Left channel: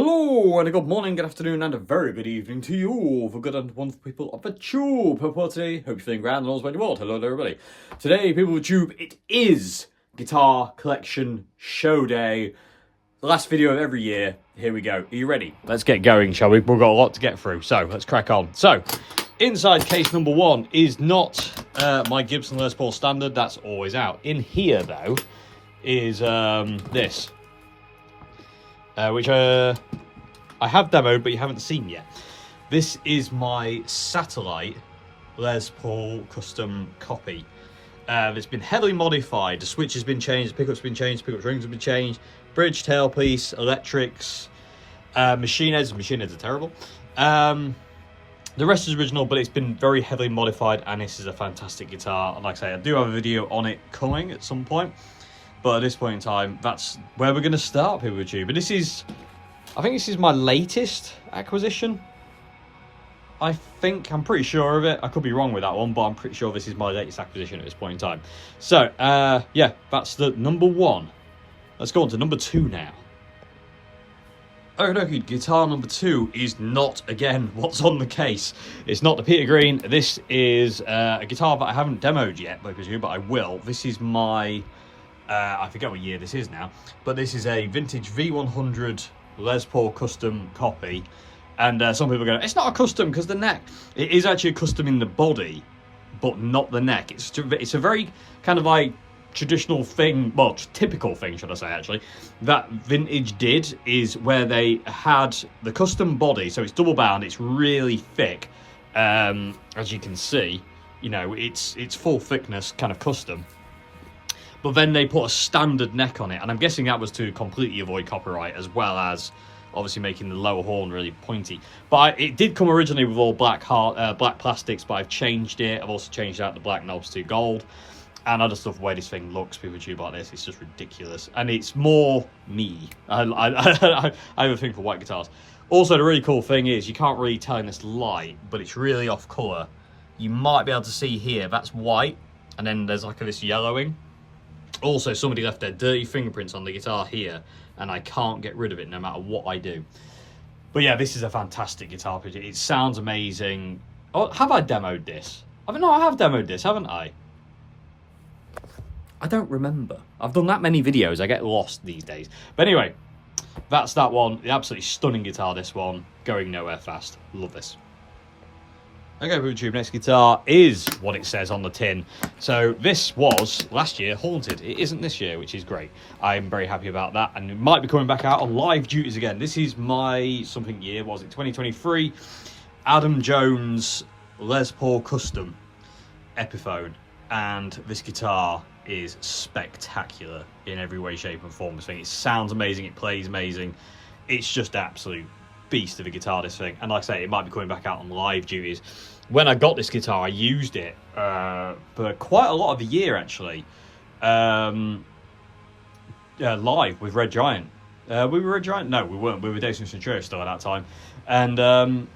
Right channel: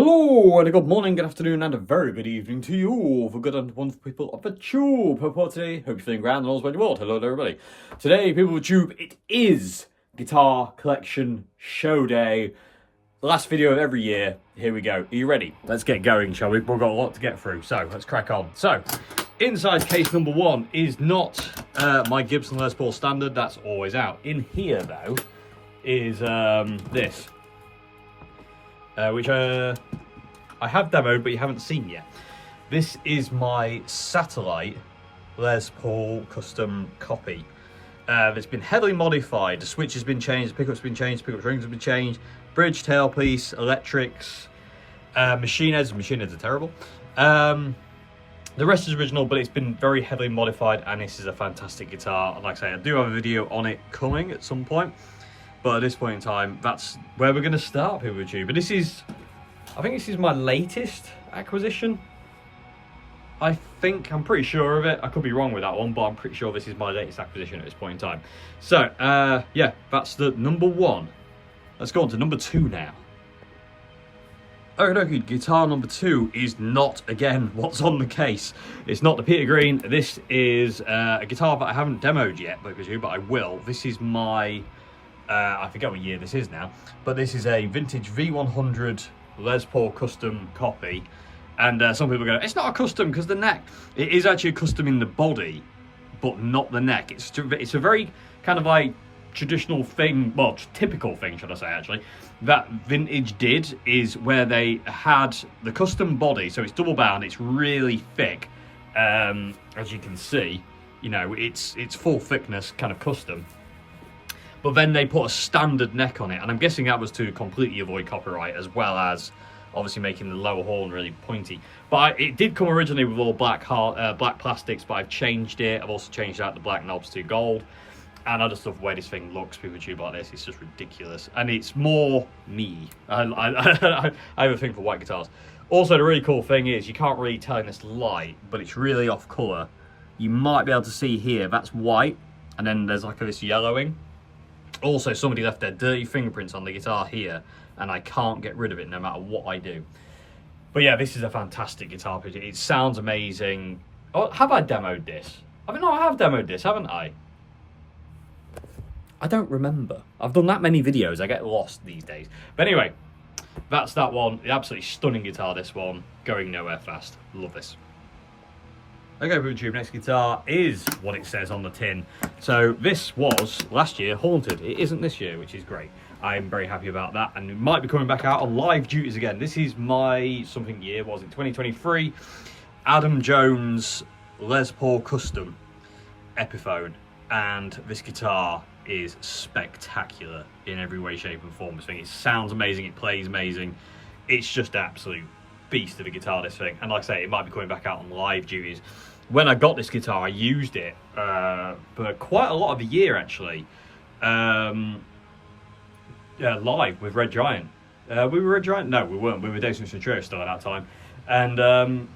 Hello and a good morning, good afternoon and a very good evening to you all, for good and wonderful people of the tube. Hope today, hope you're feeling grand and all's well in your world. Hello to everybody. Today, people of the tube, it is Guitar Collection Show Day. The last video of every year. Here we go. Are you ready? Let's get going, shall we? We've got a lot to get through, so let's crack on. So, inside case number one is not my Gibson Les Paul standard. That's always out. In here, though, is this. Which I have demoed, but you haven't seen yet. This is my satellite Les Paul custom copy. It's been heavily modified. The switch has been changed, the pickup's been changed, the pickup rings have been changed, bridge, tailpiece, electrics, machine heads. Machine heads are terrible. The rest is original, but it's been very heavily modified, and this is a fantastic guitar. And like I say, I do have a video on it coming at some point. But at this point in time, that's where we're going to start, people with you. But this is, I think this is my latest acquisition. I'm pretty sure of it. I could be wrong with that one, but I'm pretty sure this is my latest acquisition at this point in time. So, yeah, that's the number one. Let's go on to number two now. Okay, guitar number two is not, again, what's on the case. It's not the Peter Green. This is a guitar that I haven't demoed yet, but I will. This is my... I forget what year this is now, but this is a vintage V100 Les Paul custom copy. And some people go, it's not a custom because the neck. It is actually a custom in the body, but not the neck. It's a very kind of like traditional thing, well, typical thing, should I say, actually, that vintage did, is where they had the custom body, so it's double bound, it's really thick, as you can see, you know, it's full thickness kind of custom. But then they put a standard neck on it, and I'm guessing that was to completely avoid copyright, as well as obviously making the lower horn really pointy. But it did come originally with all black plastics, but I've changed it. I've also changed out the black knobs to gold, and I just love the way this thing looks. People tube like this, it's just ridiculous, and it's more me. I have a thing for white guitars. Also, the really cool thing is you can't really tell in this light, but it's really off color. You might be able to see here that's white, and then there's like this yellowing. Also, somebody left their dirty fingerprints on the guitar here, and I can't get rid of it no matter what I do. But yeah, this is a fantastic guitar picture. It sounds amazing. Oh, have I demoed this? I have demoed this, haven't I? I don't remember. I've done that many videos, I get lost these days. But anyway, that's that one. The absolutely stunning guitar, this one. Going nowhere fast. Love this. Okay, YouTube, next guitar is what it says on the tin. So this was last year haunted. It isn't this year, which is great. I'm very happy about that, and it might be coming back out on live duties again. This is my something year, was it 2023? Adam Jones Les Paul Custom Epiphone, and this guitar is spectacular in every way, shape, and form. This thing, it sounds amazing, it plays amazing. It's just absolute beast of a guitar, this thing. And like I say, it might be coming back out on live duties. When I got this guitar, I used it for quite a lot of the year, actually, live with Red Giant. We were Red Giant? No, we weren't. We were Dayton Trio still at that time. And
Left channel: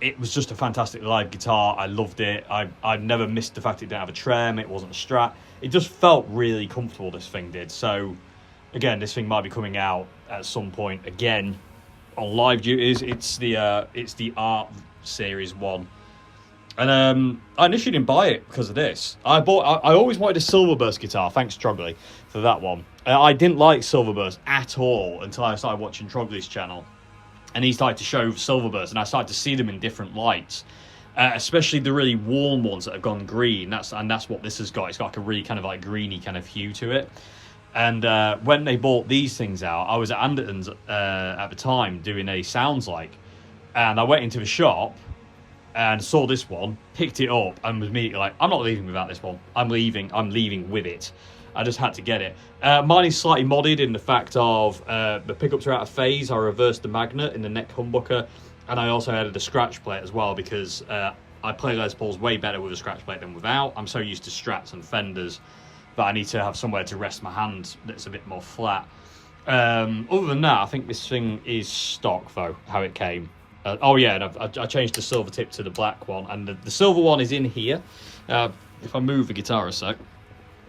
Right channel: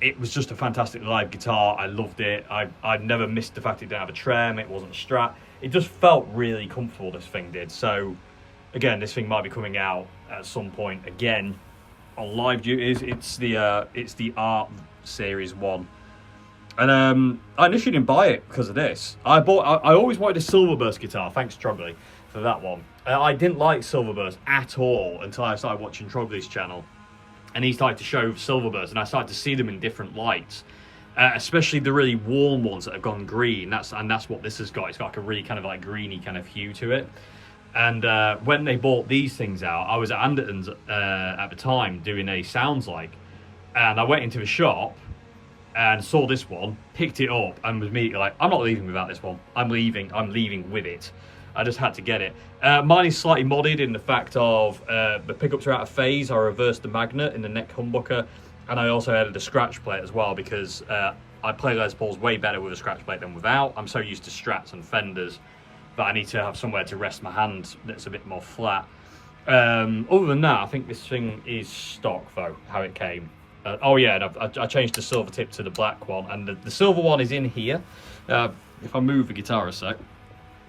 it was just a fantastic live guitar. I loved it. I never missed the fact it didn't have a trem, it wasn't a Strat. It just felt really comfortable, this thing did. So again, this thing might be coming out at some point again on live duties. It's the Art Series 1, and I initially didn't buy it because of this. I always wanted a Silverburst guitar, thanks Trogley for that one. I didn't like Silverburst at all until I started watching Trogley's channel, and he started to show Silverburst, and I started to see them in different lights, especially the really warm ones that have gone green. That's what this has got. It's got like a really kind of like greeny kind of hue to it. And when they bought these things out, I was at Anderton's at the time doing a Sounds Like, and I went into the shop and saw this one, picked it up, and was immediately like, I'm not leaving without this one. I'm leaving with it. I just had to get it. Mine is slightly modded in the fact of the pickups are out of phase. I reversed the magnet in the neck humbucker, and I also added a scratch plate as well, because I play Les Pauls way better with a scratch plate than without. I'm so used to Strats and Fenders that I need to have somewhere to rest my hand that's a bit more flat. Other tan that, I think this thing is stock, though, how it came. Oh yeah, and I changed the silver tip to the black one, and the silver one is in here. If I move the guitar a sec,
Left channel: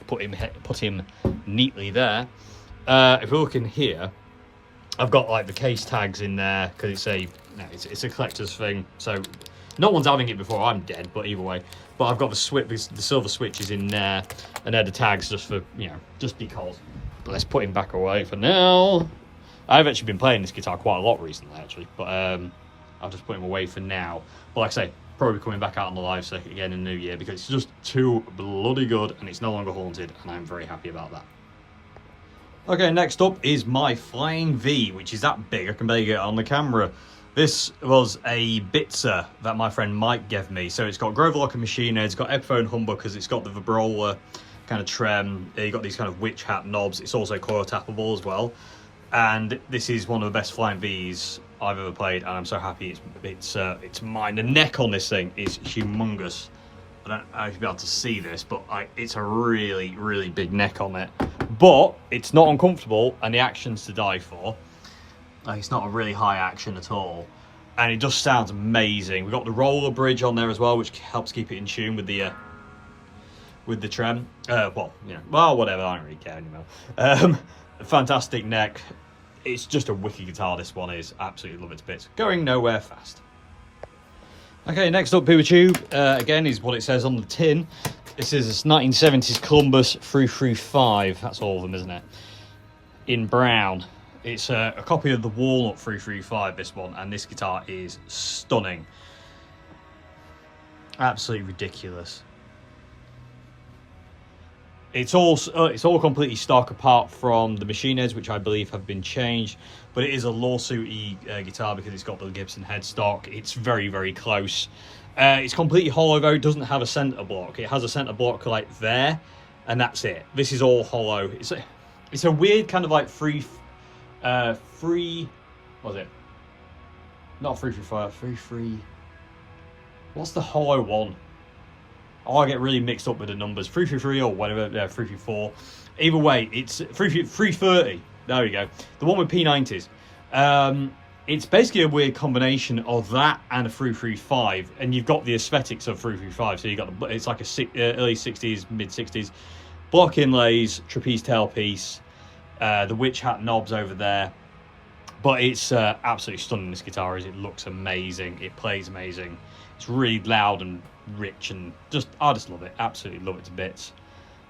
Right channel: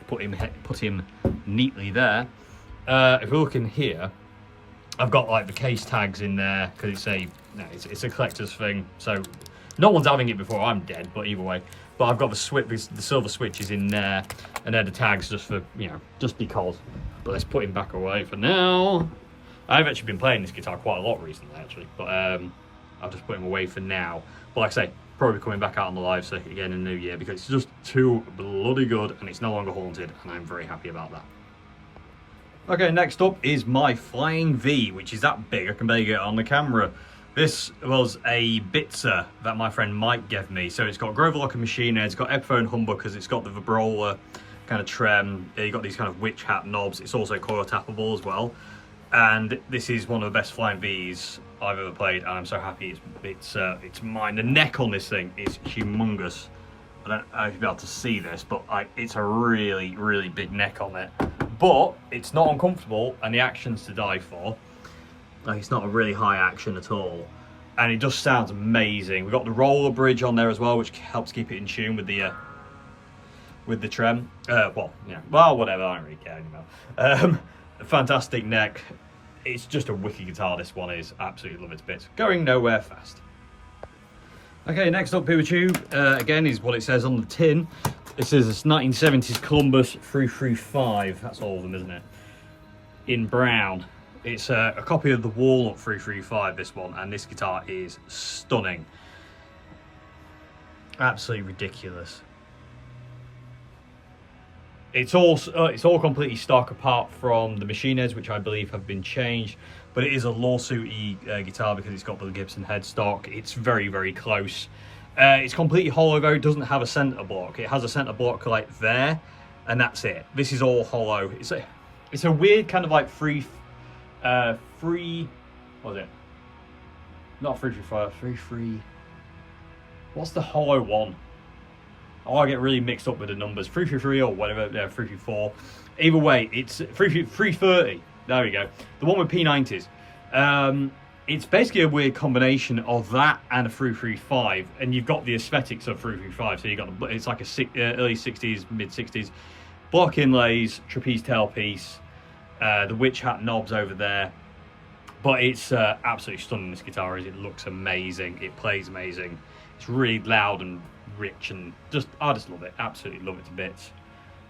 put him neatly there. If we look in here, I've got like the case tags in there because it's a collector's thing. So no one's having it before I'm dead, but either way. But I've got the silver switches in there, and they're the tags just for, you know, just because. But let's put him back away for now. I've actually been playing this guitar quite a lot recently, actually, but I'll just put him away for now. But like I say, probably coming back out on the live circuit again in the new year because it's just too bloody good and it's no longer haunted, and I'm very happy about that. Okay, next up is my Flying V, which is that big I can barely get it on the camera. This was a Bitzer that my friend Mike gave me. So it's got Grover Locker machine head, it's got Epiphone humbuckers, it's got the vibrola kind of trem, you've got these kind of witch hat knobs, it's also coil tappable as well. And this is one of the best Flying Vs I've ever played, and I'm so happy it's mine. The neck on this thing is humongous. I don't know if you'll be able to see this, but it's a really, really big neck on it. But it's not uncomfortable, and the action's to die for. Like, it's not a really high action at all, and it just sounds amazing. We've got the roller bridge on there as well, which helps keep it in tune with the trem. Well, yeah, well, whatever. I don't really care anymore. Fantastic neck. It's just a wicked guitar. This one is absolutely love it to bits. Going nowhere fast. Okay, next up, PeterTube, again, is what it says on the tin. This is a 1970s Columbus 335. That's all of them, isn't it? In brown. It's a copy of the Walnut 335, this one, and this guitar is stunning. Absolutely ridiculous. It's all completely stock apart from the machine heads, which I believe have been changed. But it is a lawsuity guitar because it's got the Gibson headstock. It's very, very close. It's completely hollow though. It doesn't have a center block. It has a center block like there, and that's it. This is all hollow. It's a weird kind of like free. What was it? Not 335. What's the hollow one? Oh, I get really mixed up with the numbers. 333 or whatever. Yeah, 334. Either way, it's 330. There we go. The one with P90s. It's basically a weird combination of that and a 335, and you've got the aesthetics of 335. So you got it's like a early 60s, mid 60s block inlays, trapeze tailpiece, the witch hat knobs over there. But it's absolutely stunning. This guitar is. It looks amazing. It plays amazing. It's really loud and rich, and I just love it. Absolutely love it to bits.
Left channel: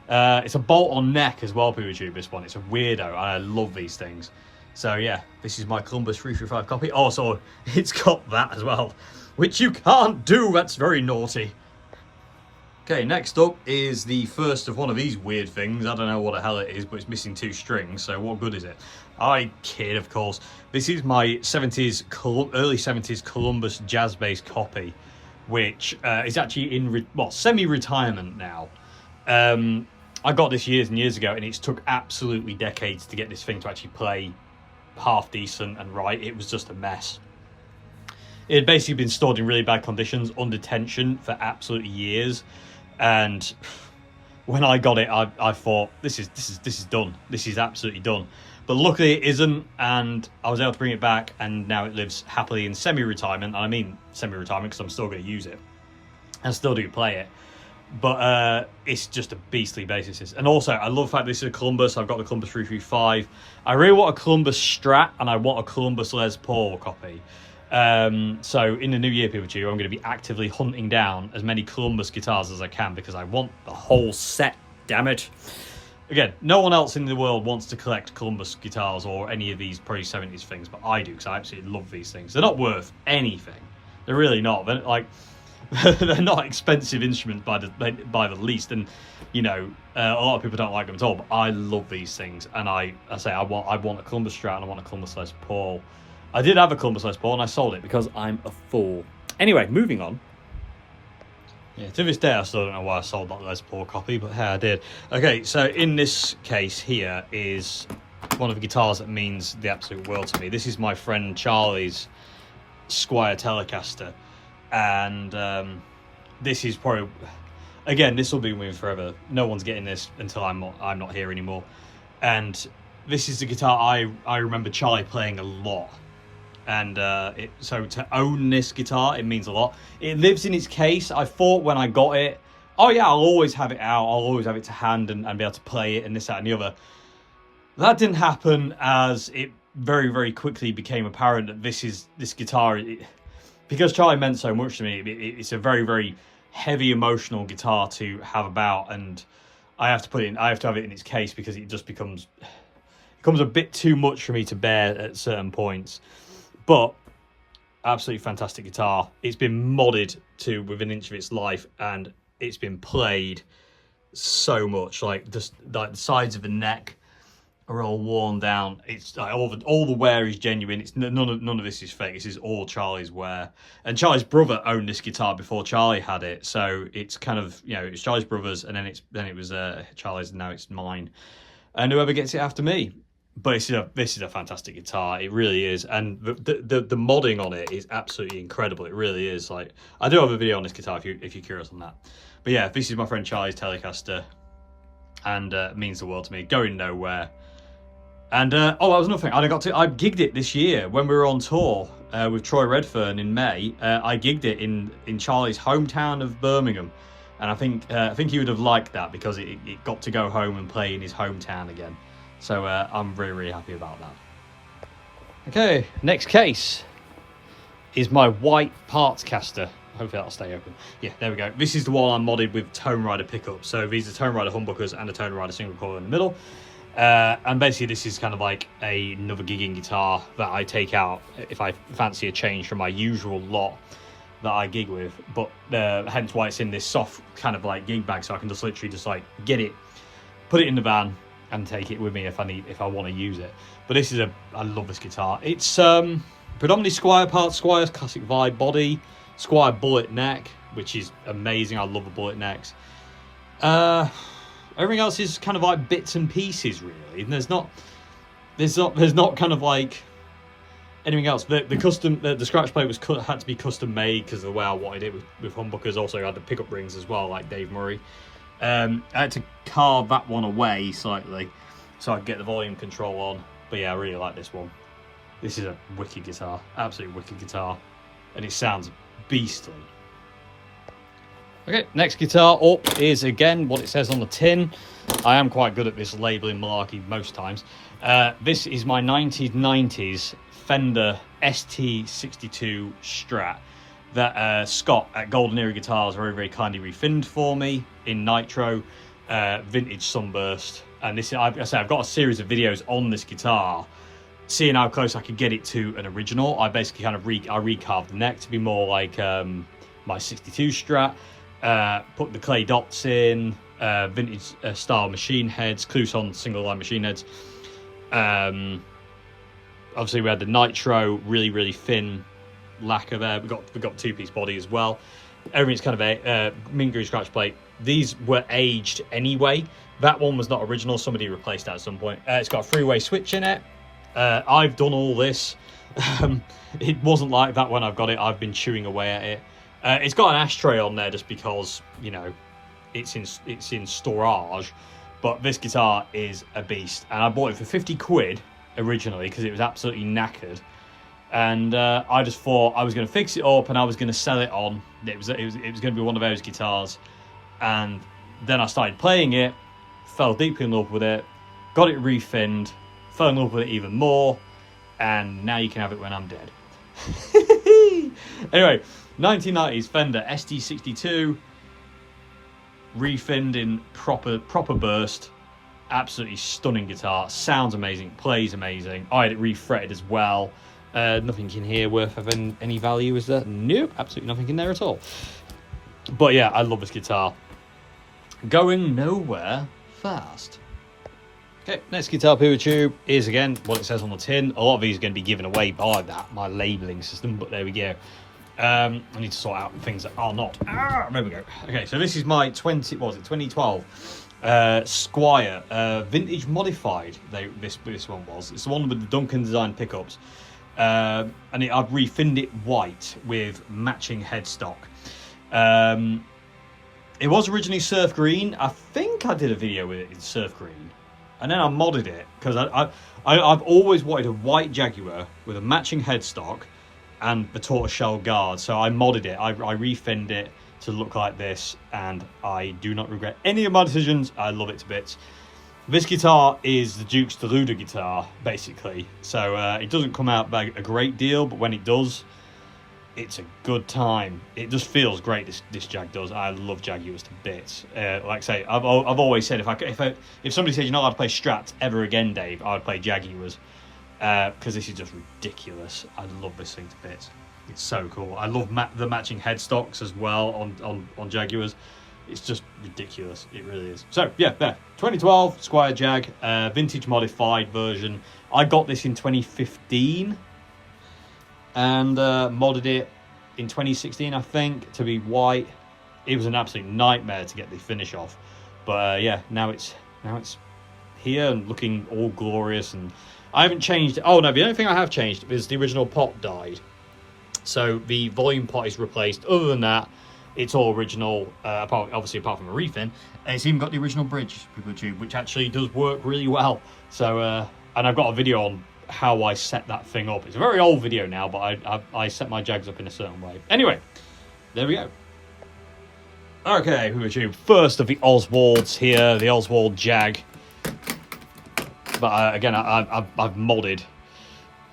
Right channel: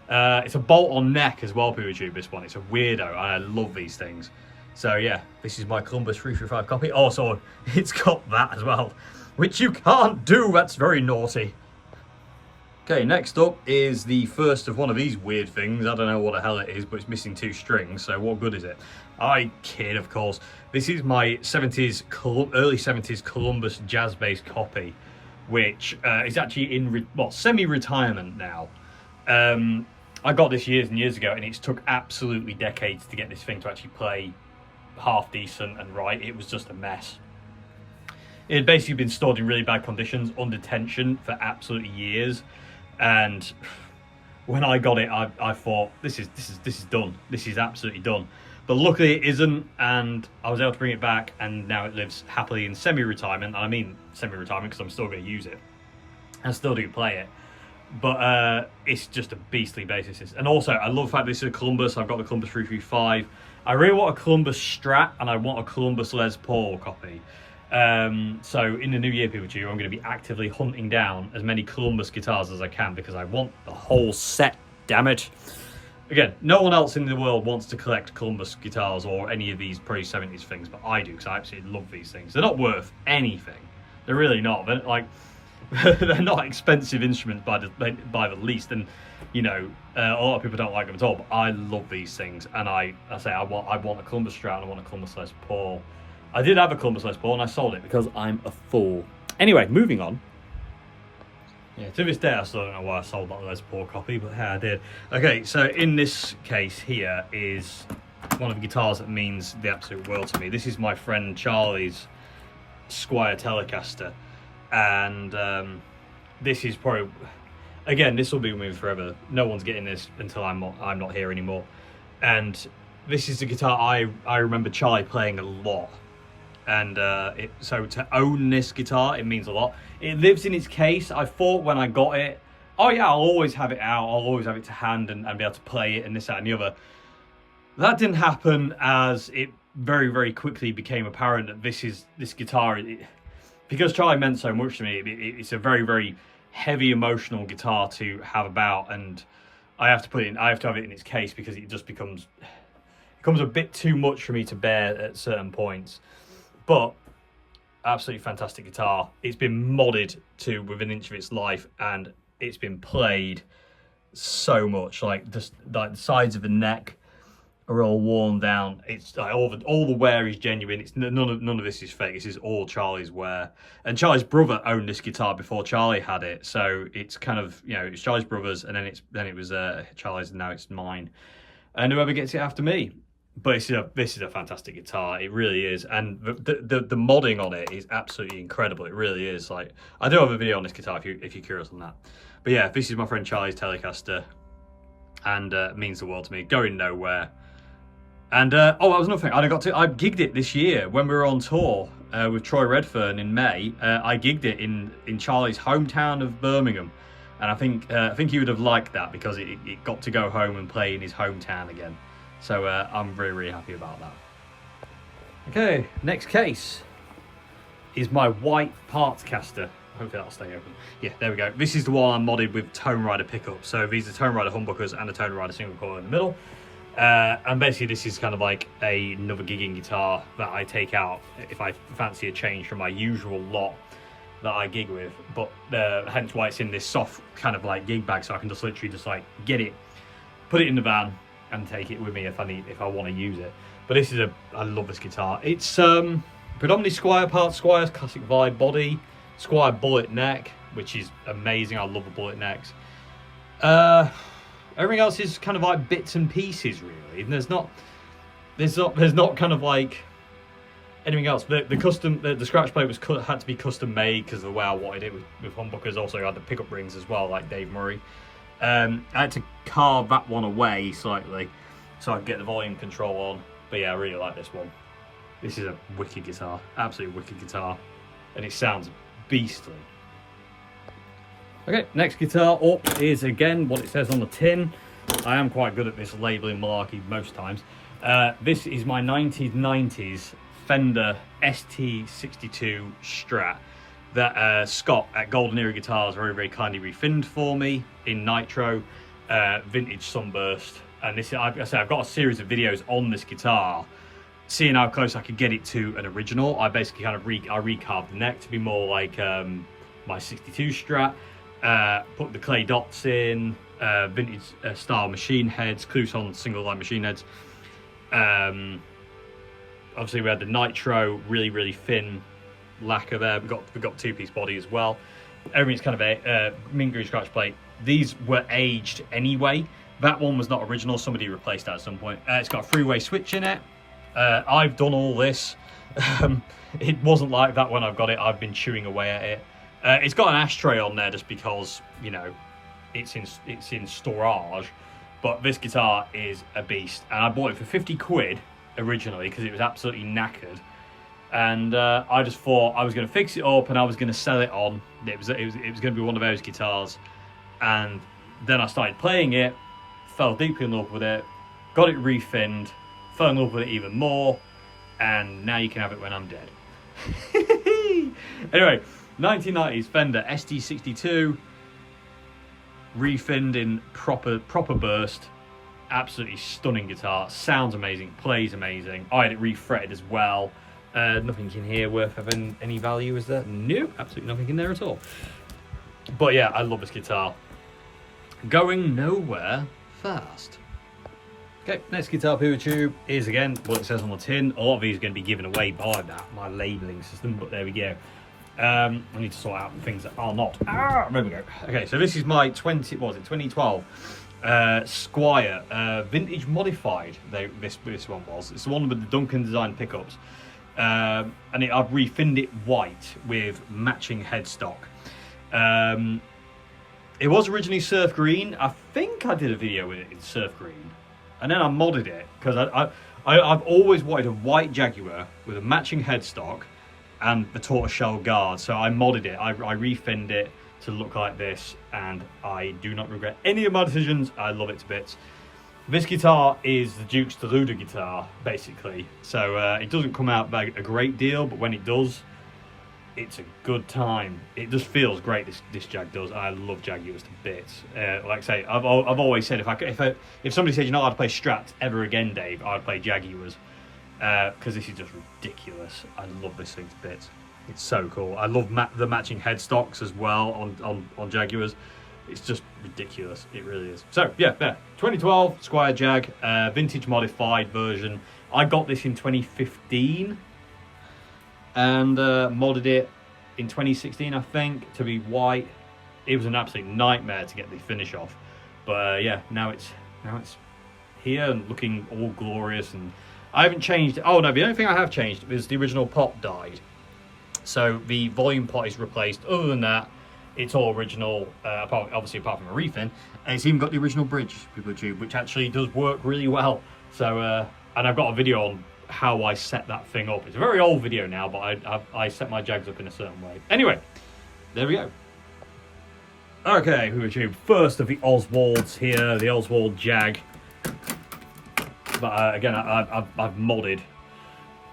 It's a bolt-on neck as well, PeterTube, this one. It's a weirdo, and I love these things. So yeah, this is my Columbus 335 copy. Also, it's got that as well, which you can't do. That's very naughty. Okay, next up is the first of one of these weird things. I don't know what the hell it is, but it's missing 2 strings, so what good is it? I kid, of course. This is my early 70s Columbus jazz bass copy, which is actually in semi-retirement now. I got this years and years ago, and it's took absolutely decades to get this thing to actually play half decent and right. It was just a mess. It had basically been stored in really bad conditions under tension for absolutely years, and when I got it, I thought this is done. This is absolutely done. But luckily it isn't, and I was able to bring it back, and now it lives happily in semi-retirement. And I mean semi-retirement because I'm still going to use it and still do play it. But it's just a beastly bassist. And also, I love the fact this is a Columbus. I've got the Columbus 335. I really want a Columbus Strat, and I want a Columbus Les Paul copy. So in the new year, PeterTube, I'm going to be actively hunting down as many Columbus guitars as I can because I want the whole set, damn it. Again, no one else in the world wants to collect Columbus guitars or any of these pre 70s things, but I do because I absolutely love these things. They're not worth anything. They're really not. They're like they're not expensive instruments by the least, and you know a lot of people don't like them at all. But I love these things, and I want a Columbus Strat and I want a Columbus Les Paul. I did have a Columbus Les Paul and I sold it because I'm a fool. Anyway, moving on. Yeah, to this day I still don't know why I sold that Les Paul copy, but hey, I did. Okay, so in this case here is one of the guitars that means the absolute world to me. This is my friend Charlie's Squire Telecaster, and this is probably, again, this will be with me forever. No one's getting this until I'm not here anymore. And this is the guitar I remember Charlie playing a lot. And so to own this guitar, it means a lot. It lives in its case. I thought when I got it, oh yeah, I'll always have it out. I'll always have it to hand and be able to play it and this, that and the other. That didn't happen, as it very, very quickly became apparent that this guitar, because Charlie meant so much to me, it's a very, very heavy emotional guitar to have about, and I have to have it in its case because it just becomes a bit too much for me to bear at certain points. But absolutely fantastic guitar. It's been modded to within an inch of its life, and it's been played so much. Like just like the sides of the neck are all worn down. It's like all the wear is genuine. It's none of this is fake. This is all Charlie's wear. And Charlie's brother owned this guitar before Charlie had it, so it's kind of, you know, it's Charlie's brother's, and then it was Charlie's, and now it's mine. And whoever gets it after me. But this is a fantastic guitar. It really is, and the modding on it is absolutely incredible. It really is. Like, I do have a video on this guitar if you're curious on that. But yeah, this is my friend Charlie's Telecaster, and it means the world to me. Going nowhere. And oh, that was another thing. I gigged it this year when we were on tour with Troy Redfern in May. I gigged it in Charlie's hometown of Birmingham, and I think he would have liked that because it got to go home and play in his hometown again. So I'm really, really happy about that. Okay, next case is my white Partscaster. Hopefully that'll stay open. Yeah, there we go. This is the one I'm modded with Tone Rider pickups. So these are Tone Rider humbuckers and a Tone Rider single coil in the middle. And basically this is kind of like another gigging guitar that I take out if I fancy a change from my usual lot that I gig with. But hence why it's in this soft kind of like gig bag, so I can just literally just like get it, put it in the van, and take it with me if I want to use it. But this is I love this guitar. It's predominantly Squire parts, Squire's classic vibe body, Squire bullet neck, which is amazing. I love the bullet necks. Everything else is kind of like bits and pieces, really. And there's not kind of like anything else. The scratch plate had to be custom made because of the way I wanted it with humbuckers. Also, I had the pickup rings as well, like Dave Murray. I had to carve that one away slightly so I could get the volume control on. But yeah, I really like this one. This is a wicked guitar, absolutely wicked guitar, and it sounds beastly. Okay, next guitar up is again what it says on the tin. I am quite good at this labelling malarkey most times. This is my 1990s Fender ST62 Strat that Scott at Golden Era Guitars very, very kindly refinned for me in nitro, vintage sunburst. And this, like I say, I've got a series of videos on this guitar, seeing how close I could get it to an original. I basically kind of recarved the neck to be more like my 62 Strat. Put the clay dots in, vintage style machine heads, Cluson single line machine heads. Obviously we had the nitro, really, really thin lacquer there. We got two-piece body as well. Everything's kind of a mint green scratch plate. These were aged anyway. That one was not original. Somebody replaced that at some point. It's got a three-way switch in it. I've done all this. It wasn't like that when I've got it. I've been chewing away at it. It's got an ashtray on there just because, you know, it's in storage. But this guitar is a beast, and I bought it for 50 quid originally because it was absolutely knackered. And I just thought I was going to fix it up and I was going to sell it on. It was going to be one of those guitars. And then I started playing it, fell deeply in love with it, got it refinned, fell in love with it even more, and now you can have it when I'm dead. Anyway, 1990s Fender ST62, refinned in proper burst. Absolutely stunning guitar, sounds amazing, plays amazing. I had it refretted as well. Nothing in here worth of any value, is there? Nope, absolutely nothing in there at all. But yeah, I love this guitar. Going nowhere fast. Okay, next guitar Puma Tube is again what it says on the tin. A lot of these are going to be given away by my labelling system, but there we go. I need to sort out things that are not. There we go. Okay, so this is my 2012 Squire vintage modified. This one was. It's the one with the Duncan design pickups, and I've refinned it white with matching headstock. It was originally surf green. I think I did a video with it in surf green, and then I modded it because I've always wanted a white Jaguar with a matching headstock and the tortoiseshell guard. So I modded it. I refinned it to look like this, and I do not regret any of my decisions. I love it to bits. This guitar is the Duke's Deluder guitar, basically. So it doesn't come out by a great deal, but when it does, it's a good time. It just feels great. This Jag does. I love Jaguars to bits. Like I say, I've always said if somebody said you're not allowed to play Strats ever again, Dave, I would play Jaguars because this is just ridiculous. I love this thing to bits. It's so cool. I love the matching headstocks as well on Jaguars. It's just ridiculous. It really is. So yeah, there. 2012 Squire Jag, vintage modified version. I got this in 2015. And modded it in 2016, I think, to be white. It was an absolute nightmare to get the finish off, but yeah, now it's here and looking all glorious. And I haven't changed. Oh no, the only thing I have changed is the original pot died, so the volume pot is replaced. Other than that, it's all original. Obviously, apart from a refin, and it's even got the original bridge, people tube, which actually does work really well. So, and I've got a video on how I set that thing up. It's a very old video now, but I set my Jags up in a certain way. Anyway, there we go. Okay, first of the Oswalds here, the Oswald Jag. But again, I've modded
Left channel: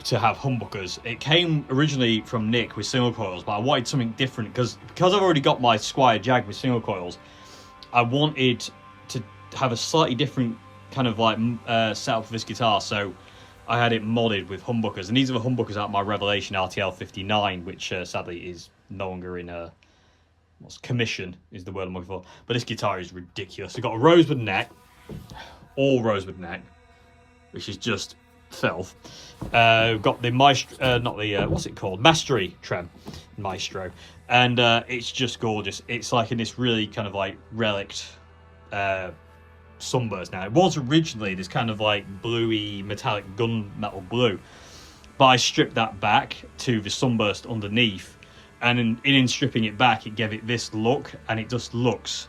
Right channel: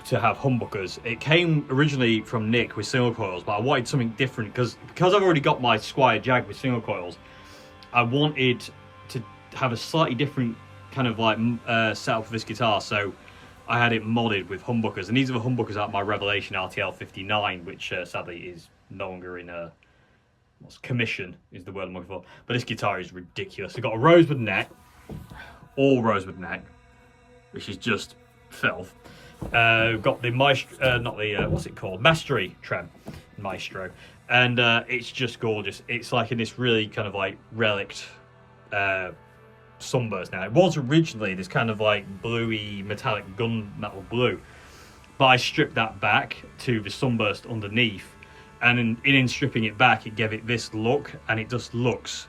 to have humbuckers. It came originally from Nick with single coils, but I wanted something different because I've already got my Squire Jag with single coils. I wanted to have a slightly different kind of like setup for this guitar, so I had it modded with humbuckers, and these are the humbuckers out of my Revelation RTL 59, which sadly is no longer in commission, is the word I'm looking for. But this guitar is ridiculous. It's got a rosewood neck, all rosewood neck, which is just filth. We've got the Maestro, not the what's it called, Mastery trem, Maestro, and it's just gorgeous. It's like in this really kind of like relict sunburst. Now it was originally this kind of like bluey metallic gunmetal blue, but I stripped that back to the sunburst underneath, and in stripping it back, it gave it this look, and it just looks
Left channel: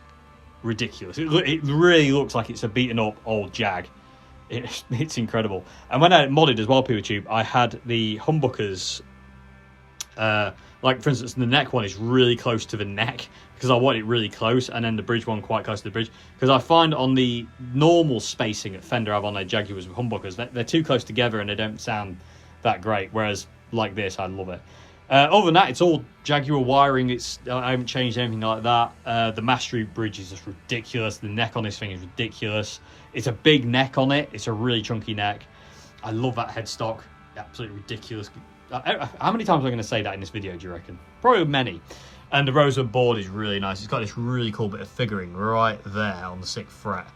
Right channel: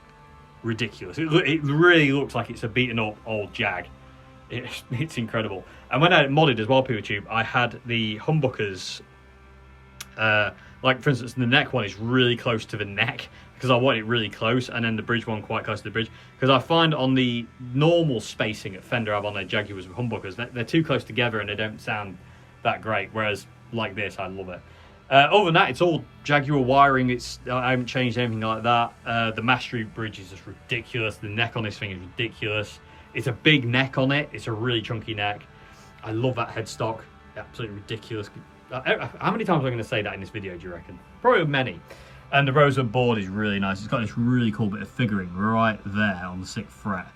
ridiculous. It really looks like it's a beaten up old Jag. It's incredible. And when I modded as well, PeterTube, I had the humbuckers, like for instance the neck one is really close to the neck because I want it really close, and then the bridge one quite close to the bridge, because I find on the normal spacing at Fender I have on their Jaguars with humbuckers, they're too close together and they don't sound that great, whereas like this, I love it. Other than that, it's all Jaguar wiring. I haven't changed anything like that. The Mastery bridge is just ridiculous. The neck on this thing is ridiculous. It's a big neck on it. It's a really chunky neck. I love that headstock. Absolutely ridiculous. How many times am I going to say that in this video, do you reckon? Probably many. And the rosewood board is really nice. It's got this really cool bit of figuring right there on the 6th fret.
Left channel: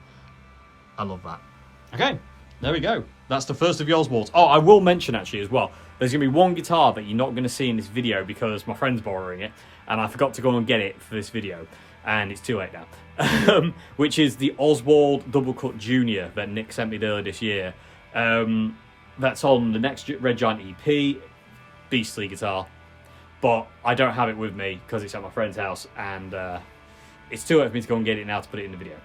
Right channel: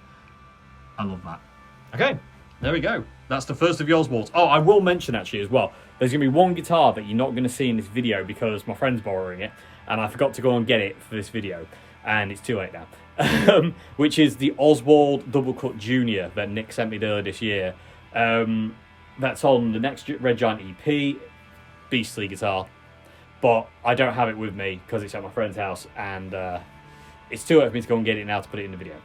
I love that. Okay, there we go. That's the first of the Oswalds. Oh, I will mention actually as well, there's going to be one guitar that you're not going to see in this video because my friend's borrowing it, and I forgot to go and get it for this video, and it's too late now. Which is the Oswald Double Cut Jr that Nick sent me earlier this year. That's on the next Red Giant EP. Beastly guitar. But I don't have it with me because it's at my friend's house, and it's too late for me to go and get it now to put it in the video.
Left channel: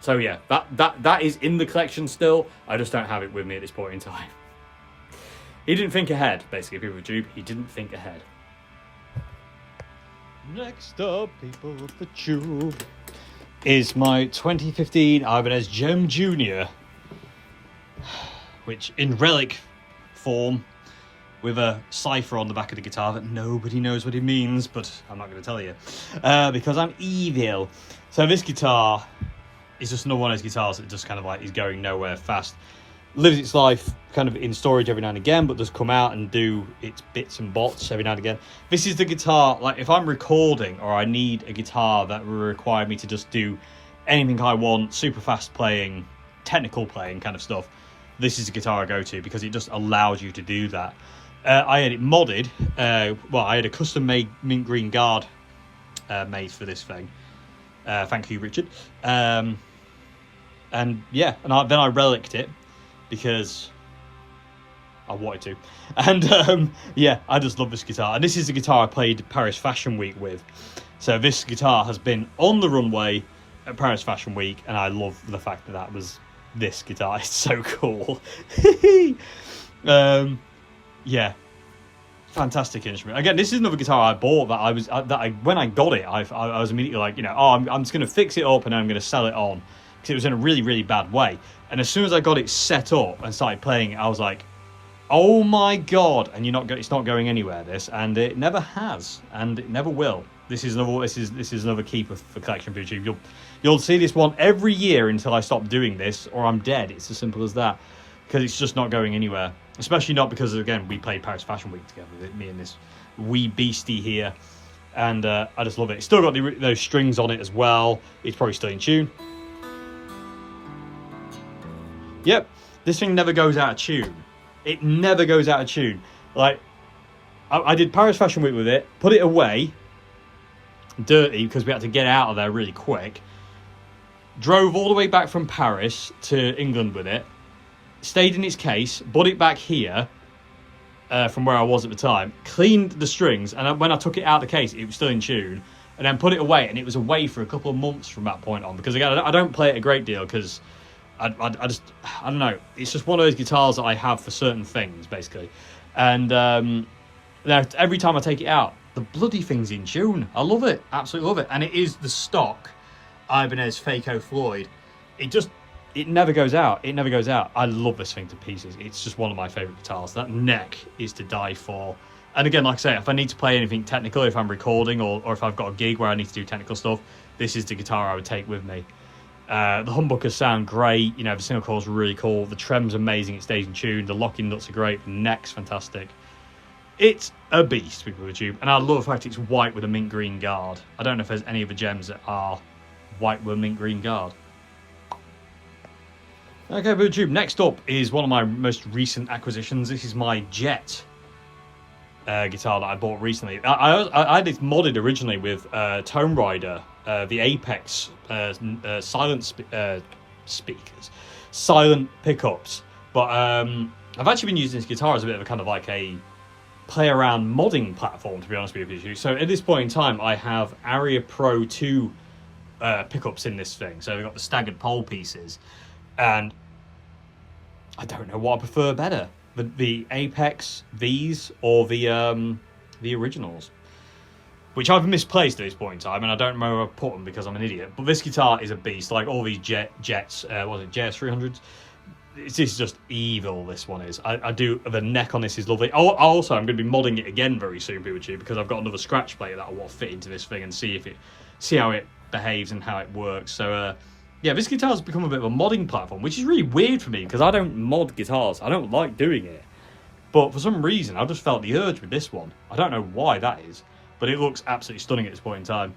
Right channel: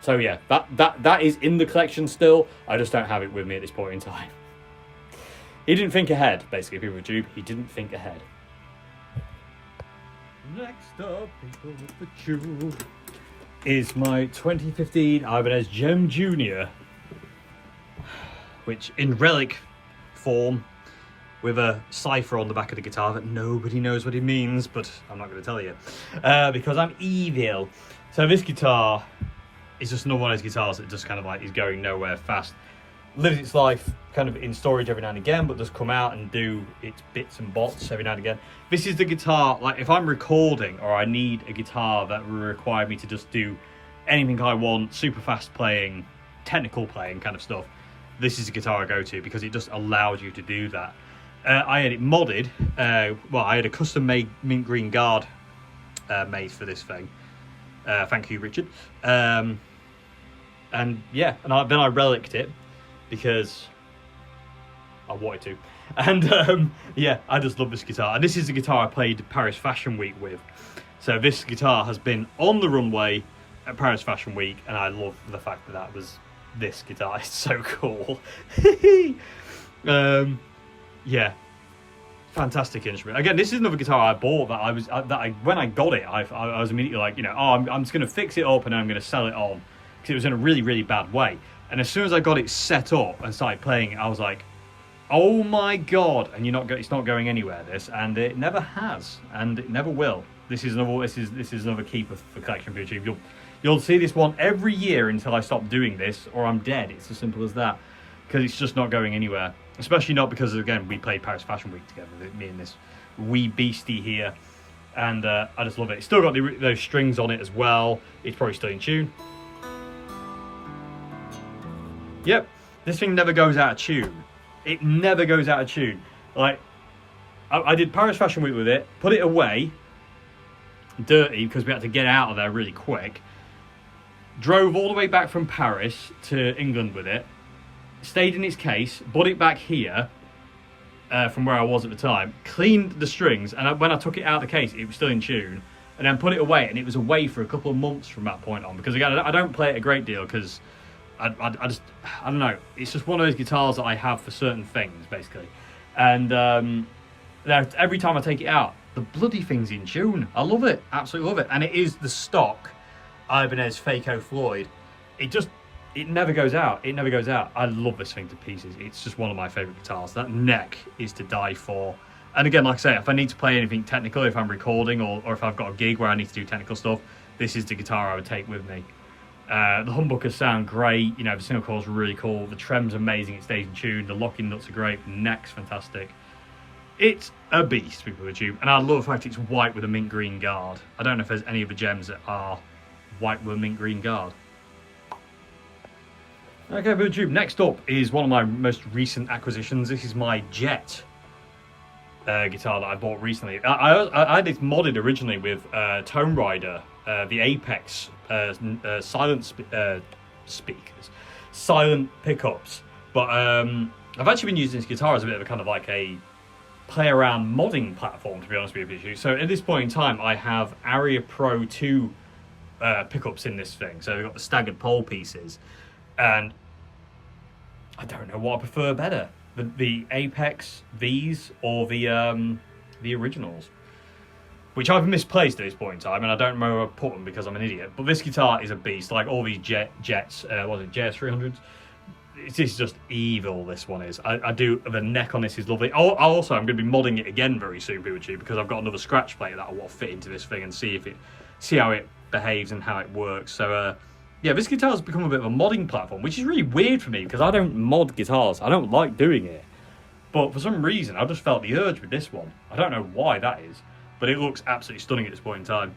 So yeah, that is in the collection still. I just don't have it with me at this point in time. He didn't think ahead, basically, people of Tube. He didn't think ahead. Next up, people of the Tube, is my 2015 Ibanez JEM Jr, which in relic form, with a cipher on the back of the guitar that nobody knows what it means, but I'm not going to tell you because I'm evil. So this guitar is just another one of those guitars that just kind of like is going nowhere fast. Lives its life kind of in storage every now and again, but does come out and do its bits and bots every now and again. This is the guitar, like if I'm recording or I need a guitar that will require me to just do anything I want, super fast playing, technical playing kind of stuff, this is the guitar I go to because it just allows you to do that. I had it modded. Well, I had a custom made mint green guard made for this thing. Thank you, Richard. And yeah, and then I reliced it because I wanted to. And yeah, I just love this guitar. And this is the guitar I played Paris Fashion Week with. So this guitar has been on the runway at Paris Fashion Week, and I love the fact that that was this guitar. It's so cool. Yeah, fantastic instrument. Again, this is another guitar I bought that when I got it, I was immediately like, you know, oh, I'm just going to fix it up and then I'm going to sell it on because it was in a really, really bad way. And as soon as I got it set up and started playing, I was like, oh my god! And it's not going anywhere. This, and it never has, and it never will. This is another keeper for collection for YouTube. You'll see this one every year until I stop doing this, or I'm dead. It's as simple as that, because it's just not going anywhere. Especially not because, again, we played Paris Fashion Week together, me and this wee beastie here, and I just love it. It's still got those strings on it as well. It's probably still in tune. Yep, this thing never goes out of tune. It never goes out of tune. Like, I did Paris Fashion Week with it, put it away, dirty, because we had to get out of there really quick. Drove all the way back from Paris to England with it, stayed in its case, brought it back here, from where I was at the time, cleaned the strings, and when I took it out of the case, it was still in tune, and then put it away, and it was away for a couple of months from that point on, because again, I don't play it a great deal, because I don't know, it's just one of those guitars that I have for certain things, basically. And every time I take it out, the bloody thing's in tune. I love it, absolutely love it. And it is the stock Ibanez Phaco Floyd. It never goes out, it never goes out. I love this thing to pieces. It's just one of my favourite guitars. That neck is to die for. And again, like I say, if I need to play anything technical, if I'm recording, or if I've got a gig where I need to do technical stuff, this is the guitar I would take with me. The humbuckers sound great, you know, the single coil's really cool, the trem's amazing, it stays in tune, the locking nuts are great, the neck's fantastic. It's a beast, people with YouTube, and I love the fact it's white with a mint green guard. I don't know if there's any other gems that are white with a mint green guard. Okay, people with YouTube, next up is one of my most recent acquisitions. This is my Jet guitar that I bought recently. I had it modded originally with Tone Rider, the Apex silent speakers, silent pickups. But I've actually been using this guitar as a bit of a kind of like a play around modding platform, to be honest with you. So at this point in time, I have Aria Pro 2 pickups in this thing. So they've got the staggered pole pieces, and I don't know what I prefer better. The Apex, these, or the originals, which I've misplaced at this point in time, and I don't know where I put them because I'm an idiot. But this guitar is a beast, like all these Jets, was it JS300s? This is just evil, this one is. The neck on this is lovely. I'm going to be modding it again very soon, people, because I've got another scratch plate that I want to fit into this thing and see how it behaves and how it works. So, yeah, this guitar's become a bit of a modding platform, which is really weird for me, because I don't mod guitars. I don't like doing it. But for some reason, I just felt the urge with this one. I don't know why that is, but it looks absolutely stunning at this point in time.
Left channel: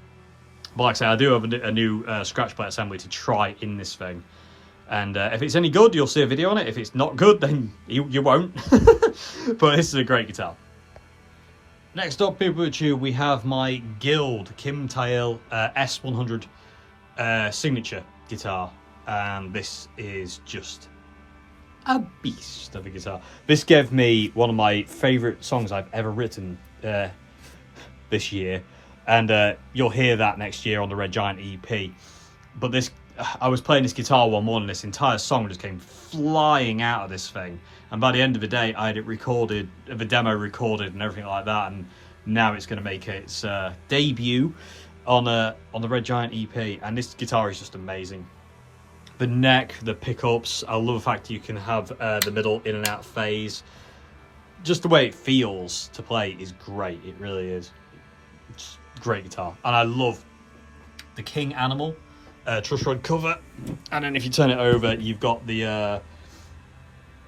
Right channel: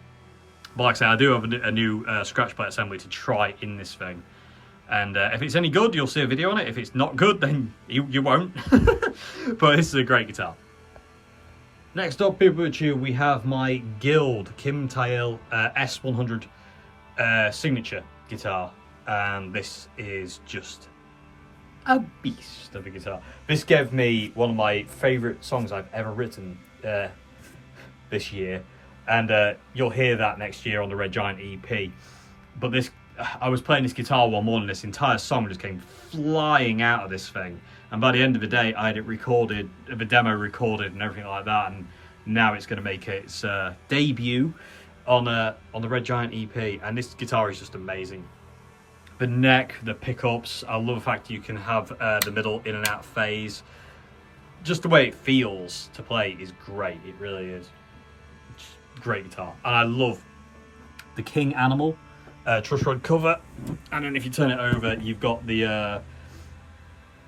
But like I say, I do have a new scratch plate assembly to try in this thing. And if it's any good, you'll see a video on it. If it's not good, then you won't. But this is a great guitar. Next up, people with you, we have my Guild Kim Tail S100 signature guitar, and this is just a beast of a guitar. This gave me one of my favourite songs I've ever written this year, and you'll hear that next year on the Red Giant EP. But I was playing this guitar one morning, this entire song just came flying out of this thing, and by the end of the day I had it recorded, the demo recorded and everything like that, and now it's going to make its debut on the Red Giant EP, and this guitar is just amazing. The neck, the pickups, I love the fact you can have the middle in and out phase. Just the way it feels to play is great, it really is. It's a great guitar, and I love the King Animal truss rod cover, and then if you turn it over, you've got the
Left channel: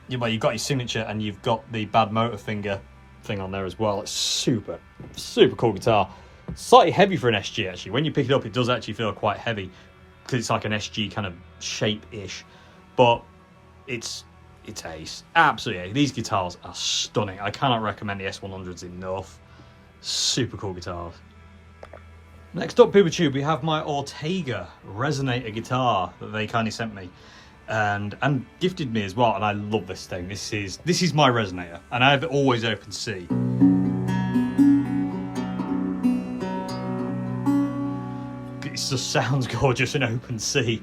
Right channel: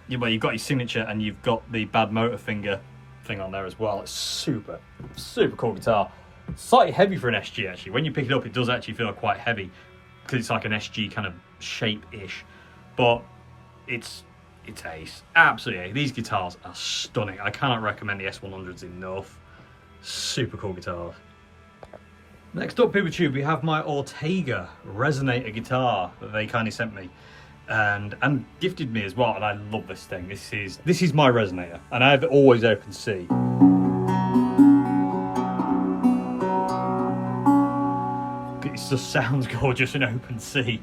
you've got your signature, and you've got the Bad Motor Finger thing on there as well. It's super cool guitar. Slightly heavy for an SG actually. When you pick it up, it does actually feel quite heavy because it's like an SG kind of shape-ish, but it's ace, absolutely ace. These guitars are stunning. I cannot recommend the S100s enough. Super cool guitars. Next up, PeopleTube, we have my Ortega resonator guitar that they kindly sent me and gifted me as well, and I love this thing. This is my resonator, and I have it always open C. It just sounds gorgeous in open C.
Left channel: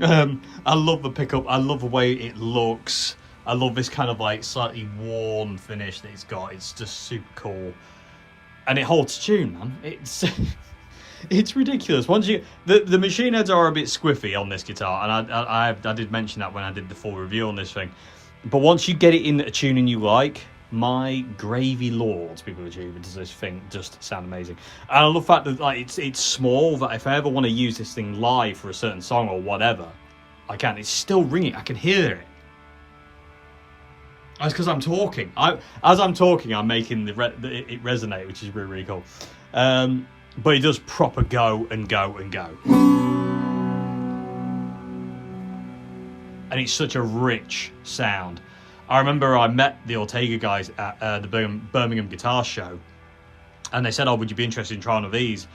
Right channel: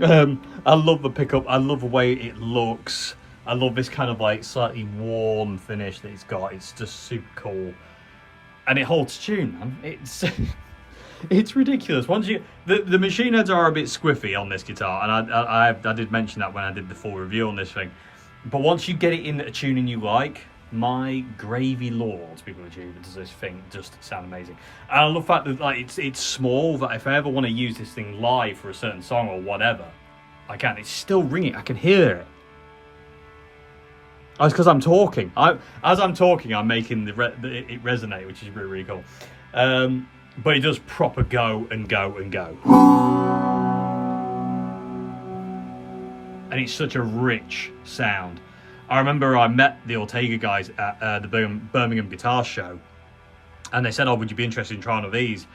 I love the pickup, I love the way it looks, I love this kind of like slightly worn finish that it's got. It's just super cool. And it holds tune, man. It's ridiculous. Once you the machine heads are a bit squiffy on this guitar, and I did mention that when I did the full review on this thing. But once you get it in a tuning you like, my gravy lords, people does this thing just sound amazing. And I love the fact that like it's small, that if I ever want to use this thing live for a certain song or whatever, I can. It's still ringing. I can hear it. Oh, it's because I'm talking. As I'm talking, I'm making it resonate, which is really, really cool. But it does proper go and go and go. And it's such a rich sound. I remember I met the Ortega guys at the Birmingham Guitar Show, and they said, "Oh, would you be interested in trying one of these?"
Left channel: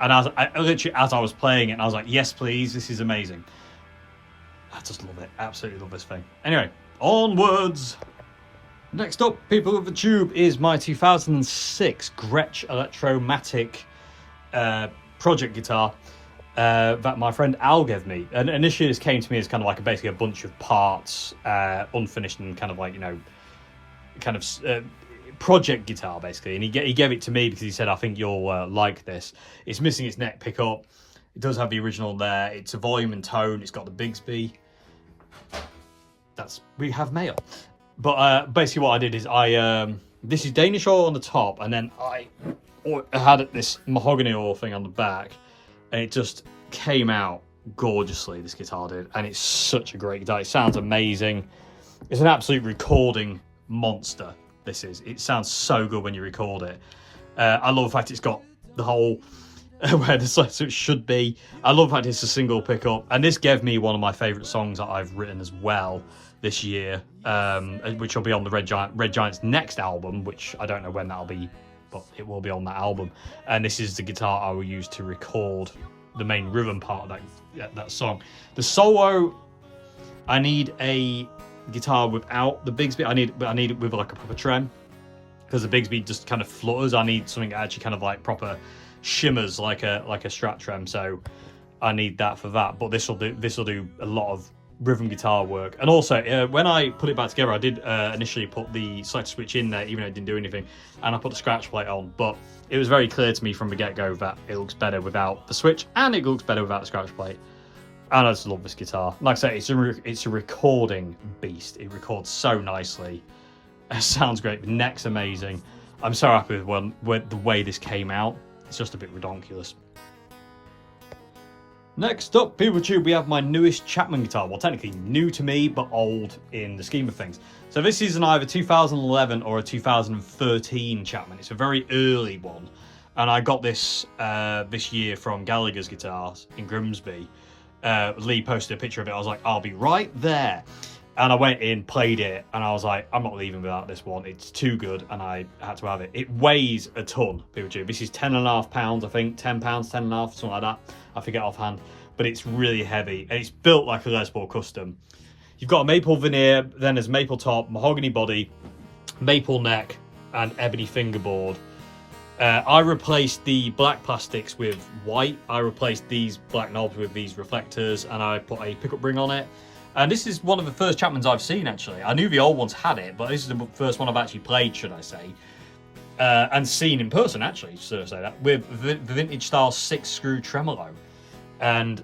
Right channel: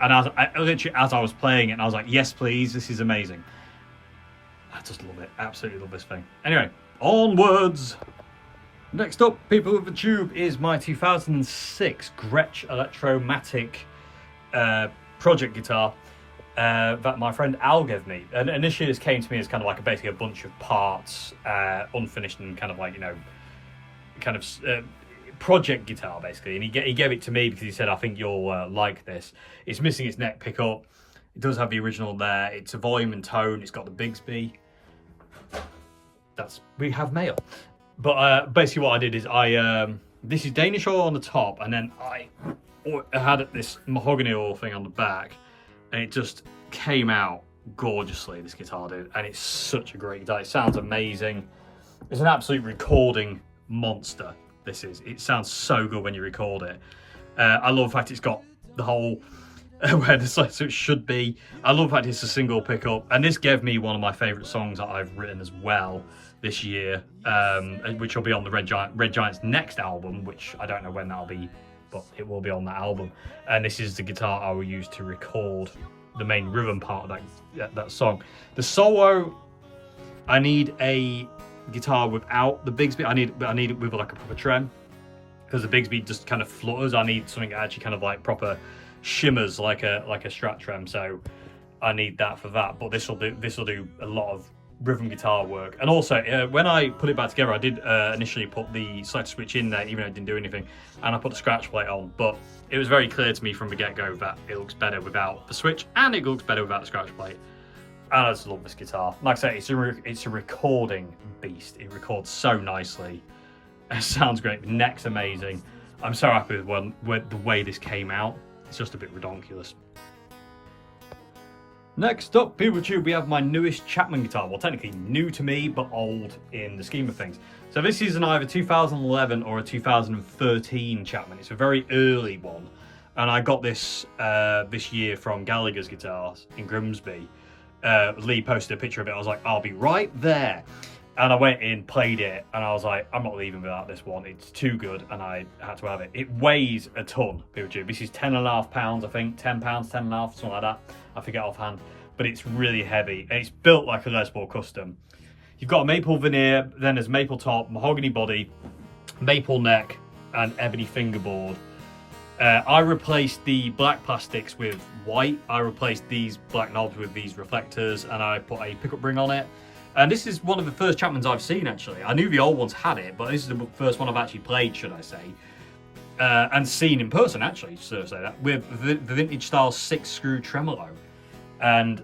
And I literally, as I was playing it, I was like, "Yes, please. This is amazing." I just love it. Absolutely love this thing. Anyway, onwards. Next up, people of the tube, is my 2006 Gretsch Electromatic project guitar that my friend Al gave me. And initially this came to me as kind of like basically a bunch of parts, unfinished, and kind of like, you know, kind of project guitar basically. And he gave it to me because he said, "I think you'll like this." It's missing its neck pickup. It does have the original there. It's a volume and tone. It's got the Bigsby. We have mail. But basically what I did is this is Danish oil on the top, and then I had this mahogany oil thing on the back, and it just came out gorgeously, this guitar did. And it's such a great guitar. It sounds amazing. It's an absolute recording monster, this is. It sounds so good when you record it. I love the fact it's got the whole where the so it should be. I love the fact it's a single pickup, and this gave me one of my favourite songs that I've written as well this year, which will be on the Red Giant's next album, which I don't know when that'll be, but it will be on that album. And this is the guitar I will use to record the main rhythm part of that song. The solo, I need a guitar without the Bigsby. I need it with like a proper trem, because the Bigsby just kind of flutters. I need something that actually kind of like proper shimmers like a Strat trem. So I need that for that. But this will do a lot of rhythm guitar work. And also when I put it back together, I did initially put the selector switch in there, even though it didn't do anything, and I put the scratch plate on, but it was very clear to me from the get-go that it looks better without the switch, and it looks better without the scratch plate. And I just love this guitar. Like I say, it's a recording beast. It records so nicely. It sounds great. The neck's amazing. I'm so happy with the way this came out. It's just a bit redonkulous. Next up, people tube, we have my newest Chapman guitar. Well, technically new to me, but old in the scheme of things. So this is an either 2011 or a 2013 Chapman. It's a very early one. And I got this this year from Gallagher's Guitars in Grimsby. Lee posted a picture of it. I was like, "I'll be right there." And I went in, played it, and I was like, "I'm not leaving without this one. It's too good," and I had to have it. It weighs a ton, people tube. This is 10.5 pounds, I think. 10 pounds, 10.5, something like that. I forget offhand. But it's really heavy, and it's built like a Les Paul custom. You've got a maple veneer, then there's maple top, mahogany body, maple neck, and ebony fingerboard. I replaced the black plastics with white. I replaced these black knobs with these reflectors, and I put a pickup ring on it. And this is one of the first Chapmans I've seen, actually. I knew the old ones had it, but this is the first one I've actually played, should I say. And seen in person, actually, should I say that, with the vintage style 6-screw tremolo. And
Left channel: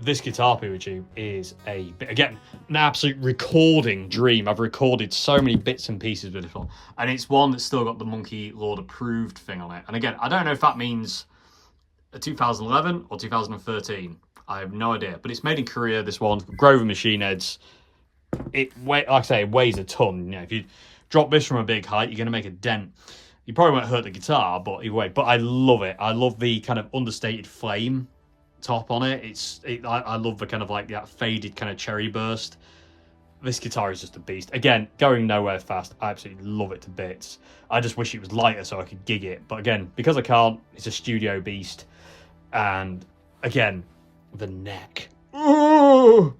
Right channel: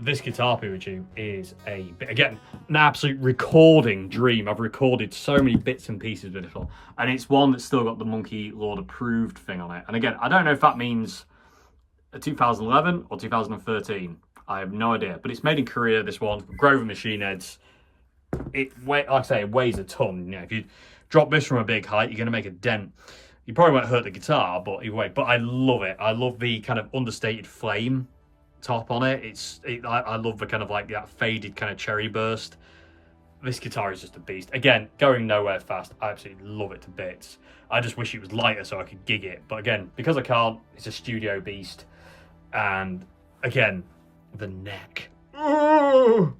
this guitar, people tube, is again an absolute recording dream. I've recorded so many bits and pieces with this one, and it's one that's still got the Monkey Lord approved thing on it. And again, I don't know if that means a 2011 or 2013. I have no idea, but it's made in Korea. This one, Grover machine heads. Like I say, it weighs a ton. You know, if you drop this from a big height, you're going to make a dent. You probably won't hurt the guitar, but anyway. But I love it. I love the kind of understated flame top on it. I love the kind of like that faded kind of cherry burst. This guitar is just a beast. Again, going nowhere fast. I absolutely love it to bits. I just wish it was lighter so I could gig it, but again, because I can't, it's a studio beast. And again, the neck. Ooh!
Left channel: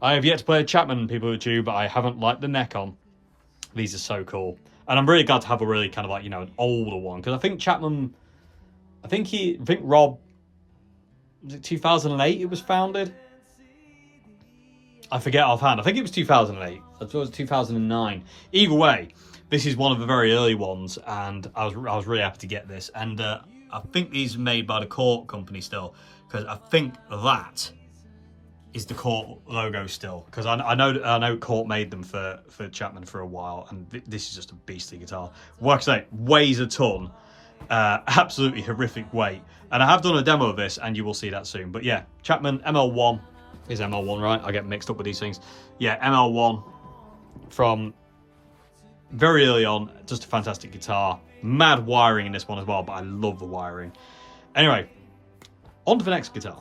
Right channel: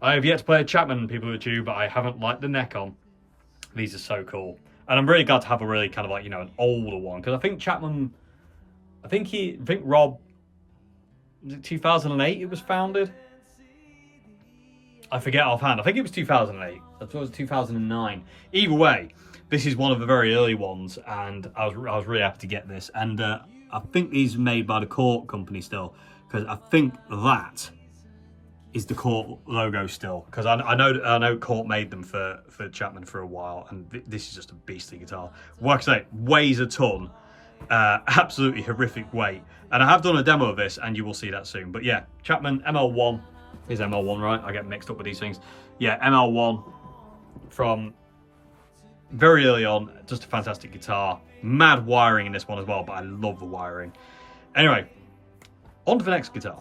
I have yet to play a Chapman, people who do, but I haven't liked the neck on. These are so cool, and I'm really glad to have a really kind of like, you know, an older one, because I think Chapman, I think Rob, was it 2008 it was founded? I forget offhand. I think it was 2008. I thought it was 2009. Either way, this is one of the very early ones, and I was really happy to get this. And I think these are made by the Court company still, because I think that is the Court logo still, because I know Court made them for Chapman for a while, and this is just a beastly guitar. Like I say, weighs a ton, absolutely horrific weight, and I have done a demo of this, and you will see that soon. But yeah, Chapman ML1 is ML1, right? I get mixed up with these things. Yeah, ML1 from very early on, just a fantastic guitar. Mad wiring in this one as well, but I love the wiring. Anyway, on to the next guitar.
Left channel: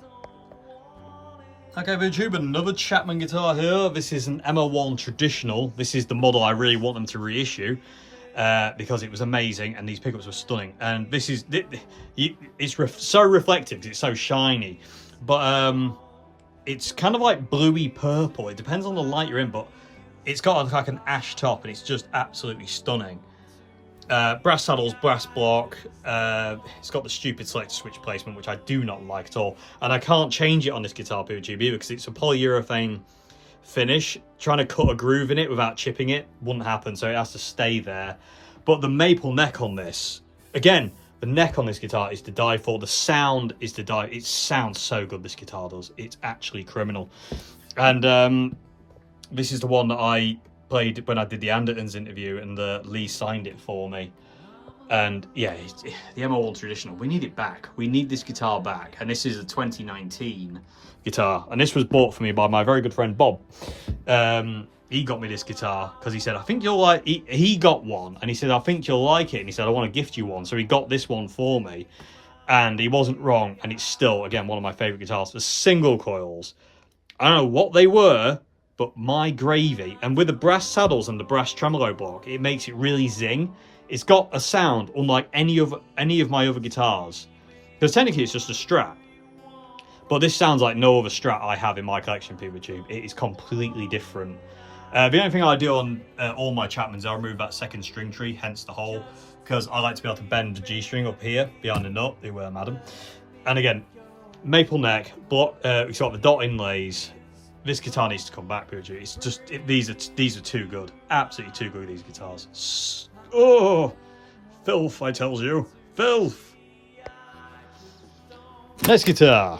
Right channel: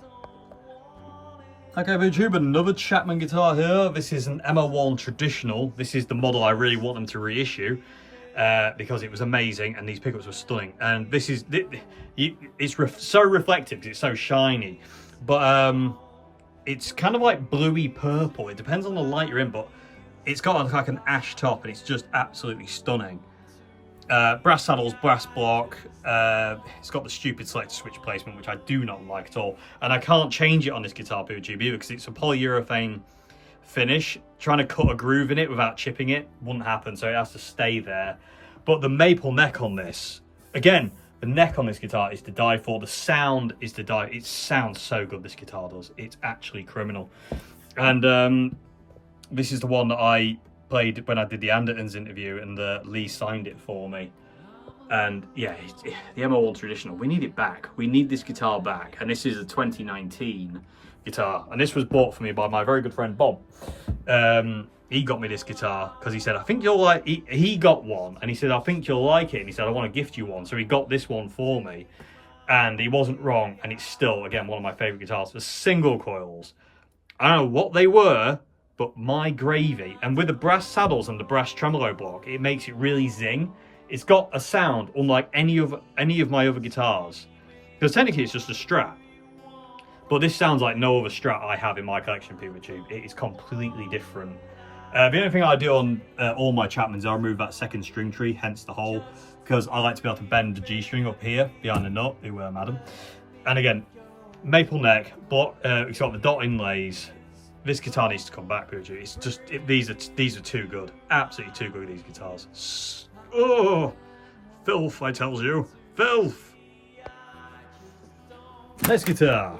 Okay, YouTube, another Chapman guitar here. This is an ML1 Traditional. This is the model I really want them to reissue because it was amazing and these pickups were stunning. And this is, it's so reflective because it's so shiny. But it's kind of like bluey purple. It depends on the light you're in, but it's got like an ash top and it's just absolutely stunning. Brass saddles, brass block. It's got the stupid select switch placement, which I do not like at all. And I can't change it on this guitar, PWG, either, because it's a polyurethane finish. Trying to cut a groove in it without chipping it wouldn't happen, so it has to stay there. But the maple neck on this, again, the neck on this guitar is to die for. The sound is to die. It sounds so good, this guitar does. It's actually criminal. And this is the one that I played when I did the Andertons interview, and Lee signed it for me. And yeah, the ML1 Traditional, we need it back. We need this guitar back. And this is a 2019 guitar, and this was bought for me by my very good friend Bob. He got me this guitar because he said, I think you'll like, he got one and he said, I think you'll like it, and he said, I want to gift you one. So he got this one for me, and he wasn't wrong, and it's still, again, one of my favorite guitars. The single coils, I don't know what they were, but my gravy. And with the brass saddles and the brass tremolo block, it makes it really zing. It's got a sound unlike any of my other guitars, because technically it's just a Strat, but this sounds like no other Strat I have in my collection, PWG. It is completely different. The only thing I do on all my Chapmans, I remove that second string tree, hence the hole, because I like to be able to bend the G string up here behind the nut. They were, madam. And again, maple neck, but it's got the dot inlays. This guitar needs to come back, PWG. It's just, these are too good. Absolutely too good, these guitars. Oh, filth, I tells you. Filth. Next guitar.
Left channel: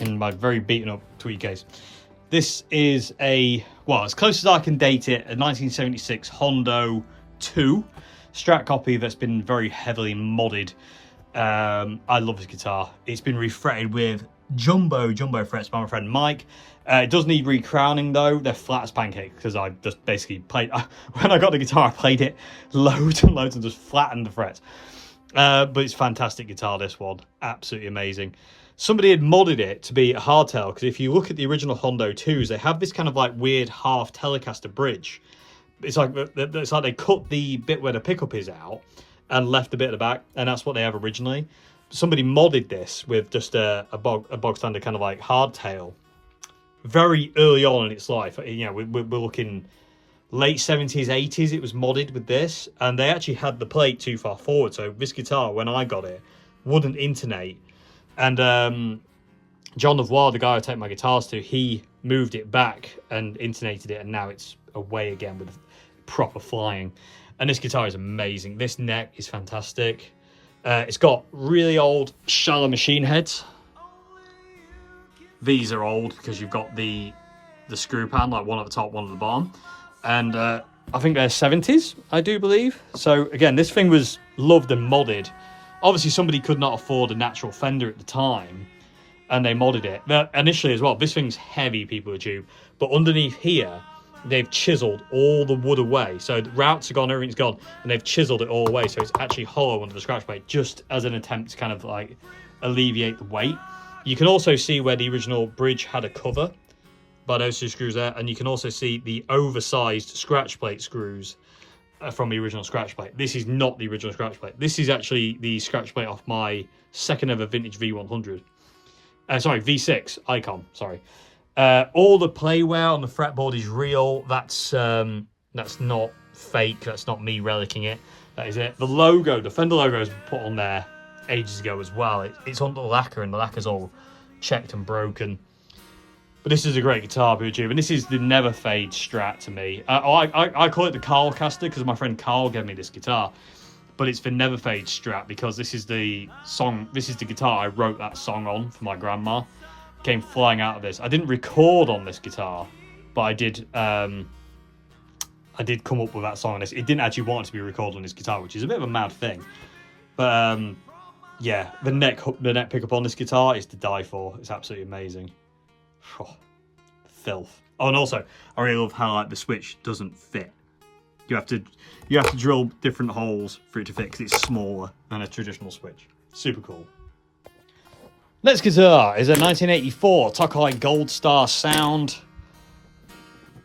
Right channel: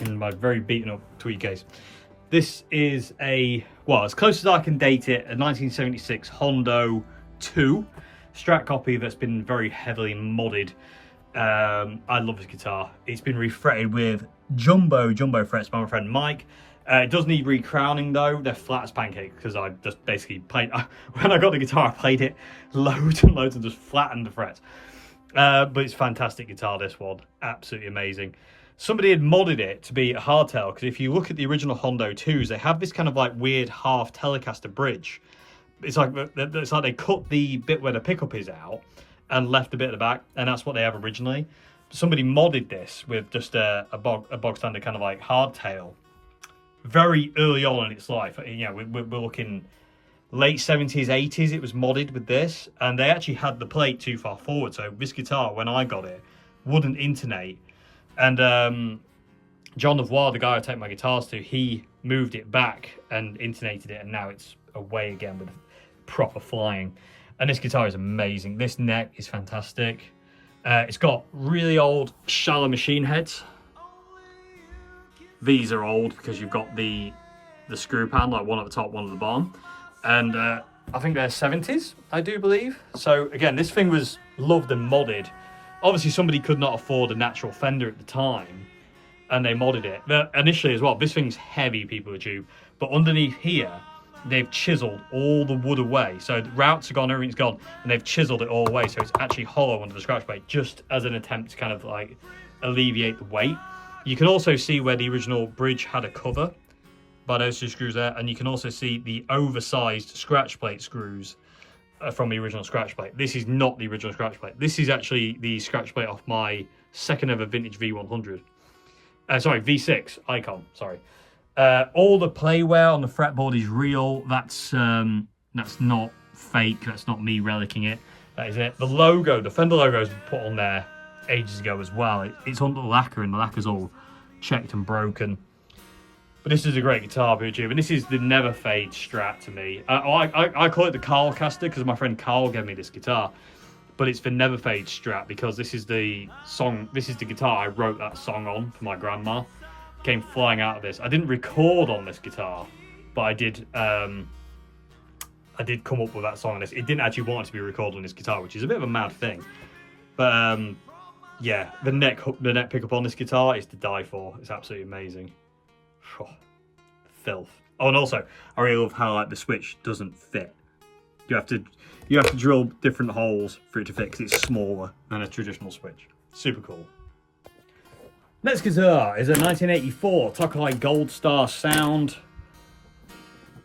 In my very beaten up tweed case. This is a, well, as close as I can date it, a 1976 Hondo II Strat copy that's been very heavily modded. I love this guitar. It's been refretted with jumbo frets by my friend Mike. It does need recrowning though. They're flat as pancakes because I just basically played, when I got the guitar I played it loads and loads and just flattened the frets. But it's a fantastic guitar, this one. Absolutely amazing. Somebody had modded it to be a hardtail, because if you look at the original Hondo IIs, they have this kind of like weird half Telecaster bridge. It's like they cut the bit where the pickup is out and left the bit at the back, and that's what they have originally. Somebody modded this with just a bog standard kind of like hardtail very early on in its life. You know, we're looking late 70s, 80s. It was modded with this, and they actually had the plate too far forward. So this guitar, when I got it, wouldn't intonate. And John Lavoie, the guy I take my guitars to, he moved it back and intonated it, and now it's away again with proper flying. And this guitar is amazing. This neck is fantastic. It's got really old shallow machine heads. These are old because you've got the screw pan, like one at the top, one at the bottom. And I think they're 70s, I do believe. So again, this thing was loved and modded. Obviously, somebody could not afford a natural Fender at the time, and they modded it. But initially as well, this thing's heavy, people with tube. But underneath here, they've chiseled all the wood away. So the routes are gone, everything's gone, and they've chiseled it all away. So it's actually hollow under the scratch plate, just as an attempt to kind of like alleviate the weight. You can also see where the original bridge had a cover by those two screws there, and you can also see the oversized scratch plate screws from the original scratch plate. This is not the original scratch plate. This is actually the scratch plate off my second ever vintage V100. Sorry, V6 Icon, sorry. All the playware on the fretboard is real. That's not fake. That's not me relicking it. That is it. The logo, the Fender logo was put on there ages ago as well. It's on the lacquer, and the lacquer's all checked and broken. But this is a great guitar, YouTube, and this is the Never Fade Strat to me. I call it the Carl Caster because my friend Carl gave me this guitar. but it's the Never Fade Strat, because this is the guitar I wrote that song on for my grandma. Came flying out of this. I didn't record on this guitar, but I did come up with that song on this. It didn't actually want it to be recorded on this guitar, which is a bit of a mad thing. But yeah, the neck pickup on this guitar is to die for. It's absolutely amazing. Oh, filth. Oh, and also I really love how like the switch doesn't fit. You have to drill different holes for it to fit, because it's smaller than a traditional switch. Super cool. Next guitar is a 1984 Tokai Gold Star sound.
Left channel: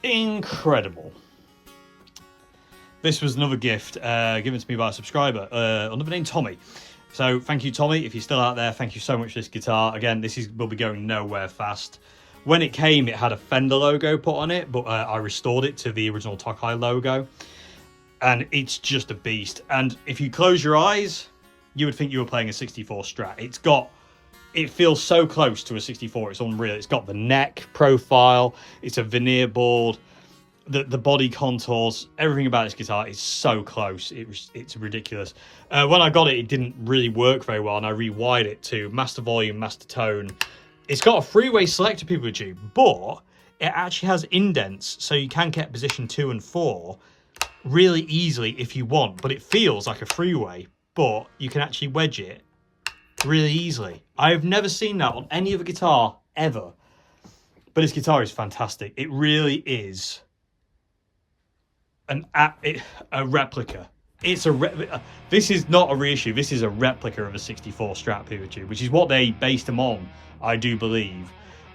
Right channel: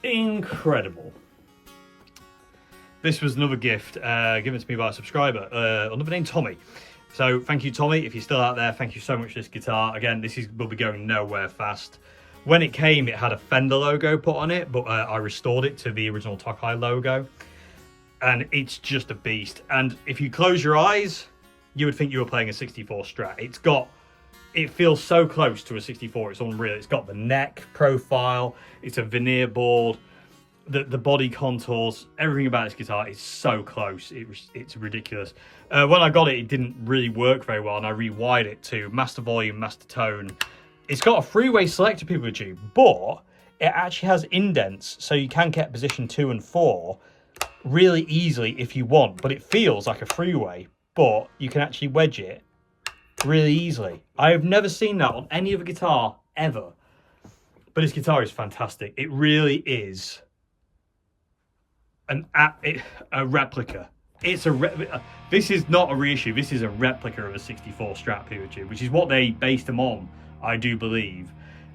Incredible. This was another gift given to me by a subscriber, another named Tommy. So thank you, Tommy. If you're still out there, thank you so much for this guitar. Again, will be going nowhere fast. When it came, it had a Fender logo put on it, but I restored it to the original Tokai logo. And it's just a beast. And if you close your eyes, you would think you were playing a 64 Strat. It feels so close to a 64, it's unreal. It's got the neck profile, it's a veneer board, the body contours, everything about this guitar is so close. It's ridiculous. When I got it, it didn't really work very well, and I rewired it to master volume, master tone. It's got a freeway selector, people tube, but it actually has indents, so you can get position 2 and 4 really easily if you want, but it feels like a freeway, but you can actually wedge it really easily. I have never seen that on any other guitar ever, but this guitar is fantastic. It really is a replica. This is not a reissue, this is a replica of a 64 Strat PeerTube, which is what they based them on, I do believe,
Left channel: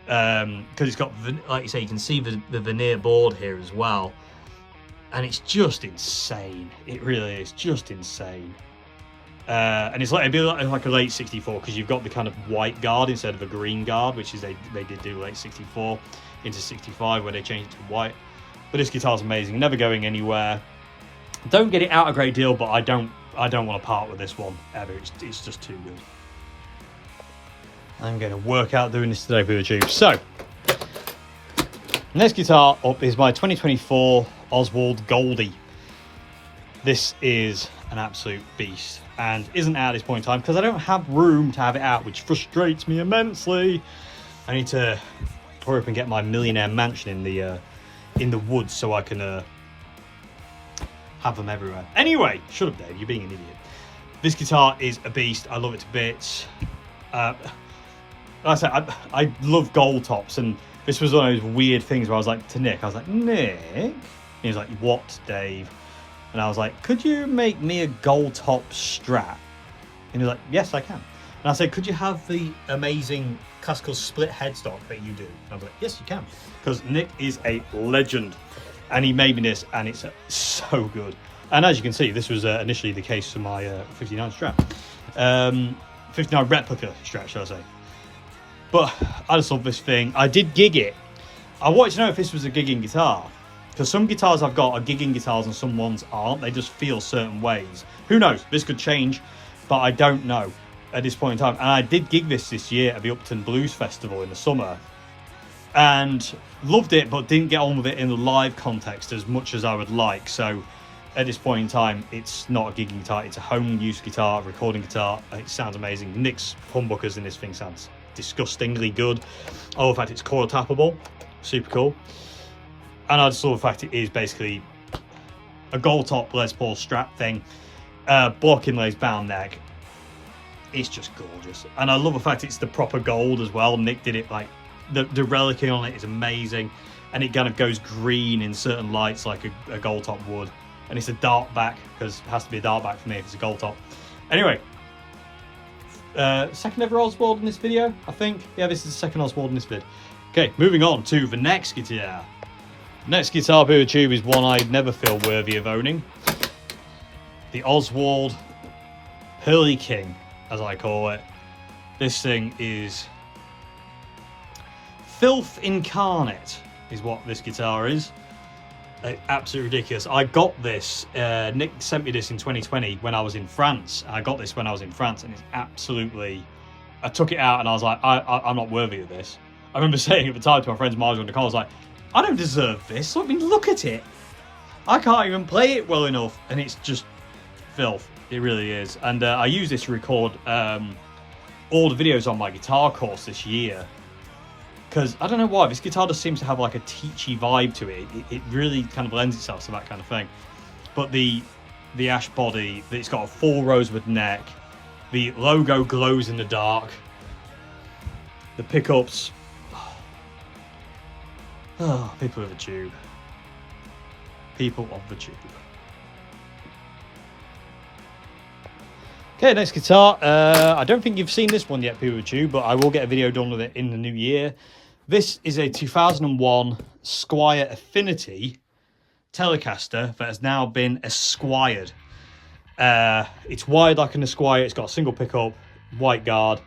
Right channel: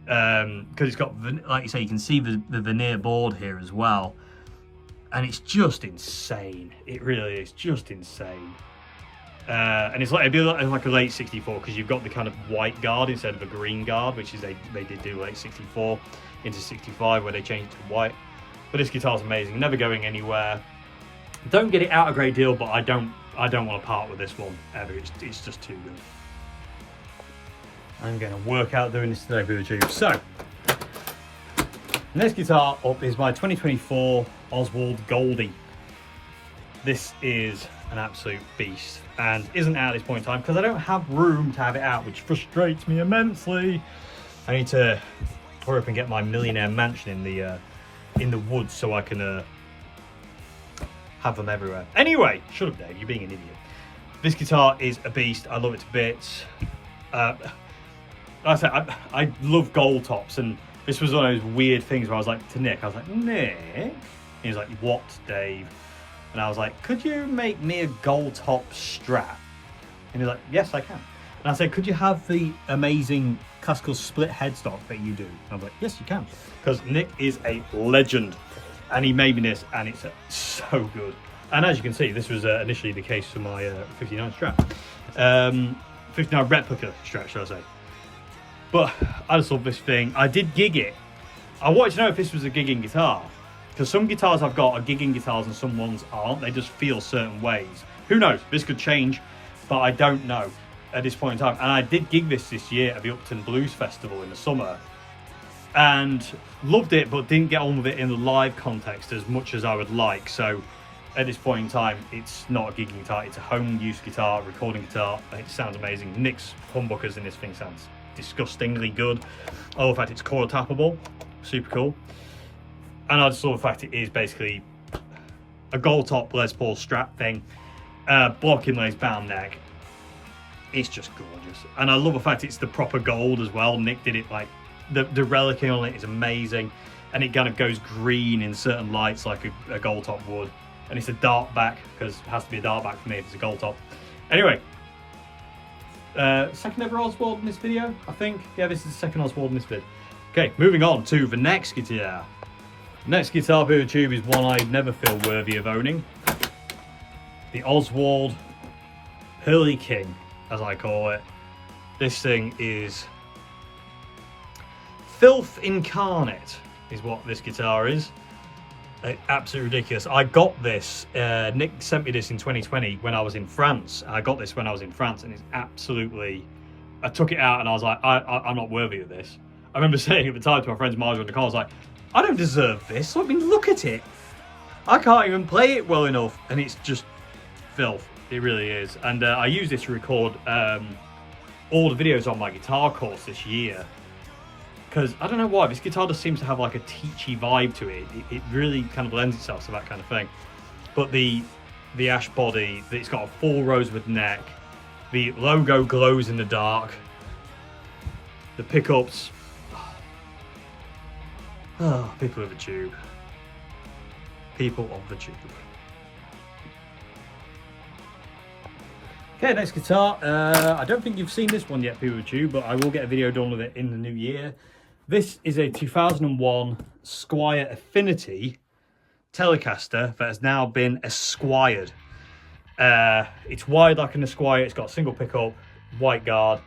because it's got, like you say, you can see the veneer board here as well, and it's just insane. It really is just insane. And it'd be like a late 64, because you've got the kind of white guard instead of a green guard, which is they did do late 64 into 65 where they changed it to white. But this guitar's amazing, never going anywhere. Don't get it out a great deal, but I don't want to part with this one ever. It's just too good. I'm going to work out doing this today for the tube. So next guitar up is my 2024 Oswald Goldie. This is an absolute beast, and isn't out at this point in time because I don't have room to have it out, which frustrates me immensely. I need to hurry up and get my millionaire mansion in the woods so I can have them everywhere. Anyway, shut up, Dave, you're being an idiot. This guitar is a beast. I love it to bits. Like I said, I love gold tops, and this was one of those weird things where I was like to Nick, I was like, Nick? And he was like, what, Dave? And I was like, could you make me a gold top Strat? And he was like, yes, I can. And I said, could you have the amazing classical split headstock that you do? And I was like, yes, you can. Because Nick is a legend. And he made me this, and it's so good. And as you can see, this was initially the case for my 59 Strat. 59 replica Strat, shall I say. But I just love this thing. I did gig it. I wanted to know if this was a gigging guitar, because some guitars I've got are gigging guitars and some ones aren't. They just feel certain ways. Who knows? This could change, but I don't know at this point in time. And I did gig this year at the Upton Blues Festival in the summer, and loved it, but didn't get on with it in the live context as much as I would like. So at this point in time, it's not a gigging guitar, it's a home use guitar, recording guitar. It sounds amazing. Nick's humbuckers in this thing sounds disgustingly good. Oh, in fact, it's coil tappable, super cool. And I just love the fact it is basically a gold top Les Paul Strat thing, blocking lace bound neck. It's just gorgeous, and I love the fact it's the proper gold as well. Nick did it like the relicing on it is amazing, and it kind of goes green in certain lights like a gold top would. And it's a dark back, because it has to be a dark back for me if it's a gold top. Anyway, second ever Oswald in this video, I think. Yeah, this is the second Oswald in this vid. Okay, moving on to the next guitar. Next guitar per tube is one I never feel worthy of owning. The Oswald Pearly King, as I call it. This thing is filth incarnate, is what this guitar is. Absolutely ridiculous. I got this, Nick sent me this in 2020 when I was in France. I got this when I was in France, and it's absolutely, I took it out and I was like, I'm not worthy of this. I remember saying at the time to my friends Marjorie and Nicole, I was like, I don't deserve this. I mean, look at it. I can't even play it well enough. And it's just filth. It really is. And I use this to record all the videos on my guitar course this year. Because I don't know why, this guitar just seems to have like a teachy vibe to it. It really kind of lends itself to that kind of thing. But the ash body, it's got a full rosewood neck. The logo glows in the dark. The pickups. Oh, people of the tube. People of the tube. Okay, next guitar. I don't think you've seen this one yet, people of the tube, but I will get a video done with it in the new year. This is a 2001 Squire Affinity Telecaster that has now been Esquired. It's wide like an Esquire. It's got a single pickup, white guard.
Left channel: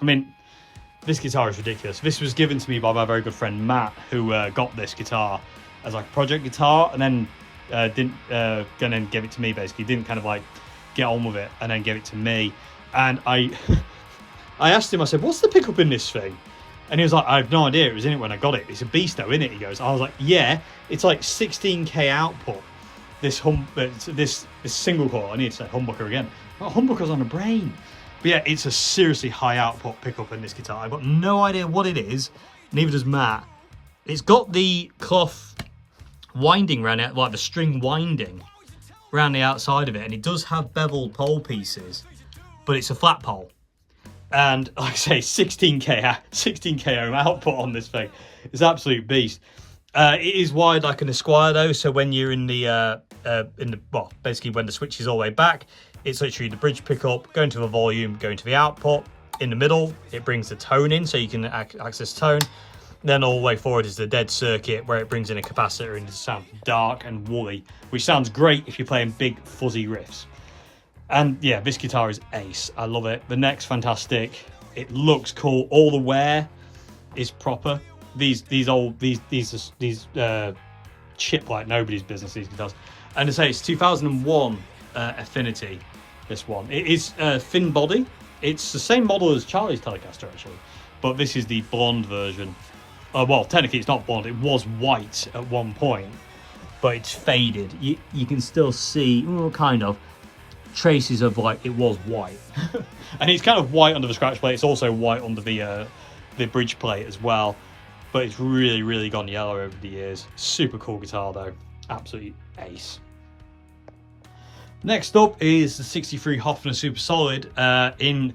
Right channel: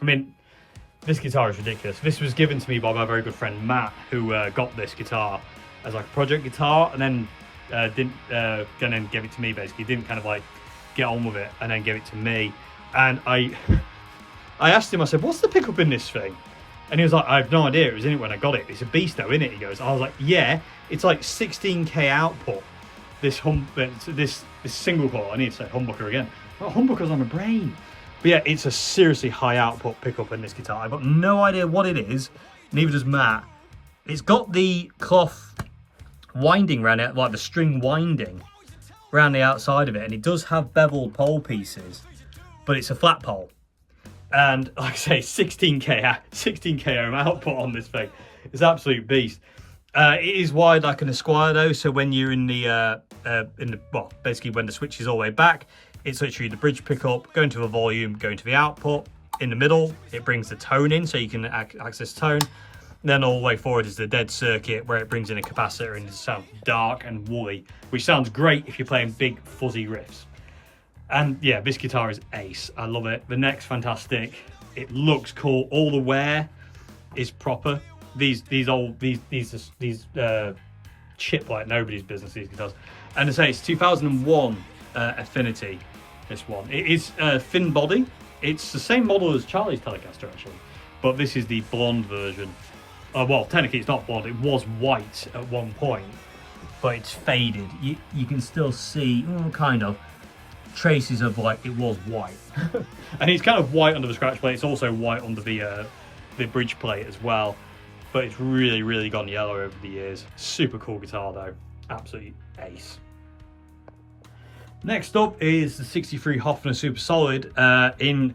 I mean, this guitar is ridiculous. This was given to me by my very good friend Matt, who got this guitar as like a project guitar, and then didn't give it to me. Basically, didn't kind of like get on with it, and then give it to me. And I asked him. I said, "What's the pickup in this thing?" And he was like, "I have no idea. It was in it when I got it. It's a beast though, isn't it?" He goes. I was like, "Yeah, it's like 16k output. This single core." I need to say humbucker again. Oh, humbucker's on the brain. But yeah, it's a seriously high output pickup in this guitar. I've got no idea what it is. Neither does Matt. It's got the cloth winding around it, like the string winding around the outside of it, and it does have beveled pole pieces, but it's a flat pole. And like I say, 16k ohm output on this thing. It's an absolute beast. It is wide like an Esquire though, so when you're in the well, basically when the switch is all the way back, it's literally the bridge pickup, going to the volume, going to the output. In the middle, it brings the tone in, so you can access tone. Then all the way forward is the dead circuit, where it brings in a capacitor and it sounds dark and woolly, which sounds great if you're playing big fuzzy riffs. And yeah, this guitar is ace. I love it. The neck's fantastic. It looks cool. All the wear is proper. These chip like nobody's business, these guitars. And I say it's 2001 Affinity. This one. It is thin body. It's the same model as Charlie's Telecaster actually, but this is the blonde version. Well, technically it's not blonde. It was white at one point, but it's faded. You can still see, kind of, traces of like it was white. And it's kind of white under the scratch plate. It's also white under the bridge plate as well. But it's really, really gone yellow over the years. Super cool guitar though. Absolutely ace. Next up is the 63 Hofner Super Solid in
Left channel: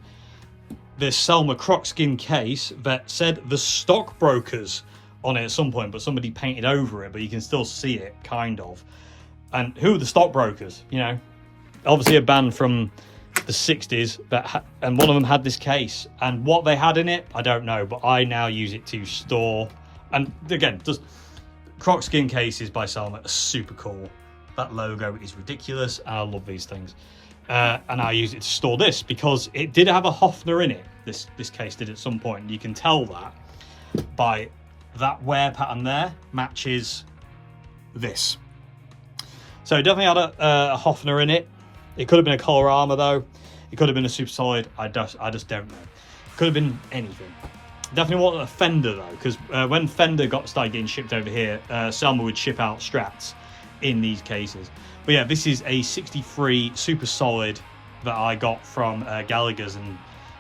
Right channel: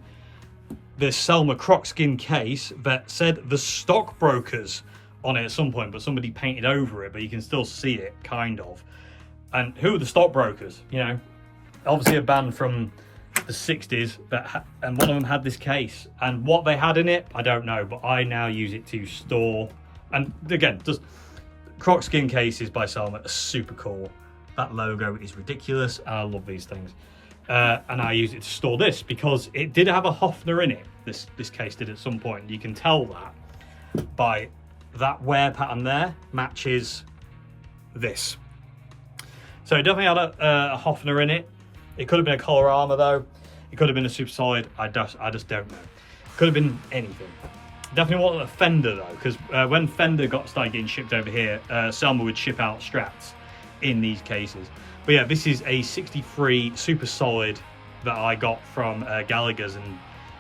this Selma Crocskin case that said the stockbrokers on it at some point, but somebody painted over it, but you can still see it, kind of. And who are the stockbrokers? You know, obviously a band from the 60s, and one of them had this case. And what they had in it, I don't know, but I now use it to store. And again, just Crocskin cases by Selma are super cool. That logo is ridiculous, and I love these things. And I use it to store this because it did have a Hofner in it. This case did at some point. You can tell that by that wear pattern there matches this. So it definitely had a Hofner in it. It could have been a collar armor though. It could have been a Super Solid. I just don't know. It could have been anything. Definitely wasn't a Fender though, because when Fender started getting shipped over here, Selma would ship out Strats in these cases. But yeah, this is a 63 Super Solid that I got from Gallagher's and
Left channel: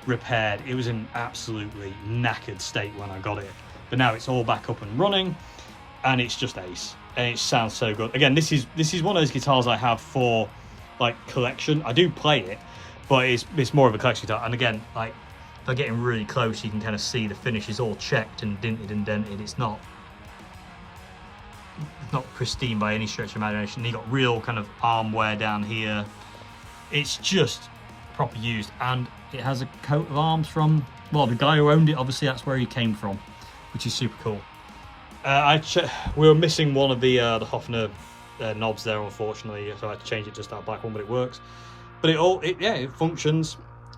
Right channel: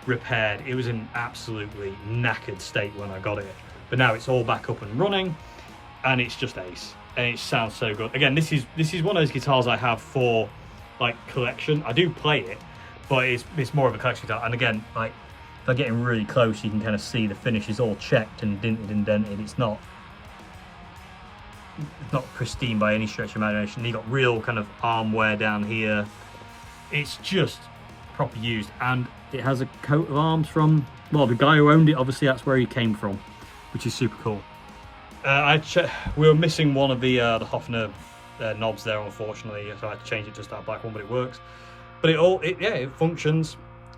repaired. It was in absolutely knackered state when I got it, but now it's all back up and running, and it's just ace, and it sounds so good. Again, this is one of those guitars I have for like collection. I do play it, but it's more of a collection guitar. And again, like if I get in really close, you can kind of see the finish is all checked and dinted and dented. It's not pristine by any stretch of imagination. You got real kind of arm wear down here. It's just proper used, and it has a coat of arms from, well, the guy who owned it. Obviously that's where he came from, which is super cool. We were missing one of the Hofner knobs there, unfortunately. If I had to change it just that black one, but it works. But it functions.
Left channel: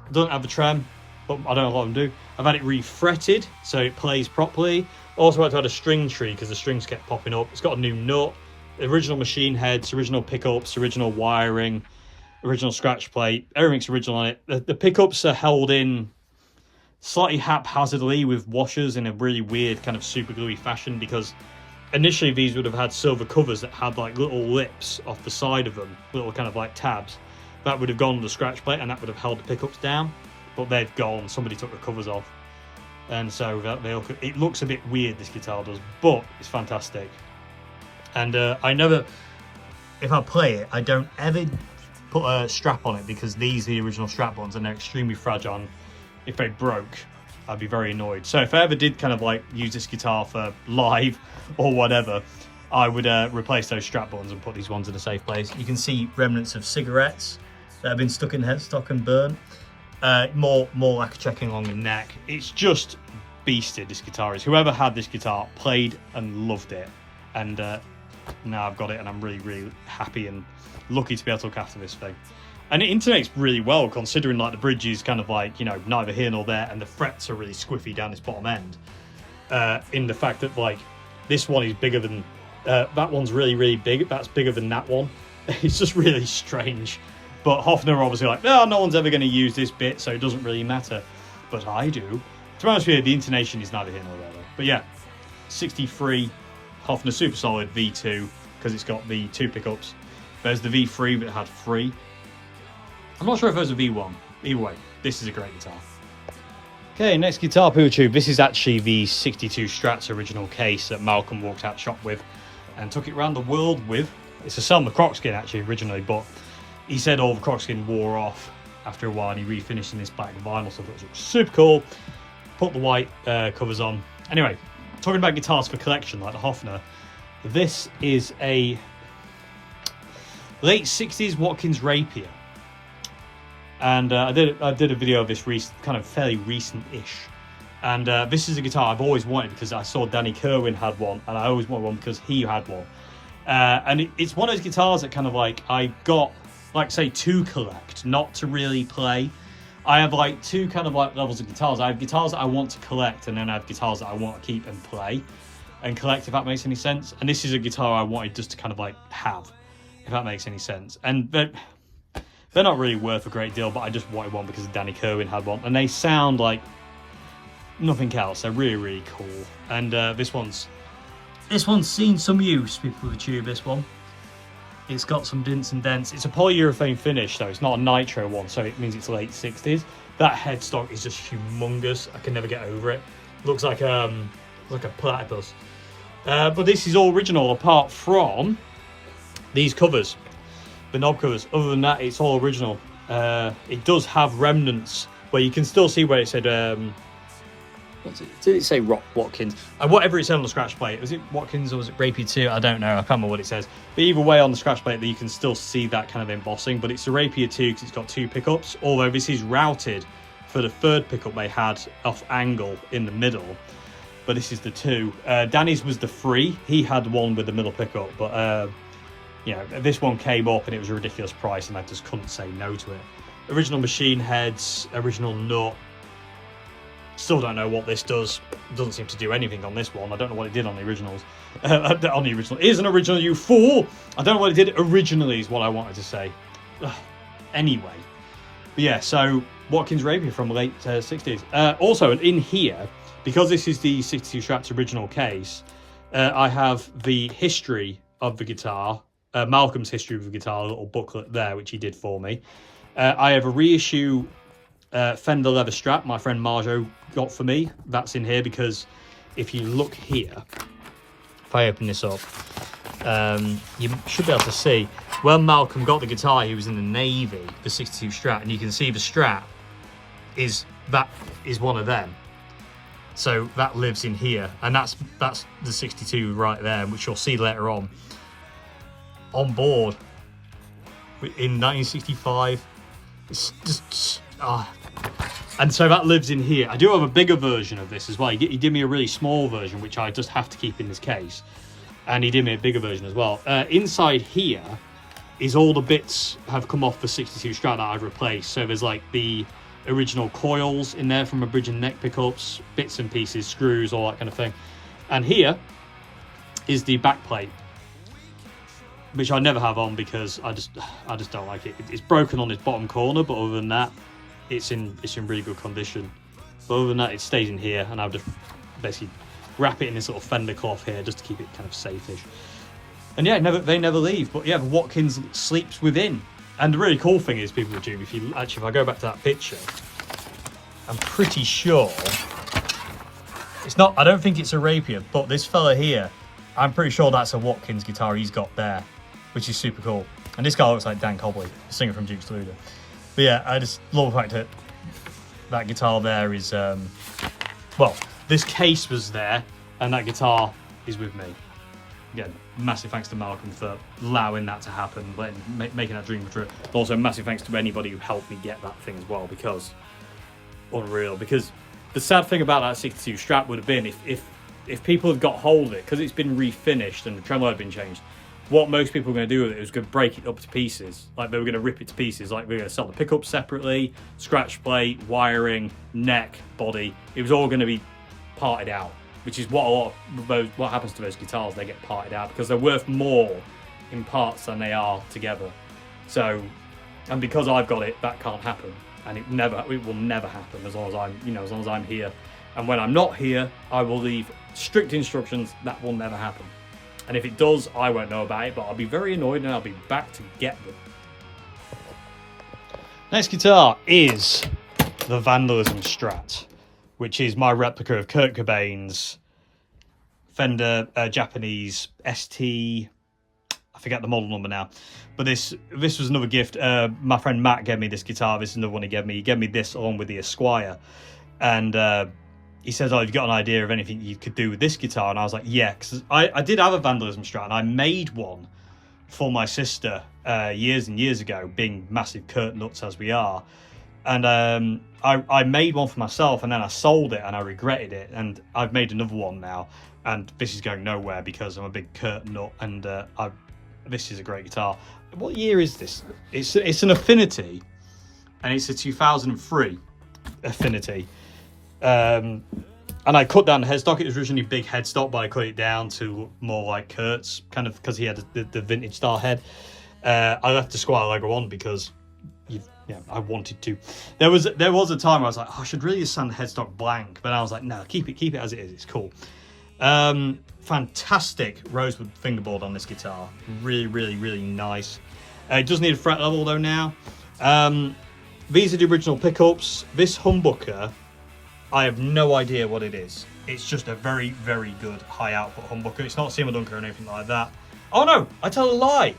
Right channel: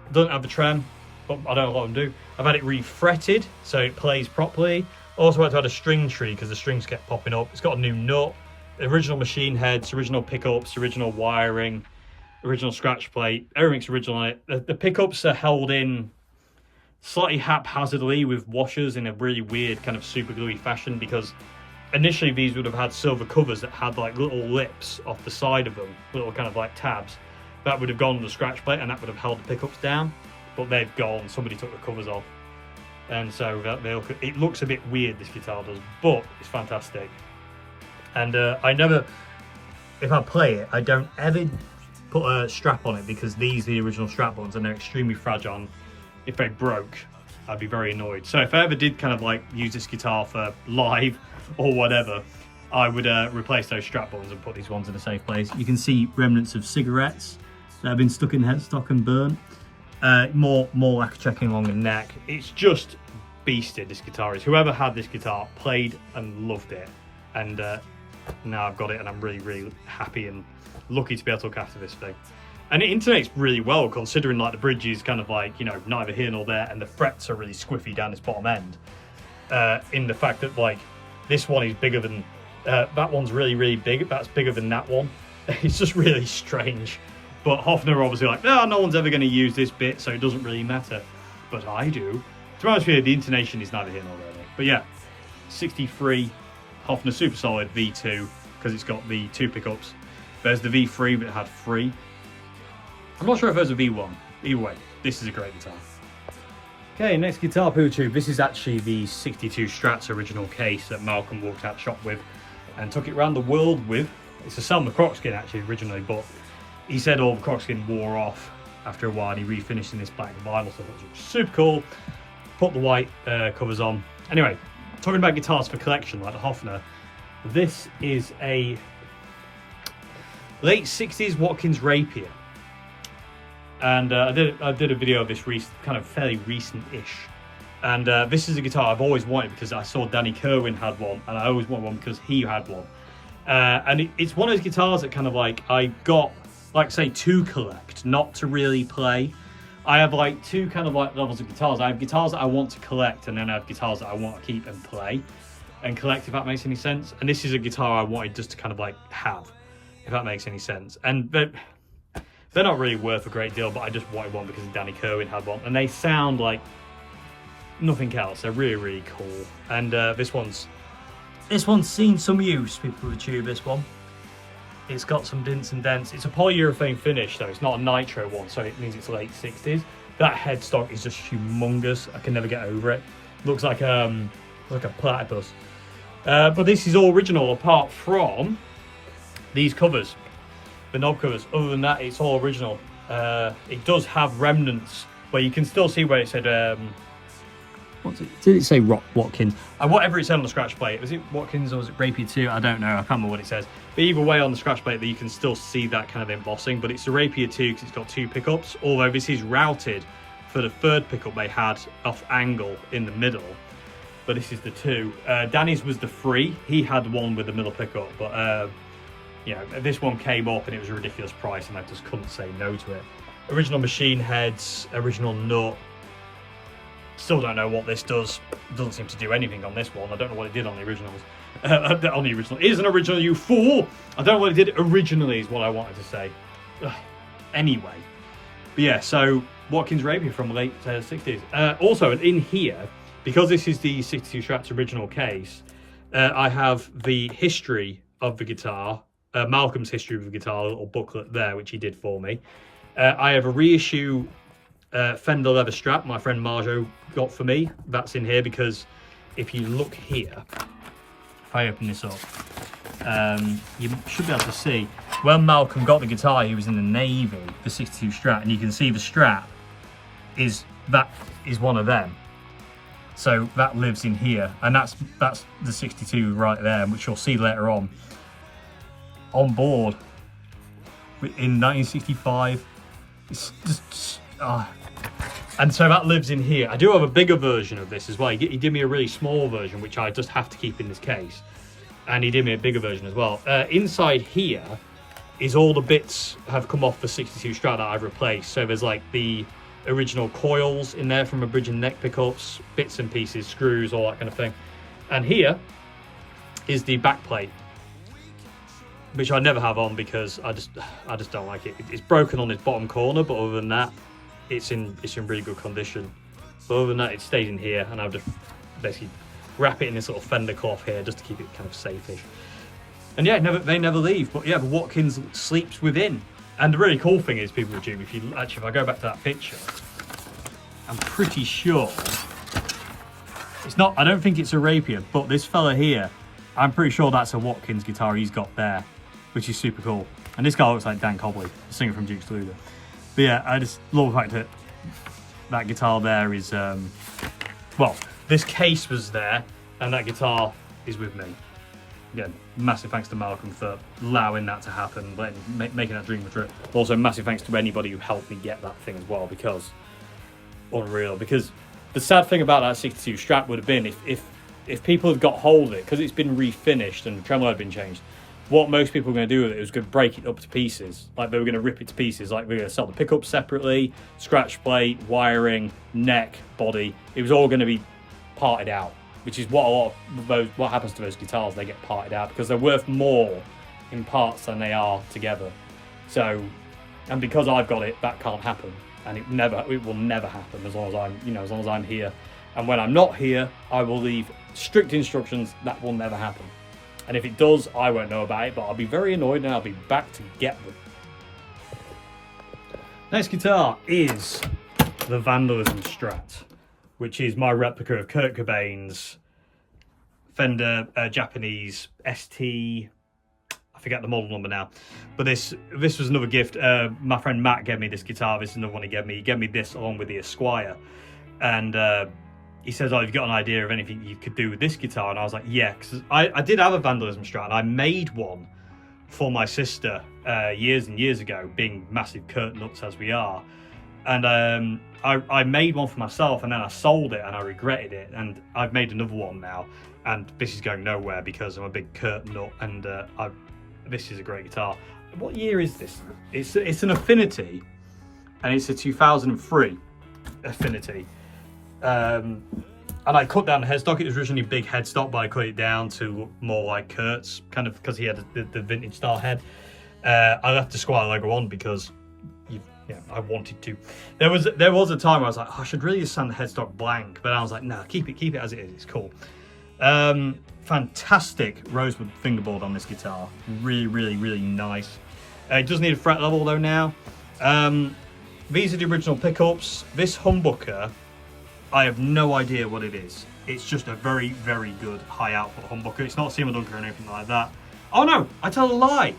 It doesn't have the trem, but I don't know what them do. I've had it refretted so it plays properly. Also had to add a string tree because the strings kept popping up. It's got a new nut, original machine heads, original pickups, original wiring, original scratch plate. Everything's original on it. The pickups are held in slightly haphazardly with washers in a really weird kind of super gluey fashion, because initially these would have had silver covers that had like little lips off the side of them, little kind of like tabs. That would have gone on the scratch plate and that would have held the pickups down, but they've gone, somebody took the covers off. And so it looks a bit weird, this guitar does, but it's fantastic. And I never, if I play it, I don't ever put a strap on it because these are the original strap ones and they're extremely fragile. If they broke, I'd be very annoyed. So if I ever did kind of like use this guitar for live or whatever, I would replace those strap ones and put these ones in a safe place. You can see remnants of cigarettes that have been stuck in headstock and burnt. More lacquer checking along the neck. It's just beasted, this guitar is. Whoever had this guitar played and loved it, and now I've got it and I'm really happy and lucky to be able to look after this thing. And it intonates really well, considering like the bridge is kind of like, you know, neither here nor there, and the frets are really squiffy down this bottom end. In the fact that like this one is bigger than that one's really big, that's bigger than that one. It's just really strange. But Hofner are obviously like, no one's ever going to use this bit, so it doesn't really matter. But I do. To be honest with you, the intonation is neither here nor there though. But yeah, 63 Hofner super solid V2, because it's got the 2 pickups. There's the V3, but it had 3. I'm not sure if there's a V1. Either way, this is a great guitar. Okay, next guitar, PeelTube. This is actually the 62 Strat's original case that Malcolm walked out shop with and took it around the world with. It's a Selma croc skin actually originally, but he said all the croc skin wore off after a while and he refinished in this black vinyl, so it was super cool. Put the white covers on. Anyway, talking about guitars for collection like the Hofner, this is a late 60s Watkins Rapier. And I did a video of this kind of fairly recent-ish. And this is a guitar I've always wanted because I saw Danny Kerwin had one, and I always wanted one because he had one. And it's one of those guitars that kind of like I got, like say, to collect, not to really play. I have like 2 kind of like levels of guitars. I have guitars that I want to collect, and then I have guitars that I want to keep and play and collect, if that makes any sense. And this is a guitar I wanted just to kind of like have, if that makes any sense. And they're not really worth a great deal, but I just wanted one because Danny Kerwin had one, and they sound like nothing else. They're really cool. And this one's seen some use, people of the tube. This one, it's got some dints and dents. It's a polyurethane finish, though. It's not a nitro one, so it means it's late 60s. That headstock is just humongous. I can never get over it. Looks like a platypus. But this is all original apart from these covers. The knob covers. Other than that, it's all original. It does have remnants where you can still see where it said what's it? Did it say Watkins? Whatever it said on the scratch plate. Was it Watkins or was it Rapier 2? I don't know. I can't remember what it says. But either way, on the scratch plate, you can still see that kind of embossing. But it's a Rapier 2 because it's got 2 pickups. Although this is routed for the 3rd pickup they had off angle in the middle. But this is the 2. Danny's was the 3. He had one with the middle pickup, but you know, this one came up and it was a ridiculous price and I just couldn't say no to it. Original machine heads, original nut. Still don't know what this does. It doesn't seem to do anything on this one. I don't know what it did on the originals. On the original. It is an original, you fool! I don't know what it did originally is what I wanted to say. Ugh. Anyway. But yeah, so Watkins Rapier from the late 60s. Also, in here, because this is the 62 Strat's original case, I have the history of the guitar. Malcolm's history of the guitar, a little booklet there, which he did for me. I have a reissue Fender leather strap my friend Marjo got for me. That's in here because if you look here, if I open this up, you should be able to see when Malcolm got the guitar, he was in the Navy, the 62 Strat, and you can see the strap is one of them. So that lives in here, and that's the 62 right there, which you'll see later on board in 1965. It's just and so that lives in here. I do have a bigger version of this as well. He did me a really small version, which I just have to keep in this case, and he did me a bigger version as well. Inside here is all the bits have come off the 62 Strat that I've replaced. So there's like the original coils in there from a bridge and neck pickups, bits and pieces, screws, all that kind of thing. And here is the back plate, which I never have on because I just don't like it. It's broken on this bottom corner, but other than that, it's in really good condition. But other than that, it stays in here, and I've just basically wrap it in this sort of fender cloth here just to keep it kind of safe. And yeah, they never leave. But yeah, the Watkins sleeps within. And the really cool thing is, people will do, if I go back to that picture, I'm pretty sure it's not, I don't think it's a rapier, but this fella here, I'm pretty sure that's a Watkins guitar he's got there, which is super cool. And this guy looks like Dan Cobley, the singer from Duke's Luda. But yeah, I just love the fact that that guitar there is, well, this case was there, and that guitar is with me. Again, massive thanks to Malcolm for allowing that to happen, making that dream true. Also, massive thanks to anybody who helped me get that thing as well, because unreal. Because the sad thing about that 62 Strat would have been if people had got hold of it, because it's been refinished and the tremolo had been changed. What most people were going to do with it was going to break it up to pieces. Like, they were going to rip it to pieces. Like, we were going to sell the pickups separately, scratch plate, wiring, neck, body. It was all going to be parted out, which is what what happens to those guitars. They get parted out because they're worth more in parts than they are together. So, and because I've got it, that can't happen, and it will never happen as long as as long as I'm here. And when I'm not here, I will leave strict instructions that will never happen. And if it does, I won't know about it, but I'll be very annoyed and I'll be back to get them. Next guitar is the Vandalism Strat, which is my replica of Kurt Cobain's Fender Japanese ST. I forget the model number now. But this was another gift. My friend Matt gave me this guitar. This is another one he gave me. He gave me this along with the Esquire. And he says, oh, you've got an idea of anything you could do with this guitar? And I was like, yeah, because I did have a Vandalism Strat, and I made one for my sister years and years ago, being massive Kurt nuts as we are. And I made one for myself, and then I sold it, and I regretted it. And I've made another one now, and this is going nowhere because I'm a big Kurt nut, and this is a great guitar. What year is this? It's an Affinity, and it's a 2003 Affinity. And I cut down the headstock. It was originally big headstock, but I cut it down to look more like Kurt's, kind of because he had the vintage style head. I left the Squire logo on because I wanted to. There was a time where I was like, oh, I should really just sand the headstock blank, but I was like, no, keep it as it is. It's cool. Fantastic rosewood fingerboard on this guitar. Really, really, really nice. It does need a fret level though now. These are the original pickups. This humbucker, I have no idea what it is. It's just a very, very good high output humbucker. It's not a Seymour Duncan or anything like that. Oh no, I tell a lie.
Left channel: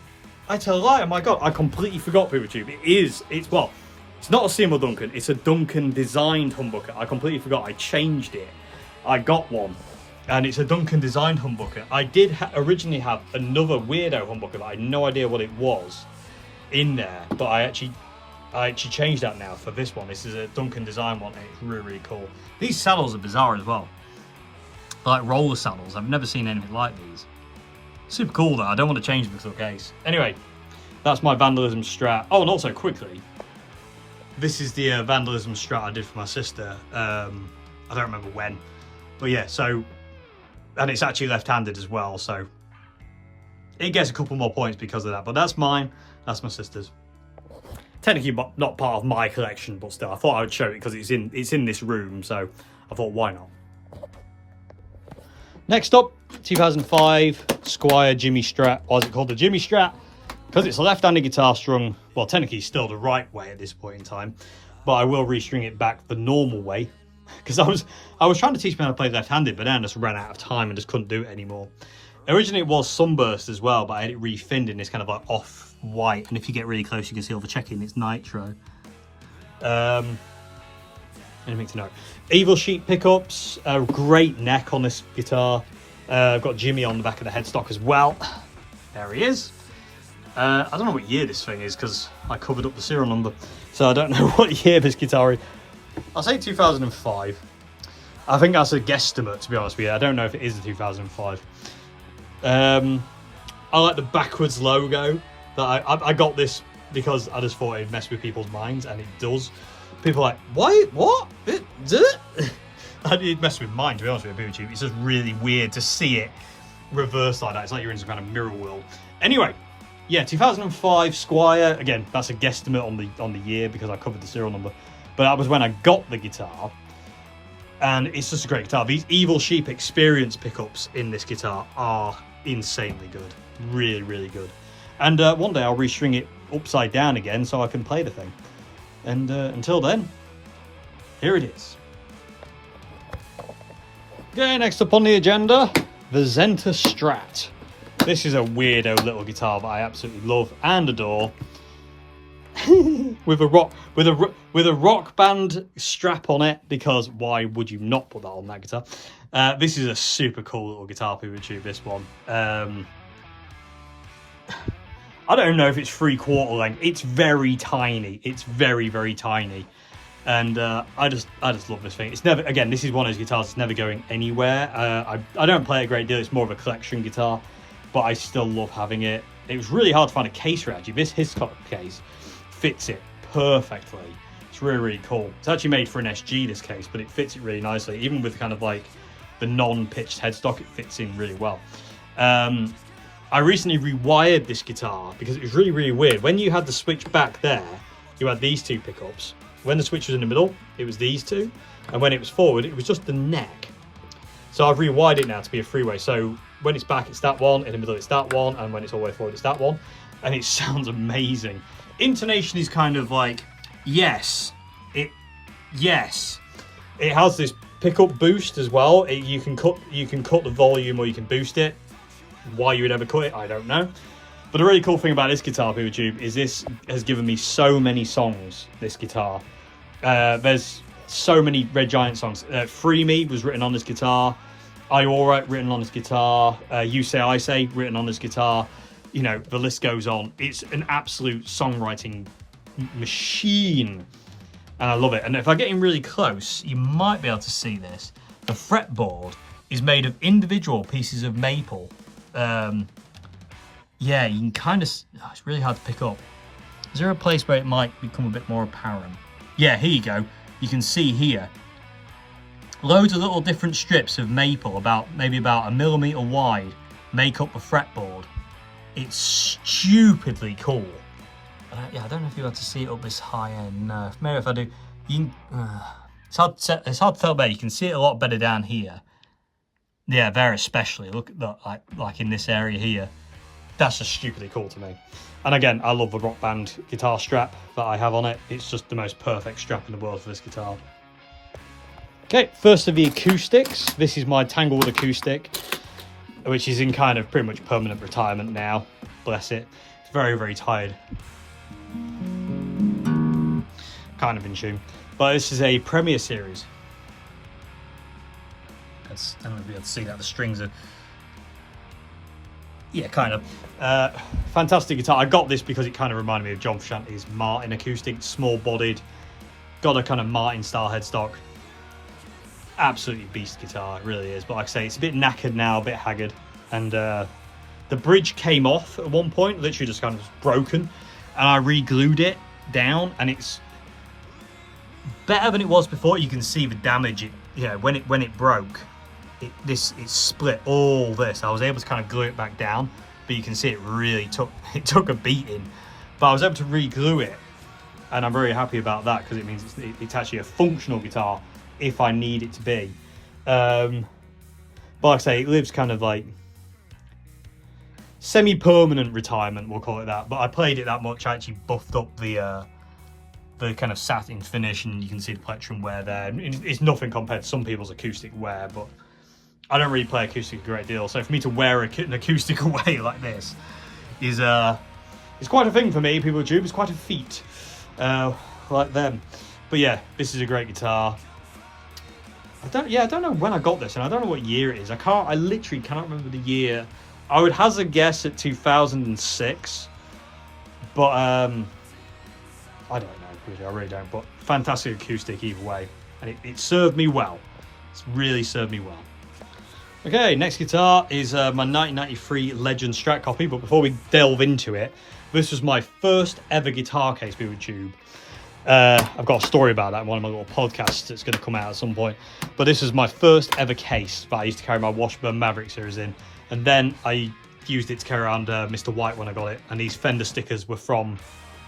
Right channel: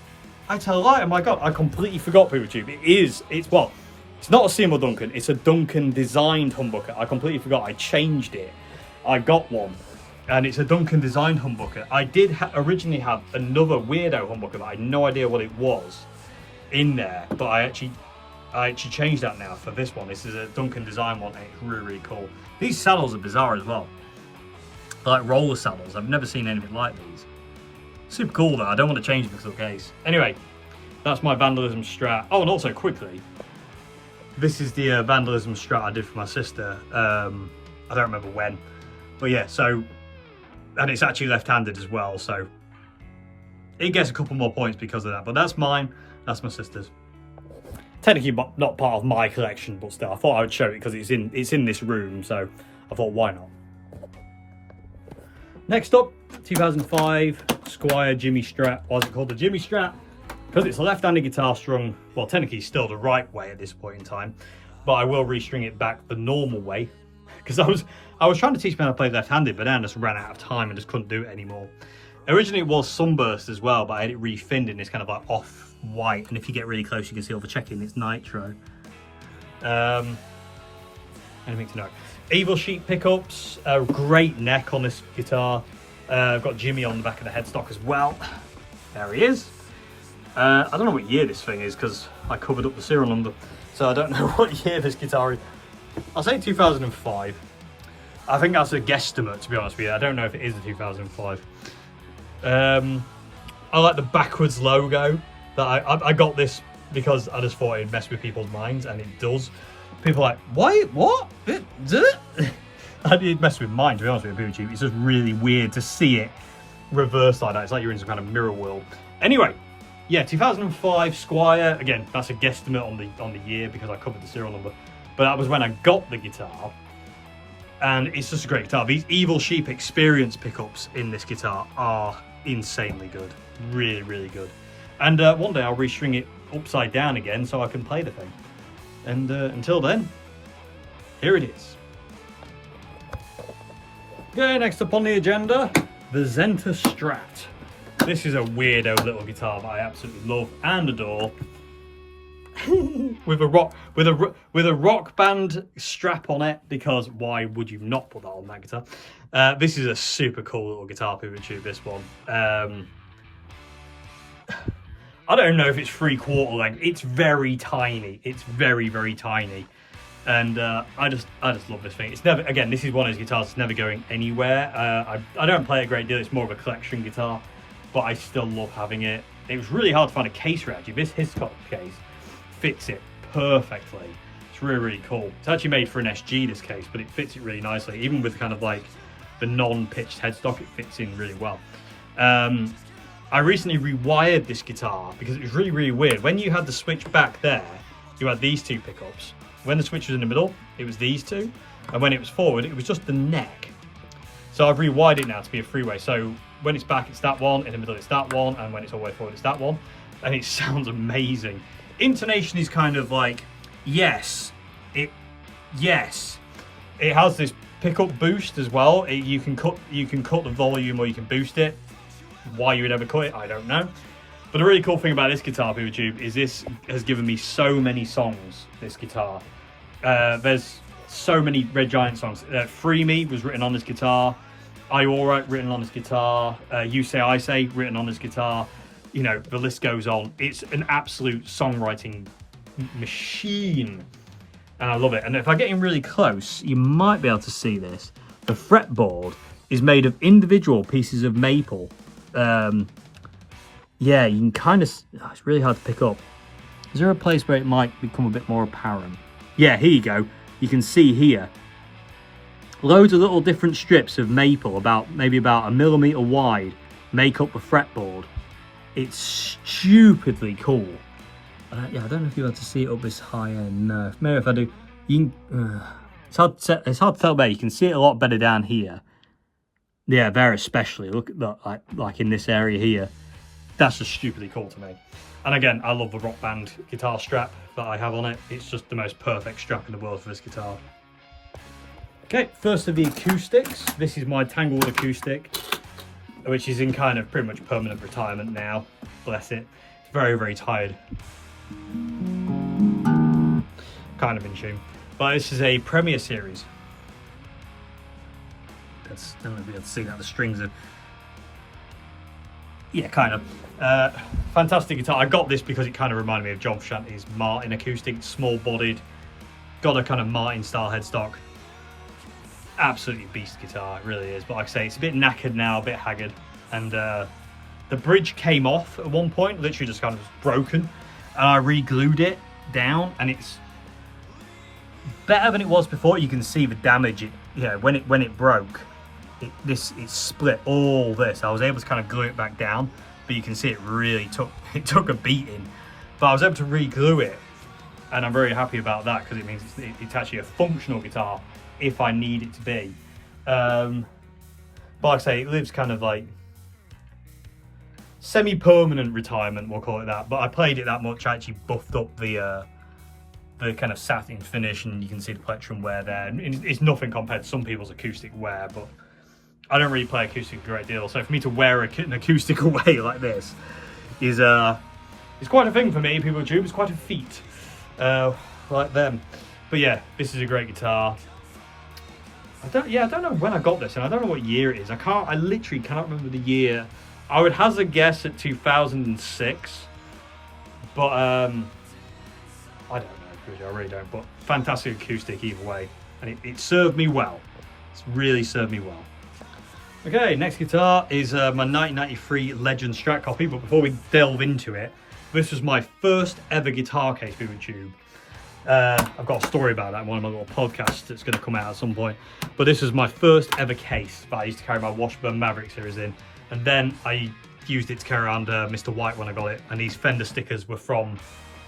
Oh my God, I completely forgot, PeopleTube. It's not a Seymour Duncan. It's a Duncan designed humbucker. I completely forgot. I changed it. I got one, and it's a Duncan designed humbucker. I did originally have another weirdo humbucker that I had no idea what it was in there, but I actually changed that now for this one. This is a Duncan design one, and it's really, really cool. These saddles are bizarre as well. They're like roller saddles. I've never seen anything like these. Super cool though. I don't want to change the case. Anyway, that's my Vandalism Strat. Oh, and also quickly, this is the Vandalism Strat I did for my sister. I don't remember when, but yeah. So, and it's actually left-handed as well, so it gets a couple more points because of that. But that's mine. That's my sister's. Technically not part of my collection, but still, I thought I would show it because it's in this room, so I thought, why not? Next up, 2005 Squire Jimmy Strat. Why is it called the Jimmy Strat? Because it's a left-handed guitar strung, well, technically still the right way at this point in time, but I will restring it back the normal way, because I was trying to teach me how to play left-handed, but then I just ran out of time and just couldn't do it anymore. Originally it was Sunburst as well, but I had it refinned in this kind of like off-white, and if you get really close you can see all the checking, it's nitro. Anything to know? Evil Sheet pickups, a great neck on this guitar. I've got Jimmy on the back of the headstock as well. There he is. I don't know what year this thing is because I covered up the serial number, so I don't know what year this guitar is. I'll say 2005. I think that's a guesstimate, to be honest with you. I don't know if it is a 2005. I like the backwards logo. That I got this because I just thought it'd mess with people's minds, and it does. People are like, why? What? It messed with mine, to be honest with you, PeopleTube. It's just really weird to see it reverse like that. It's like you're in some kind of mirror world. Anyway, yeah, 2005 Squire. Again, that's a guesstimate on the year because I covered the serial number. But that was when I got the guitar. and it's just a great guitar. These Evil Sheep Experience pickups in this guitar are insanely good, really, really good. And one day I'll restring it upside down again so I can play the thing. And until then, here it is. Okay, next up on the agenda, the Zenta Strat. This is a weirdo little guitar that I absolutely love and adore. with a rock band strap on it, because why would you not put that on that guitar? This is a super cool little guitar, people tube, this one. I don't know if it's 3/4 length. It's very tiny. It's very, very tiny. And I just love this thing. It's never, again, this is one of those guitars that's never going anywhere. I don't play it a great deal. It's more of a collection guitar, but I still love having it. It was really hard to find a case for it, actually. This Hiscock case fits it perfectly. It's really, really cool. It's actually made for an SG, this case, but it fits it really nicely. Even with kind of like the non-pitched headstock, it fits in really well. I recently rewired this guitar because it was really, really weird. When you had the switch back there, you had these two pickups. When the switch was in the middle, it was these two. And when it was forward, it was just the neck. So I've rewired it now to be a three-way. So when it's back, it's that one. In the middle, it's that one. And when it's all the way forward, it's that one. And it sounds amazing. Intonation is kind of like, yes. It has this pickup boost as well. You can cut the volume or you can boost it. Why you would ever cut it, I don't know. But the really cool thing about this guitar, people tube, is this has given me so many songs, this guitar. There's so many Red Giant songs. Free Me was written on this guitar. I Alright written on this guitar. You Say I Say written on this guitar. You know, the list goes on. It's an absolute songwriting machine. And I love it. And if I get in really close, you might be able to see this. The fretboard is made of individual pieces of maple. Yeah, you can kind of, it's really hard to pick up. Is there a place where it might become a bit more apparent? Yeah, here you go. You can see here, loads of little different strips of maple, maybe about 1 millimeter wide, make up the fretboard. It's stupidly cool. Yeah, I don't know if you're able to see it up this high end. No, maybe if I do, you can, it's hard to tell there. You can see it a lot better down here. Yeah, there especially. Look at that, like in this area here. That's just stupidly cool to me. And again, I love the Rock Band guitar strap that I have on it. It's just the most perfect strap in the world for this guitar. Okay, first of the acoustics. This is my Tanglewood acoustic, which is in kind of pretty much permanent retirement now. Bless it. It's very, very tired. Kind of in tune. But this is a Premier Series. I don't know if you can see that, the strings are... Yeah, kind of. Fantastic guitar. I got this because it kind of reminded me of John Frusciante's Martin acoustic, small bodied, got a kind of Martin style headstock. Absolutely beast guitar, it really is. But like I say, it's a bit knackered now, a bit haggard. And the bridge came off at one point, literally just kind of broken. And I re-glued it down, and it's better than it was before. You can see the damage. When it broke, it split all this. I was able to kind of glue it back down, but you can see it really took a beating. But I was able to re-glue it, and I'm very happy about that because it means it's actually a functional guitar if I need it to be. But like I say, it lives kind of like semi-permanent retirement, we'll call it that. But I played it that much, I actually buffed up the kind of satin finish, and you can see the plectrum wear there. And it's nothing compared to some people's acoustic wear, but I don't really play acoustic a great deal, so for me to wear an acoustic away like this is it's quite a thing for me, people tube. It's quite a feat, like them. But yeah, this is a great guitar. I don't know when I got this, and I don't know what year it is. I literally cannot remember the year. I would hazard a guess at 2006, but I don't know. I really don't. But fantastic acoustic either way, and it served me well. It's really served me well. Okay, next guitar is my 1993 Legend Strat copy, but before we delve into it, this was my first ever guitar case, people tube. I've got a story about that in one of my little podcasts that's going to come out at some point. But this was my first ever case that I used to carry my Washburn Maverick series in. And then I used it to carry around Mr. White when I got it. And these Fender stickers were from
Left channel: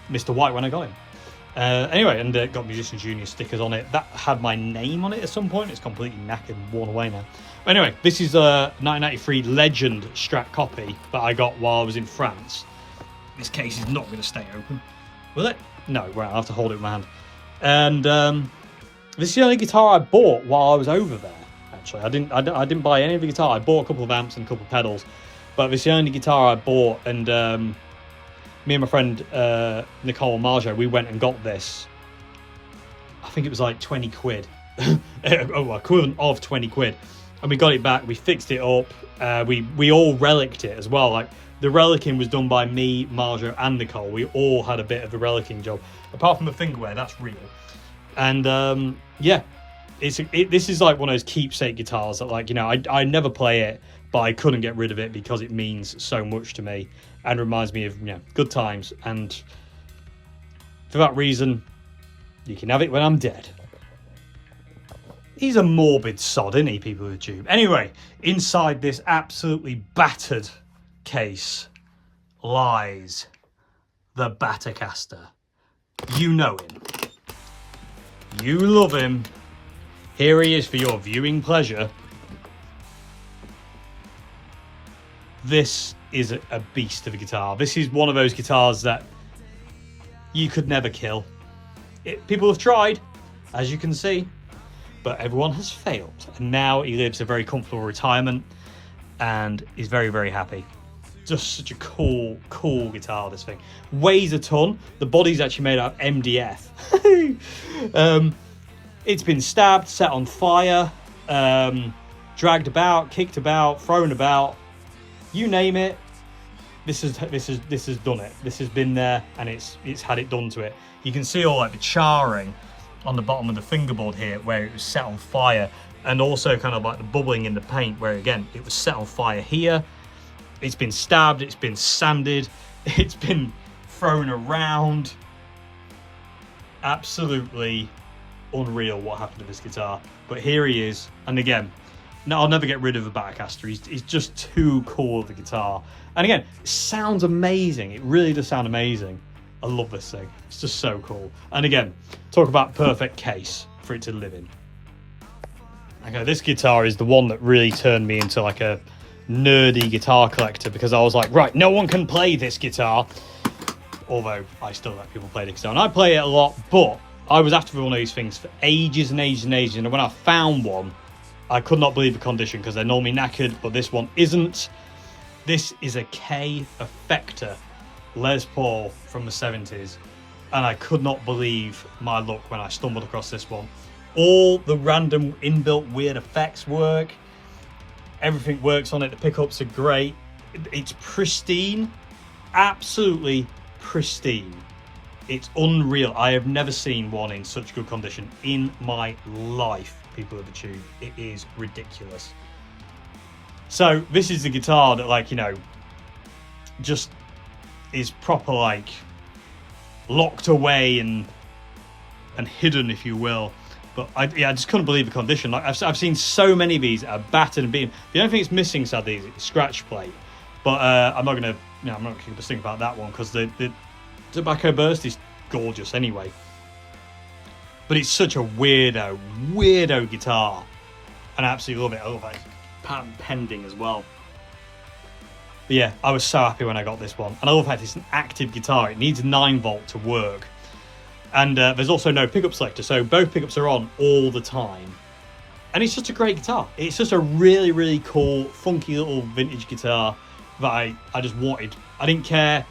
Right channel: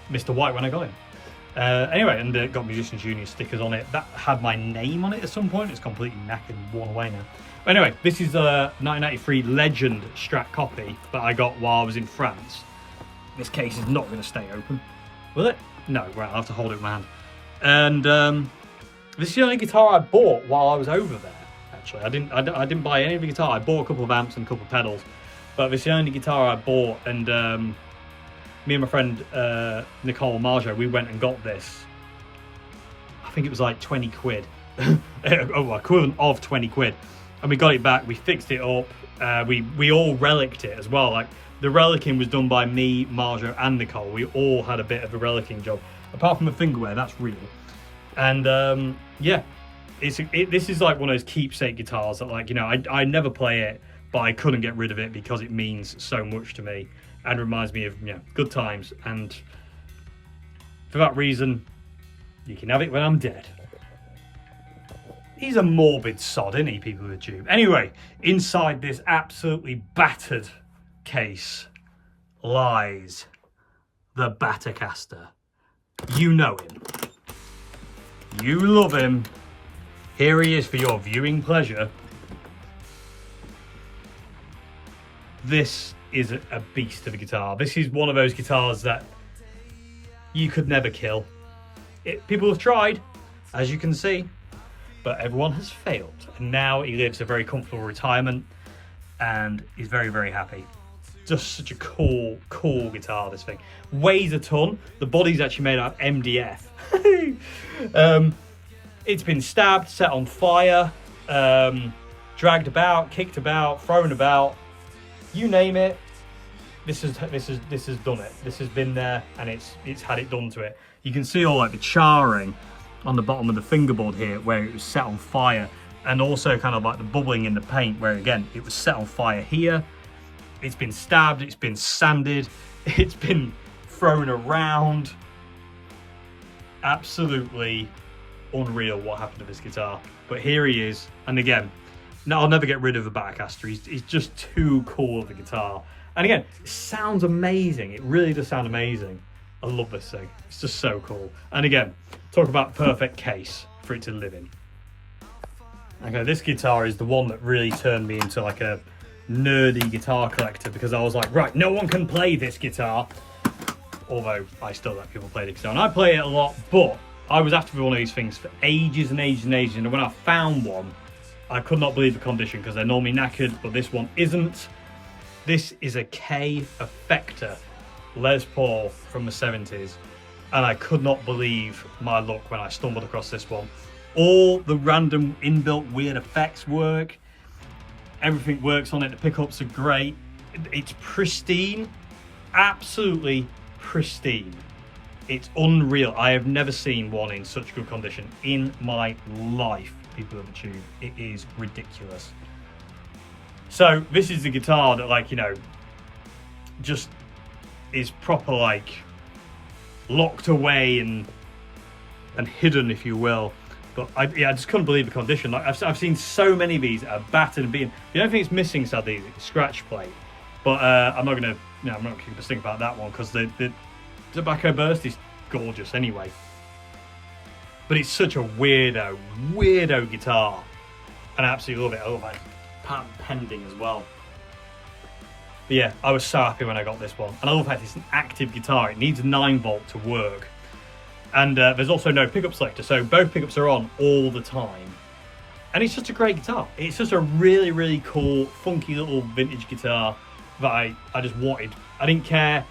Mr. White when I got him. Anyway, and got Musician Junior stickers on it. That had my name on it at some point. It's completely knackered and worn away now. But anyway, this is a 1993 Legend Strat copy that I got while I was in France. This case is not going to stay open, will it? No, well, I'll have to hold it in my hand. And this is the only guitar I bought while I was over there. Actually, I didn't buy any of the guitar. I bought a couple of amps and a couple of pedals, but this is the only guitar I bought. And me and my friend Nicole Marjo, we went and got this. I think it was like 20 quid. Oh, equivalent of 20 quid. And we got it back, we fixed it up. We all relicked it as well. Like, the relicking was done by me, Marjo, and Nicole. We all had a bit of a relicking job. Apart from the fingerwear, that's real. And yeah, this is like one of those keepsake guitars that, like, you know, I never play it, but I couldn't get rid of it because it means so much to me and reminds me of, you know, good times. And for that reason, you can have it when I'm dead. He's a morbid sod, isn't he, people with tube? Anyway, inside this absolutely battered case lies the Battercaster. You know him. You love him. Here he is for your viewing pleasure. This is a beast of a guitar. This is one of those guitars that you could never kill. People have tried, as you can see, but everyone has failed. And now he lives a very comfortable retirement and is very, very happy. Just such a cool guitar, this thing. Weighs a ton. The body's actually made out of MDF. It's been stabbed, set on fire, dragged about, kicked about, thrown about. You name it, this has done it. This has been there and it's had it done to it. You can see all like the charring on the bottom of the fingerboard here where it was set on fire, and also kind of like the bubbling in the paint where, again, it was set on fire here. It's been stabbed, it's been sanded, it's been thrown around. Absolutely unreal what happened to this guitar. But here he is, and again, no, I'll never get rid of the Battercaster. He's just too cool of a guitar. And again, it sounds amazing. It really does sound amazing. I love this thing. It's just so cool. And again, talk about perfect case for it to live in. Okay, this guitar is the one that really turned me into like a nerdy guitar collector, because I was like, right, no one can play this guitar. Although I still let people play the guitar, and I play it a lot, but I was after one of these things for ages and ages and ages, and when I found one, I could not believe the condition, because they're normally knackered, but this one isn't. This is a K Effector Les Paul from the 70s, and I could not believe my luck when I stumbled across this one. All the random inbuilt weird effects work. Everything works on it. The pickups are great. It's pristine, absolutely pristine. It's unreal. I have never seen one in such good condition in my life, people of the tube. It is ridiculous. So this is the guitar that, like, you know, just is proper, like, locked away and hidden, if you will. But I just couldn't believe the condition. Like, I've seen so many of these that are battered and beaten. The only thing it's missing, sadly, is the scratch plate. But I'm not gonna keep a think about that one, because the tobacco burst is gorgeous anyway. But it's such a weirdo guitar, and I absolutely love it. I love like patent pending as well. But yeah, I was so happy when I got this one, and I love how it's an active guitar. It needs 9-volt to work. And there's also no pickup selector, so both pickups are on all the time. And it's just a great guitar. It's just a really, really cool, funky little vintage guitar that I just wanted. I didn't care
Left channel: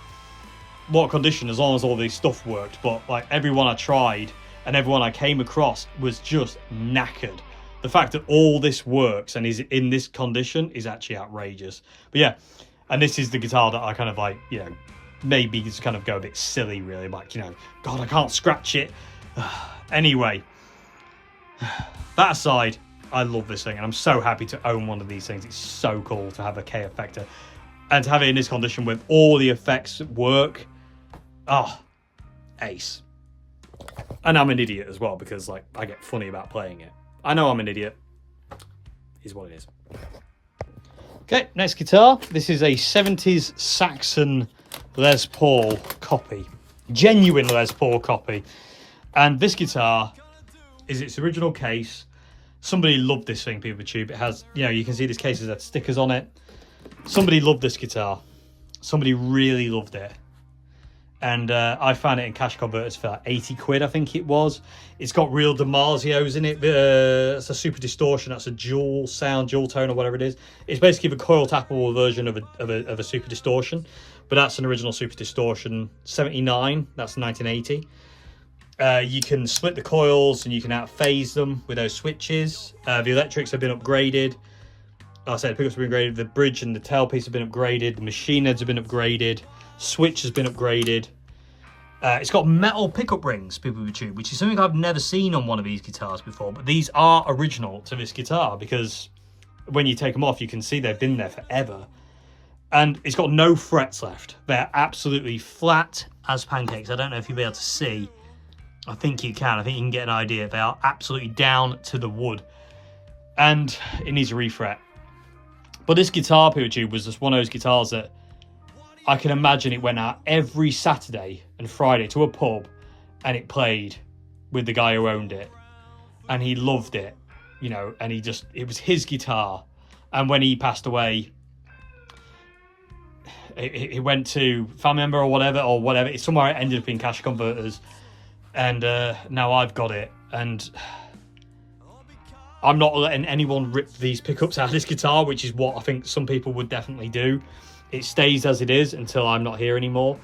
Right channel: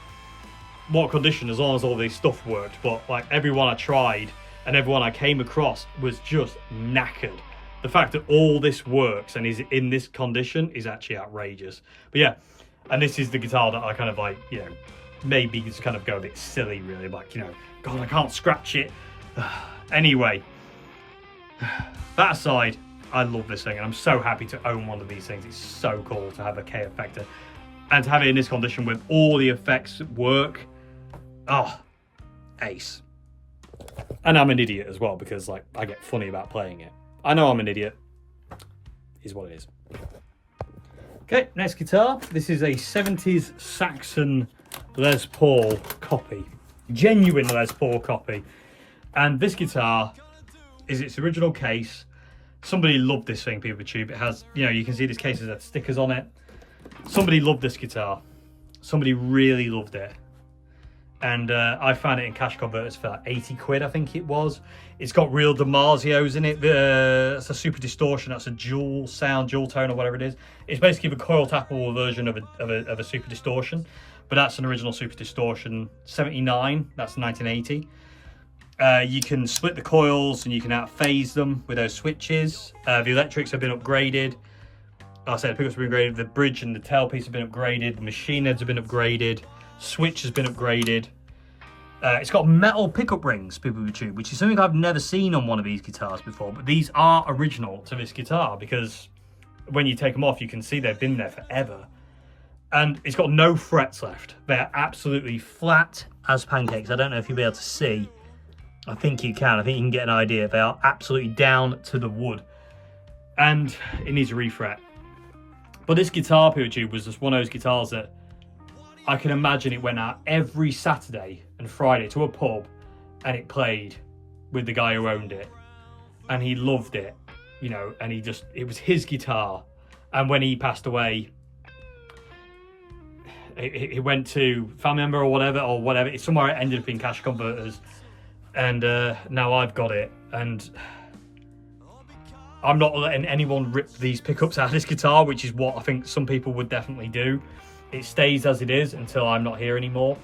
what condition, as long as all this stuff worked. But like, everyone I tried and everyone I came across was just knackered. The fact that all this works and is in this condition is actually outrageous. But yeah, and this is the guitar that I kind of like, you know, maybe just kind of go a bit silly, really, like, you know, God, I can't scratch it. Anyway, that aside, I love this thing, and I'm so happy to own one of these things. It's so cool to have a K Effector, and to have it in this condition with all the effects work. Oh, ace. And I'm an idiot as well, because like, I get funny about playing it. I know I'm an idiot. Is what it is. Okay, next guitar. This is a 70s Saxon Les Paul copy. genuine Les Paul copy. And this guitar is its original case. Somebody loved this thing, people tube. It has, you know, you can see this case has had stickers on it. Somebody loved this guitar. Somebody really loved it. And I found it in cash converters for like 80 quid, I think it was. It's got real DiMarzios in it. It's a super distortion. That's a dual sound, dual tone, or whatever it is. It's basically the coil tappable version of a super distortion. But that's an original super distortion. 79, that's 1980. You can split the coils and you can out-phase them with those switches. The electrics have been upgraded. Like I said, the pickups have been upgraded. The bridge and the tailpiece have been upgraded. The machine heads have been upgraded. Switch has been upgraded. It's got metal pickup rings, people with tube, which is something I've never seen on one of these guitars before. But these are original to this guitar because when you take them off, you can see they've been there forever. And it's got no frets left. They're absolutely flat as pancakes. I don't know if you'll be able to see. I think you can. I think you can get an idea. They are absolutely down to the wood. And it needs a refret. But this guitar, people with tube, was just one of those guitars that I can imagine it went out every Saturday and Friday to a pub and it played with the guy who owned it. And he loved it, you know, and it was his guitar. And when he passed away, it went to family member or whatever. It's somewhere it ended up in cash converters. And now I've got it. And I'm not letting anyone rip these pickups out of this guitar, which is what I think some people would definitely do. It stays as it is until I'm not here anymore.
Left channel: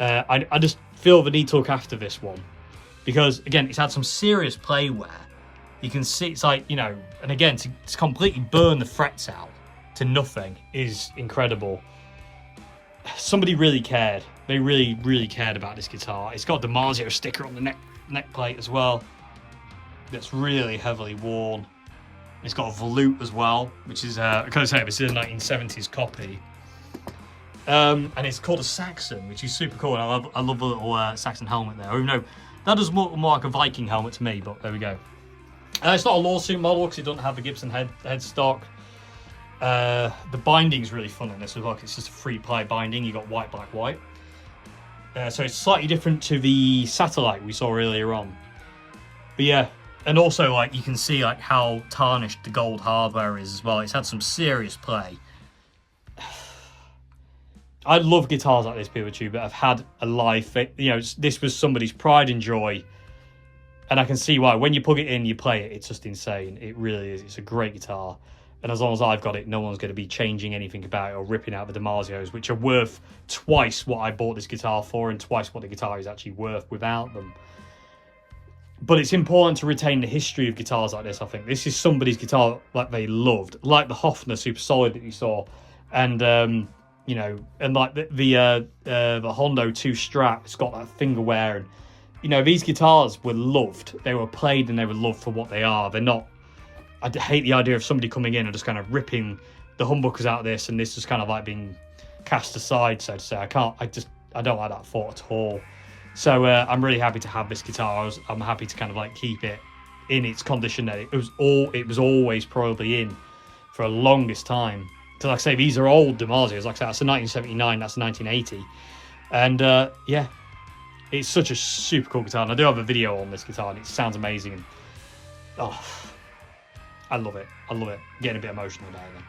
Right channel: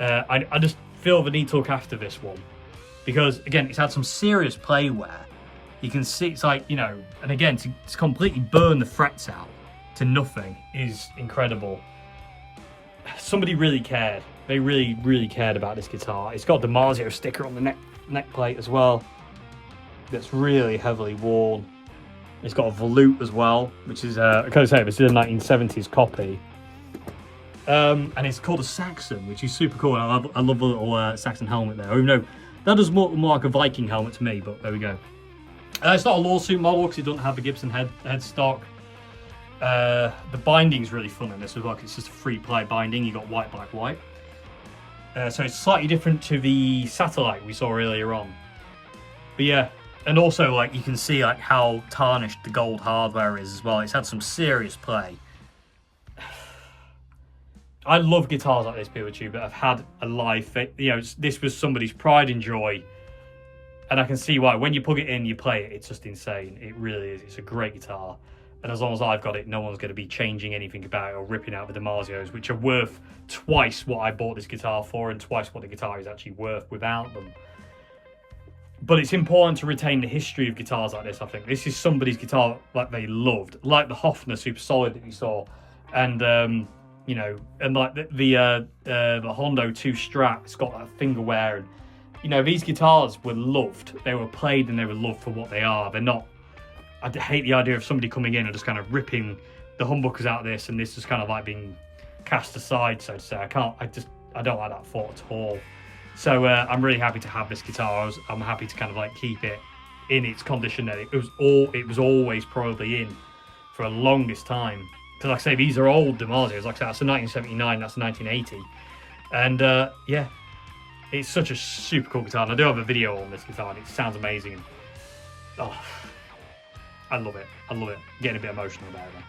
I just feel the need to look after this one because, again, it's had some serious play wear. You can see it's like, you know, and again, to completely burn the frets out to nothing is incredible. Somebody really cared. They really, really cared about this guitar. It's got the DiMarzio sticker on the neck plate as well. That's really heavily worn. It's got a volute as well, which is, I can't say, this is a 1970s copy. And it's called a Saxon, which is super cool. I love the little Saxon helmet there. Even though that does more like a Viking helmet to me, but there we go. It's not a lawsuit model because it doesn't have the Gibson headstock. The binding is really fun in this as well. It's just a 3-ply binding. You got white, black, white. So it's slightly different to the Satellite we saw earlier on. But yeah, and also like you can see like how tarnished the gold hardware is as well. It's had some serious play. I love guitars like this, people tube, that have had a life. You know, this was somebody's pride and joy, and I can see why. When you plug it in, you play it. It's just insane. It really is. It's a great guitar, and as long as I've got it, no one's going to be changing anything about it or ripping out the DiMarzios, which are worth twice what I bought this guitar for and twice what the guitar is actually worth without them. But it's important to retain the history of guitars like this. I think this is somebody's guitar like they loved, like the Hofner Super Solid that you saw, and you know, and like the Hondo II Strat, it's got that finger wear, and you know, these guitars were loved. They were played and they were loved for what they are. They're not. I hate the idea of somebody coming in and just kind of ripping the humbuckers out of this, and this is kind of like being cast aside, so to say. I don't like that thought at all. So I'm really happy to have this guitar. I'm happy to kind of like keep it in its condition that it was always probably in for the longest time. So like I say, these are old DiMarzios. Like I said, that's a 1979, that's a 1980. And yeah, it's such a super cool guitar. And I do have a video on this guitar and it sounds amazing. And, oh, I love it. I love it. I'm getting a bit emotional about it.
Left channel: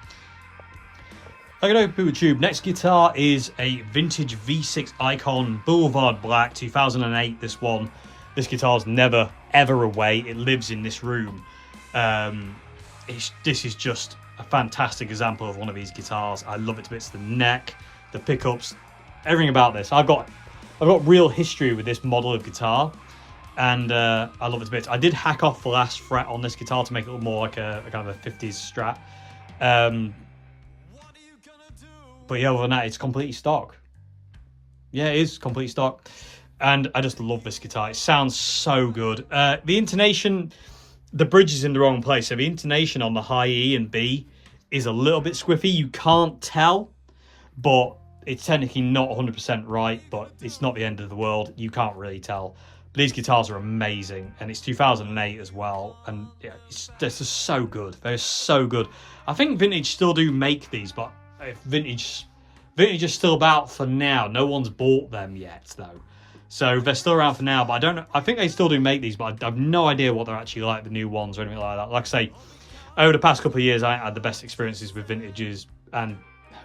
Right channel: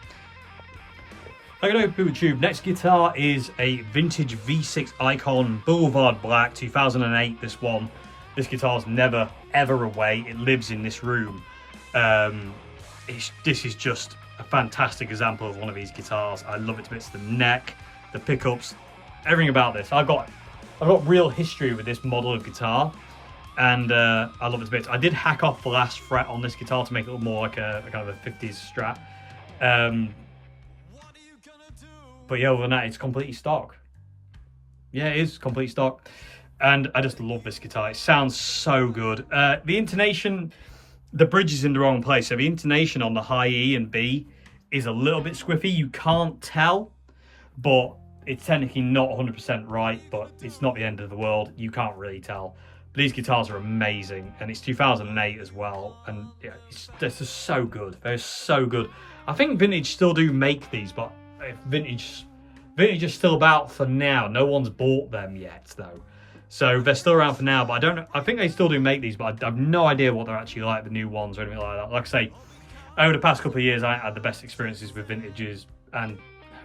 Okay, people tube. Next guitar is a vintage V6 Icon Boulevard Black 2008. This one. This guitar's never ever away. It lives in this room. This is just a fantastic example of one of these guitars. I love it to bits. The neck, the pickups, everything about this. I've got real history with this model of guitar, and I love it to bits. I did hack off the last fret on this guitar to make it look more like a kind of a 50s Strat. But yeah, other than that, it's completely stock. Yeah, it is complete stock, and I just love this guitar. It sounds so good. The intonation. The bridge is in the wrong place, so the intonation on the high E and B is a little bit squiffy. You can't tell, but it's technically not 100% right, but it's not the end of the world. You can't really tell. But these guitars are amazing, and it's 2008 as well, and yeah, they're just so good. They're so good. I think Vintage still do make these, but if Vintage is still about for now. No one's bought them yet, though. So they're still around for now, but I don't know. I think they still do make these, but I have no idea what they're actually like, the new ones or anything like that. Like I say, over the past couple of years, I had the best experiences with vintages, and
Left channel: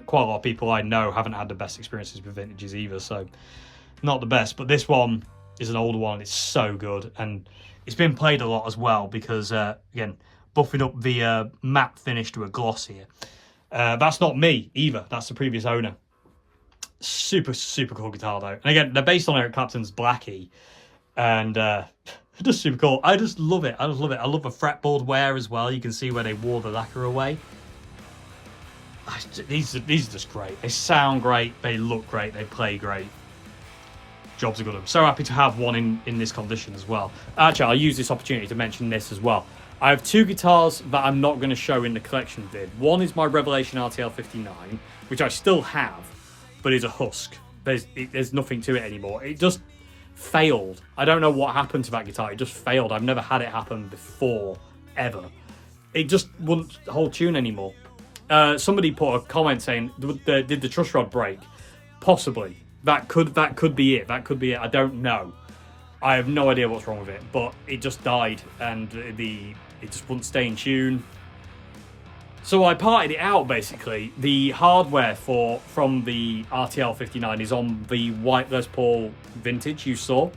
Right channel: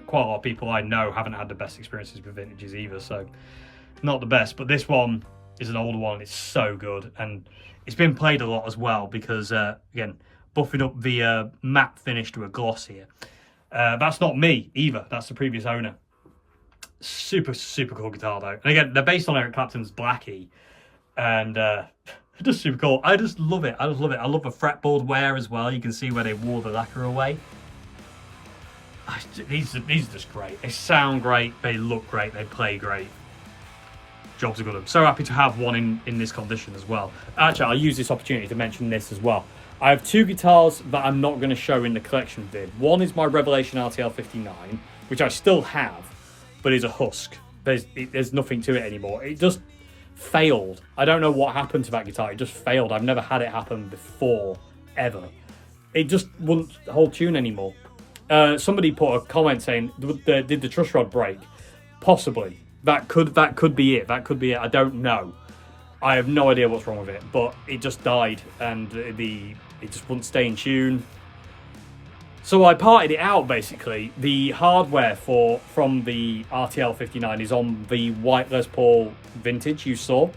quite a lot of people I know haven't had the best experiences with vintages either, so not the best. But this one is an older one. It's so good, and it's been played a lot as well because, again, buffing up the matte finish to a gloss here. That's not me either. That's the previous owner. Super cool guitar though, and again, they're based on Eric Clapton's Blackie, and just super cool. I just love it. I love the fretboard wear as well. You can see where they wore the lacquer away. These are just great. They sound great, they look great, they play great. Jobs are good. I'm so happy to have one in this condition as well. Actually, I'll use this opportunity to mention this as well. I have two guitars that I'm not going to show in the collection vid. One is my Revelation RTL 59, which I still have, but is a husk. There's nothing to it anymore. It just failed. I don't know what happened to that guitar. It just failed. I've never had it happen before, ever. It just wouldn't hold tune anymore. Somebody put a comment saying, did the truss rod break? Possibly. That could be it. That could be it. I don't know. I have no idea what's wrong with it, but it just died, and it just wouldn't stay in tune. So I parted it out, basically. The hardware from the RTL 59 is on the white Les Paul vintage you saw,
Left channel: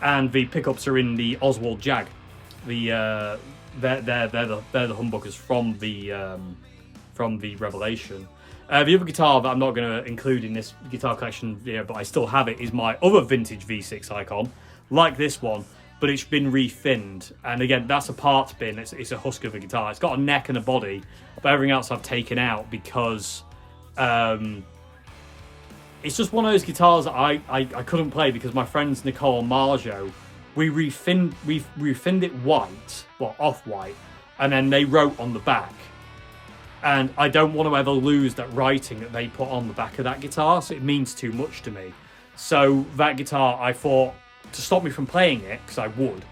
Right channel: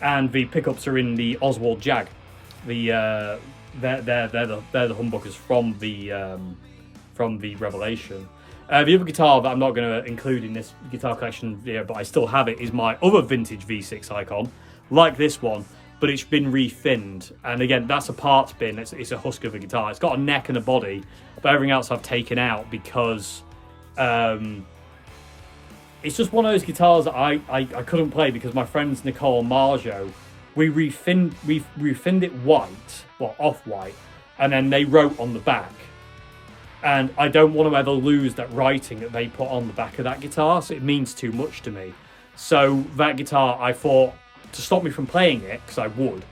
and the pickups are in the Oswald Jag. They're the humbuckers from the Revelation. The other guitar that I'm not going to include in this guitar collection video, but I still have it, is my other vintage V6 Icon, like this one, but it's been refinned. And again, that's a parts bin. It's a husk of a guitar. It's got a neck and a body, but everything else I've taken out because it's just one of those guitars that I couldn't play because my friends Nicole and Marjo, we refinned it white, well, off-white, and then they wrote on the back. And I don't want to ever lose that writing that they put on the back of that guitar, so it means too much to me. So that guitar, I thought, to stop me from playing it, because I would,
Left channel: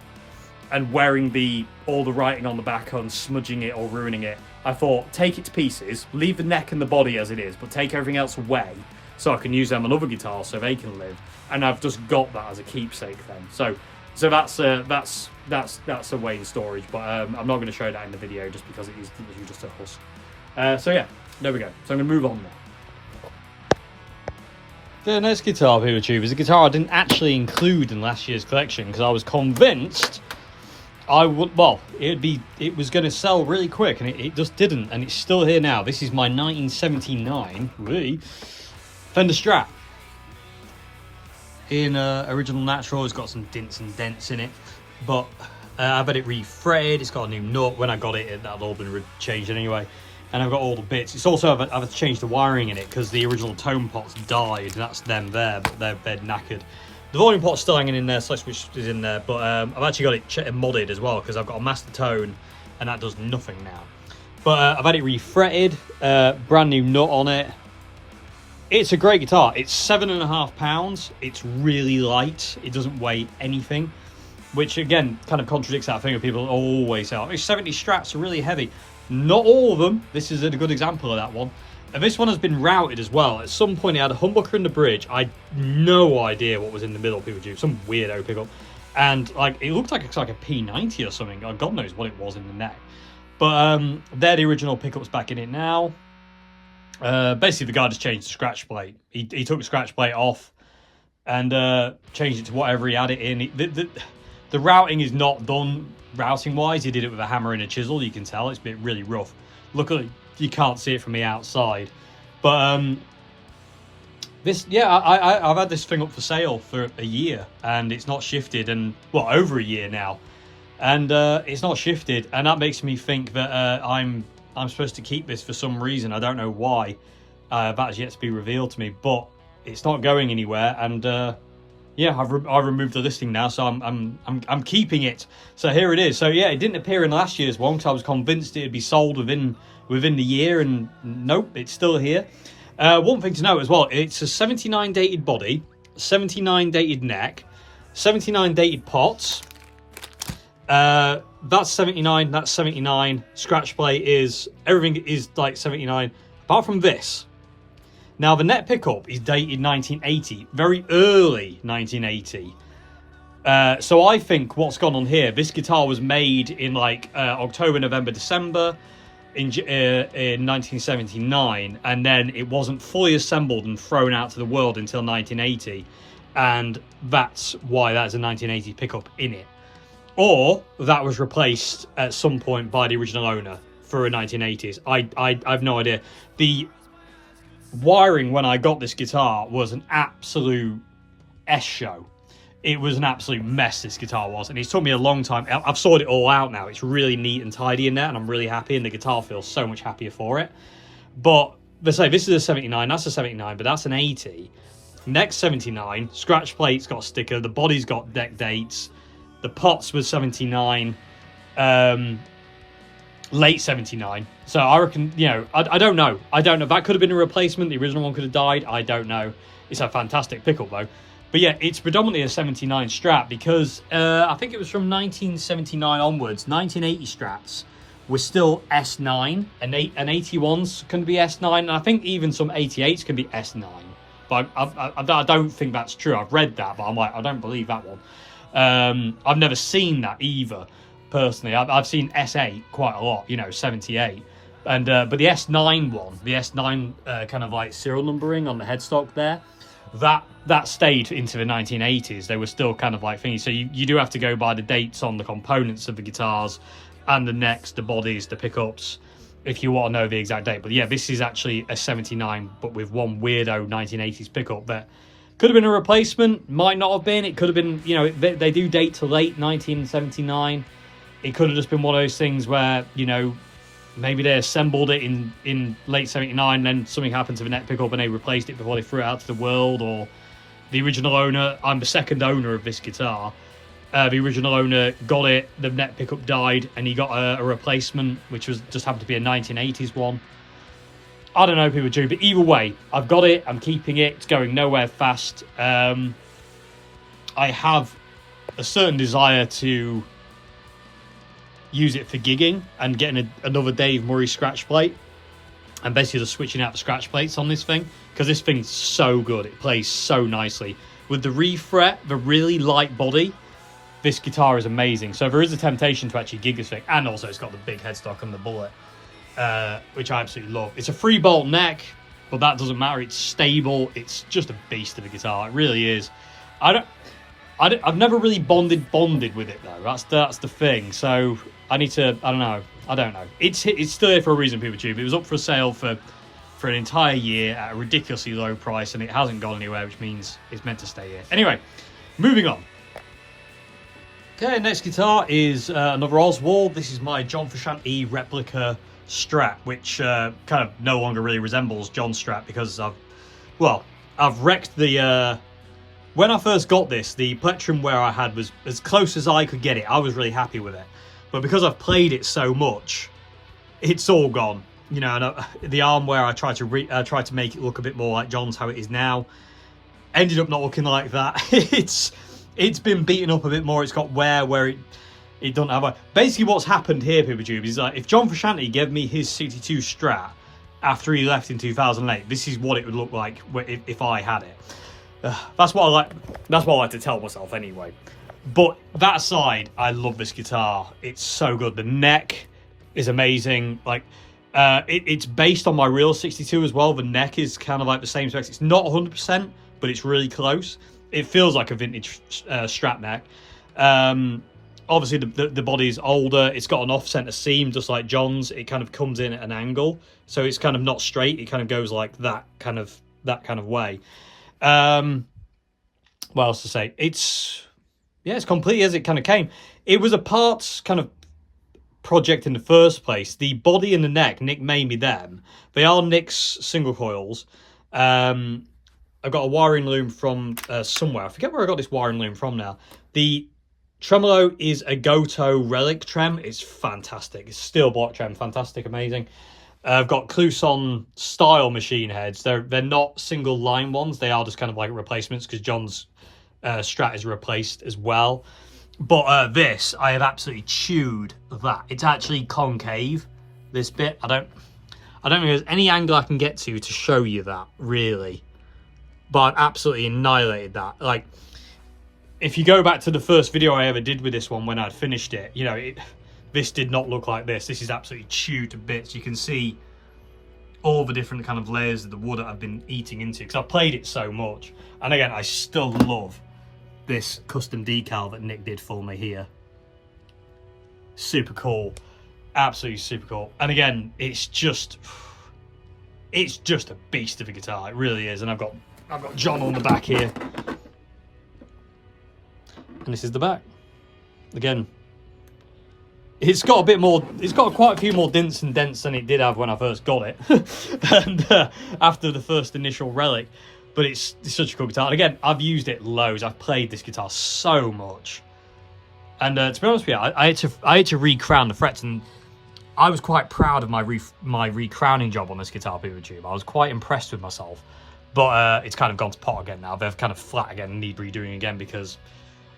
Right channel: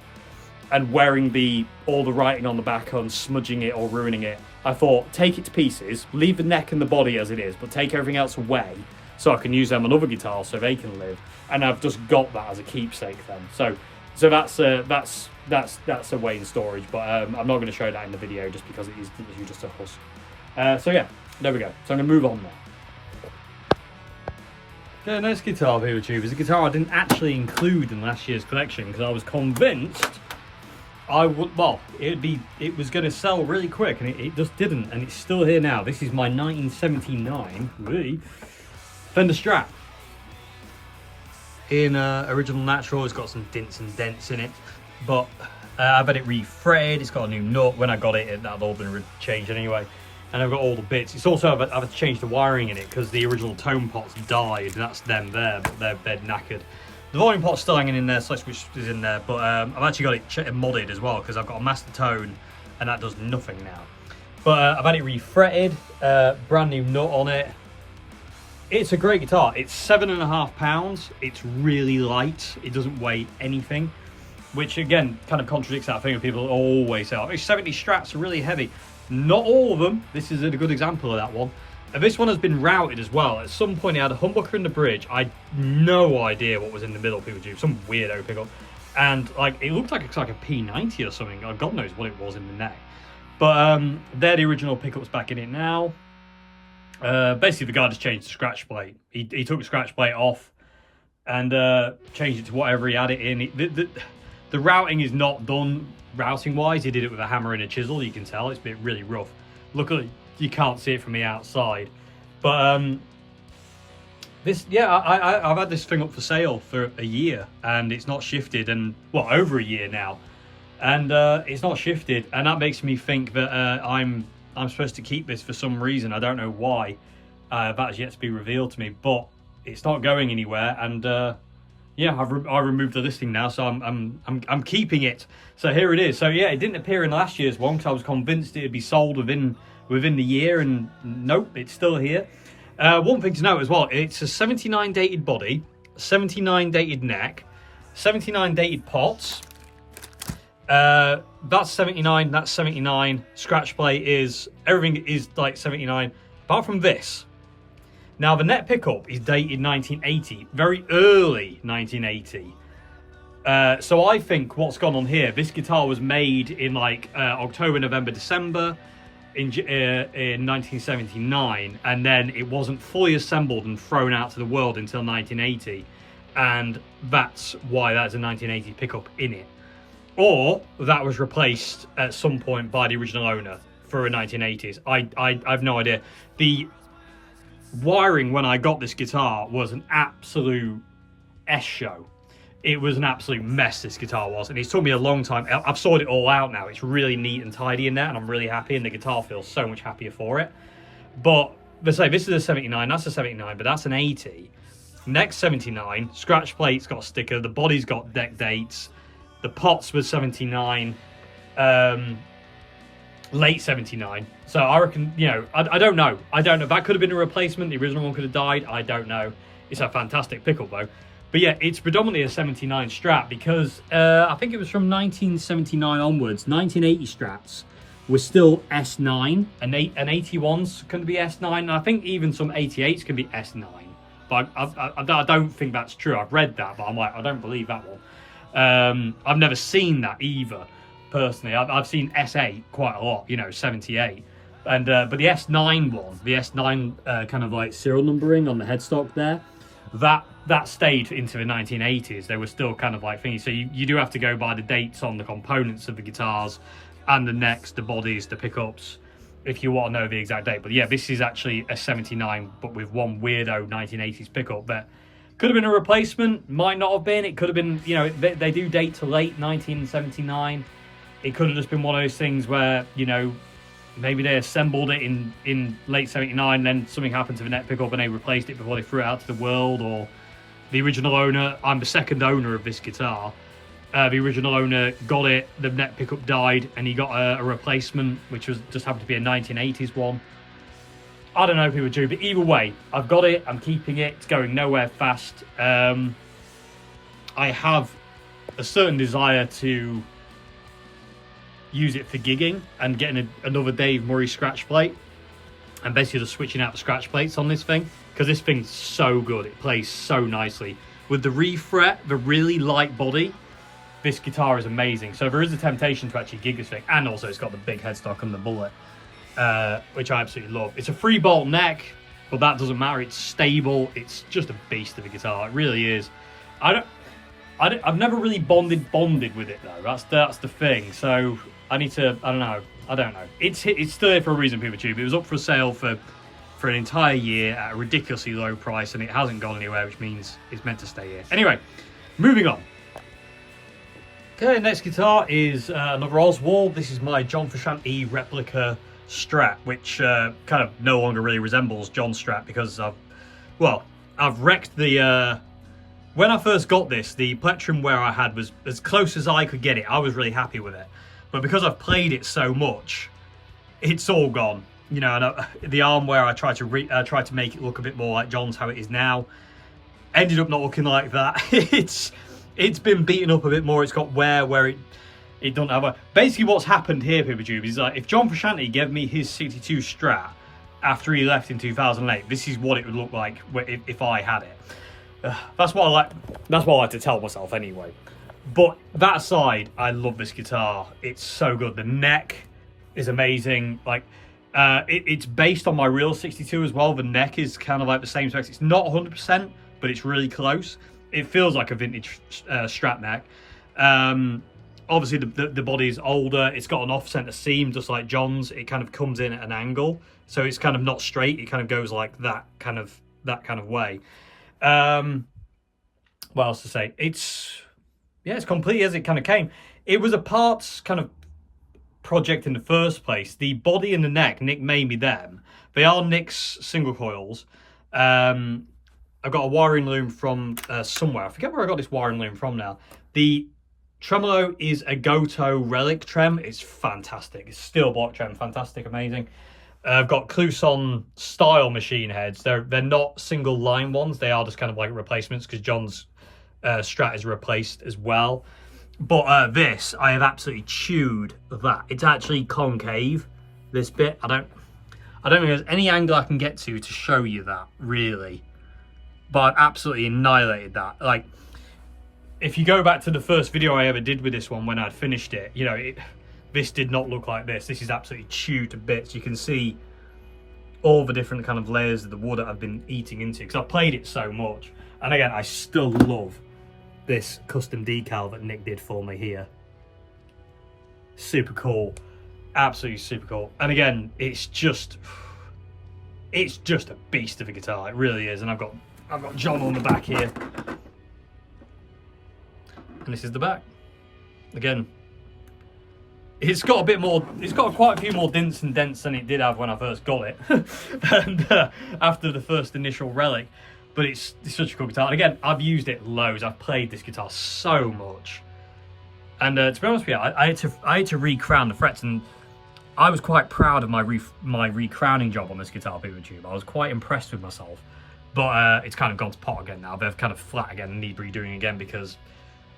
and wearing all the writing on the back and smudging it or ruining it, I thought, take it to pieces, leave the neck and the body as it is, but take everything else away so I can use them on other guitars so they can live. And I've just got that as a keepsake then. So that's a way in storage, but I'm not going to show that in the video just because it is literally just a husk. So yeah, there we go. So I'm going to move on now. The next guitar here, YouTube, is a guitar I didn't actually include in last year's collection because I was convinced it was going to sell really quick, and it just didn't, and it's still here now. This is my 1979 Fender Strat in original natural. It's got some dints and dents in it, but I've had it refretted. It's got a new nut. When I got it, that had all been changed anyway. And I've got all the bits. It's also, I've had to change the wiring in it because the original tone pots died. That's them there, but they're knackered. The volume pot's still hanging in there, which is in there, but I've actually got it modded as well because I've got a master tone and that does nothing now. But I've had it refretted, brand new nut on it. It's a great guitar. It's 7.5 pounds. It's really light. It doesn't weigh anything, which again kind of contradicts that thing of people always say, oh, it's 70 Strats are really heavy. Not all of them. This is a good example of that one. And this one has been routed as well. At some point, it had a humbucker in the bridge. I had no idea what was in the middle. People do some weirdo pickup, and like it looked like it's like a P90 or something. God knows what it was in the neck. But they're the original pickups back in it now. Basically, the guy just changed the scratch plate. He took the scratch plate off and changed it to whatever he had it in. The routing is not done routing wise. He did it with a hammer and a chisel. You can tell it's been really rough. Luckily, you can't see it from the outside. But I've had this thing up for sale for a year and it's not shifted, and well, over a year now, and it's not shifted, and that makes me think that I'm supposed to keep this for some reason. I don't know why. That has yet to be revealed to me, but it's not going anywhere, and yeah, I've removed the listing now, so I'm keeping it. So here it is. So yeah, it didn't appear in last year's one because I was convinced it'd be sold within the year, and nope, it's still here. One thing to note as well, it's a 79 dated body, 79 dated neck, 79 dated pots. That's 79, that's 79. Scratch plate is, everything is like 79, apart from this. Now, the neck pickup is dated 1980, very early 1980. So I think what's gone on here, this guitar was made in like October, November, December in 1979, and then it wasn't fully assembled and thrown out to the world until 1980, and that's why that's a 1980 pickup in it. Or that was replaced at some point by the original owner for a 1980s. I've no idea. The wiring when I got this guitar was an absolute S-show. It was an absolute mess, this guitar was, and it's took me a long time. I've sorted it all out now. It's really neat and tidy in there, and I'm really happy, and the guitar feels so much happier for it. But let's say this is a 79, that's a 79, but that's an 80. Next 79, scratch plate's got a sticker, the body's got deck dates, the pots was 79, late 79. So I reckon, you know, I don't know. I don't know. That could have been a replacement. The original one could have died. I don't know. It's a fantastic pickup, though. But yeah, it's predominantly a 79 Strat because I think it was from 1979 onwards. 1980 Strats were still S9, and 81s can be S9, and I think even some 88s can be S9. But I don't think that's true. I've read that, but I'm like, I don't believe that one. I've never seen that either. Personally, I've seen S8 quite a lot, you know, 78, and but the S9 one, the S9 kind of like serial numbering on the headstock there, that stayed into the 1980s. They were still kind of like things. So you do have to go by the dates on the components of the guitars and the necks, the bodies, the pickups, if you want to know the exact date. But yeah, this is actually a 79, but with one weirdo 1980s pickup that could have been a replacement, might not have been. It could have been, you know, they do date to late 1979. It could have just been one of those things where, you know, maybe they assembled it in late 79, then something happened to the neck pickup and they replaced it before they threw it out to the world. Or the original owner, I'm the second owner of this guitar, the original owner got it, the neck pickup died, and he got a replacement, which was just happened to be a 1980s one. I don't know if people do, but either way, I've got it, I'm keeping it, it's going nowhere fast. I have a certain desire to use it for gigging and getting another Dave Murray scratch plate and basically just switching out the scratch plates on this thing, because this thing's so good. It plays so nicely with the refret, the really light body. This guitar is amazing. So there is a temptation to actually gig this thing, and also it's got the big headstock and the bullet, which I absolutely love. It's a 3-bolt neck, but that doesn't matter. It's stable. It's just a beast of a guitar. It really is. I've never really bonded with it though. That's the thing. So I need to. I don't know. It's still there for a reason, people tube. It was up for sale for an entire year at a ridiculously low price, and it hasn't gone anywhere, which means it's meant to stay here. Anyway, moving on. Okay, next guitar is another Oswald. This is my John Frusciante Replica Strat, which kind of no longer really resembles John Strat because I've wrecked the. When I first got this, the plectrum where I had was as close as I could get it. I was really happy with it. But because I've played it so much, it's all gone. You know, and the arm where I tried to make it look a bit more like John's, how it is now, ended up not looking like that. It's been beaten up a bit more. It's got wear where it doesn't have a... Basically what's happened here, people tube, is like if John Frusciante gave me his 62 Strat after he left in 2008, this is what it would look like if I had it. That's what I like to tell myself anyway. But that aside, I love this guitar. It's so good. The neck is amazing. Like it's based on my real 62 as well. The neck is kind of like the same specs. It's not 100%, but it's really close. It feels like a vintage Strat neck. Obviously the body is older. It's got an off-center seam just like John's. It kind of comes in at an angle, so it's kind of not straight. It kind of goes like that kind of way. What else to say? It's completely as it kind of came. It was a parts kind of project in the first place. The body and the neck, Nick made me them. They are Nick's single coils. I've got a wiring loom from somewhere. I forget where I got this wiring loom from now. The tremolo is a Goto Relic trem. It's fantastic. It's steel block trem, fantastic, amazing. I've got Clouson style machine heads. They're not single line ones. They are just kind of like replacements because John's Strat is replaced as well. But this, I have absolutely chewed that. It's actually concave, this bit. I don't think there's any angle I can get to show you that, really. But I absolutely annihilated that. Like, if you go back to the first video I ever did with this one when I'd finished it, you know, this did not look like this. This is absolutely chewed to bits. You can see all the different kind of layers of the wood that I've been eating into because I've played it so much. And again, I still love this custom decal that Nick did for me here. Super cool. Absolutely super cool. And again, it's just a beast of a guitar. It really is. And I've got John on the back here. And this is the back. Again, it's got a bit more, it's got quite a few more dints and dents than it did have when I first got it. And after the first initial relic. But it's such a cool guitar. And again, I've used it loads. I've played this guitar so much. And to be honest with you, I had to re-crown the frets, and I was quite proud of my re-crowning job on this guitar, PeopleTube. I was quite impressed with myself. But it's kind of gone to pot again now. They're kind of flat again and need redoing again because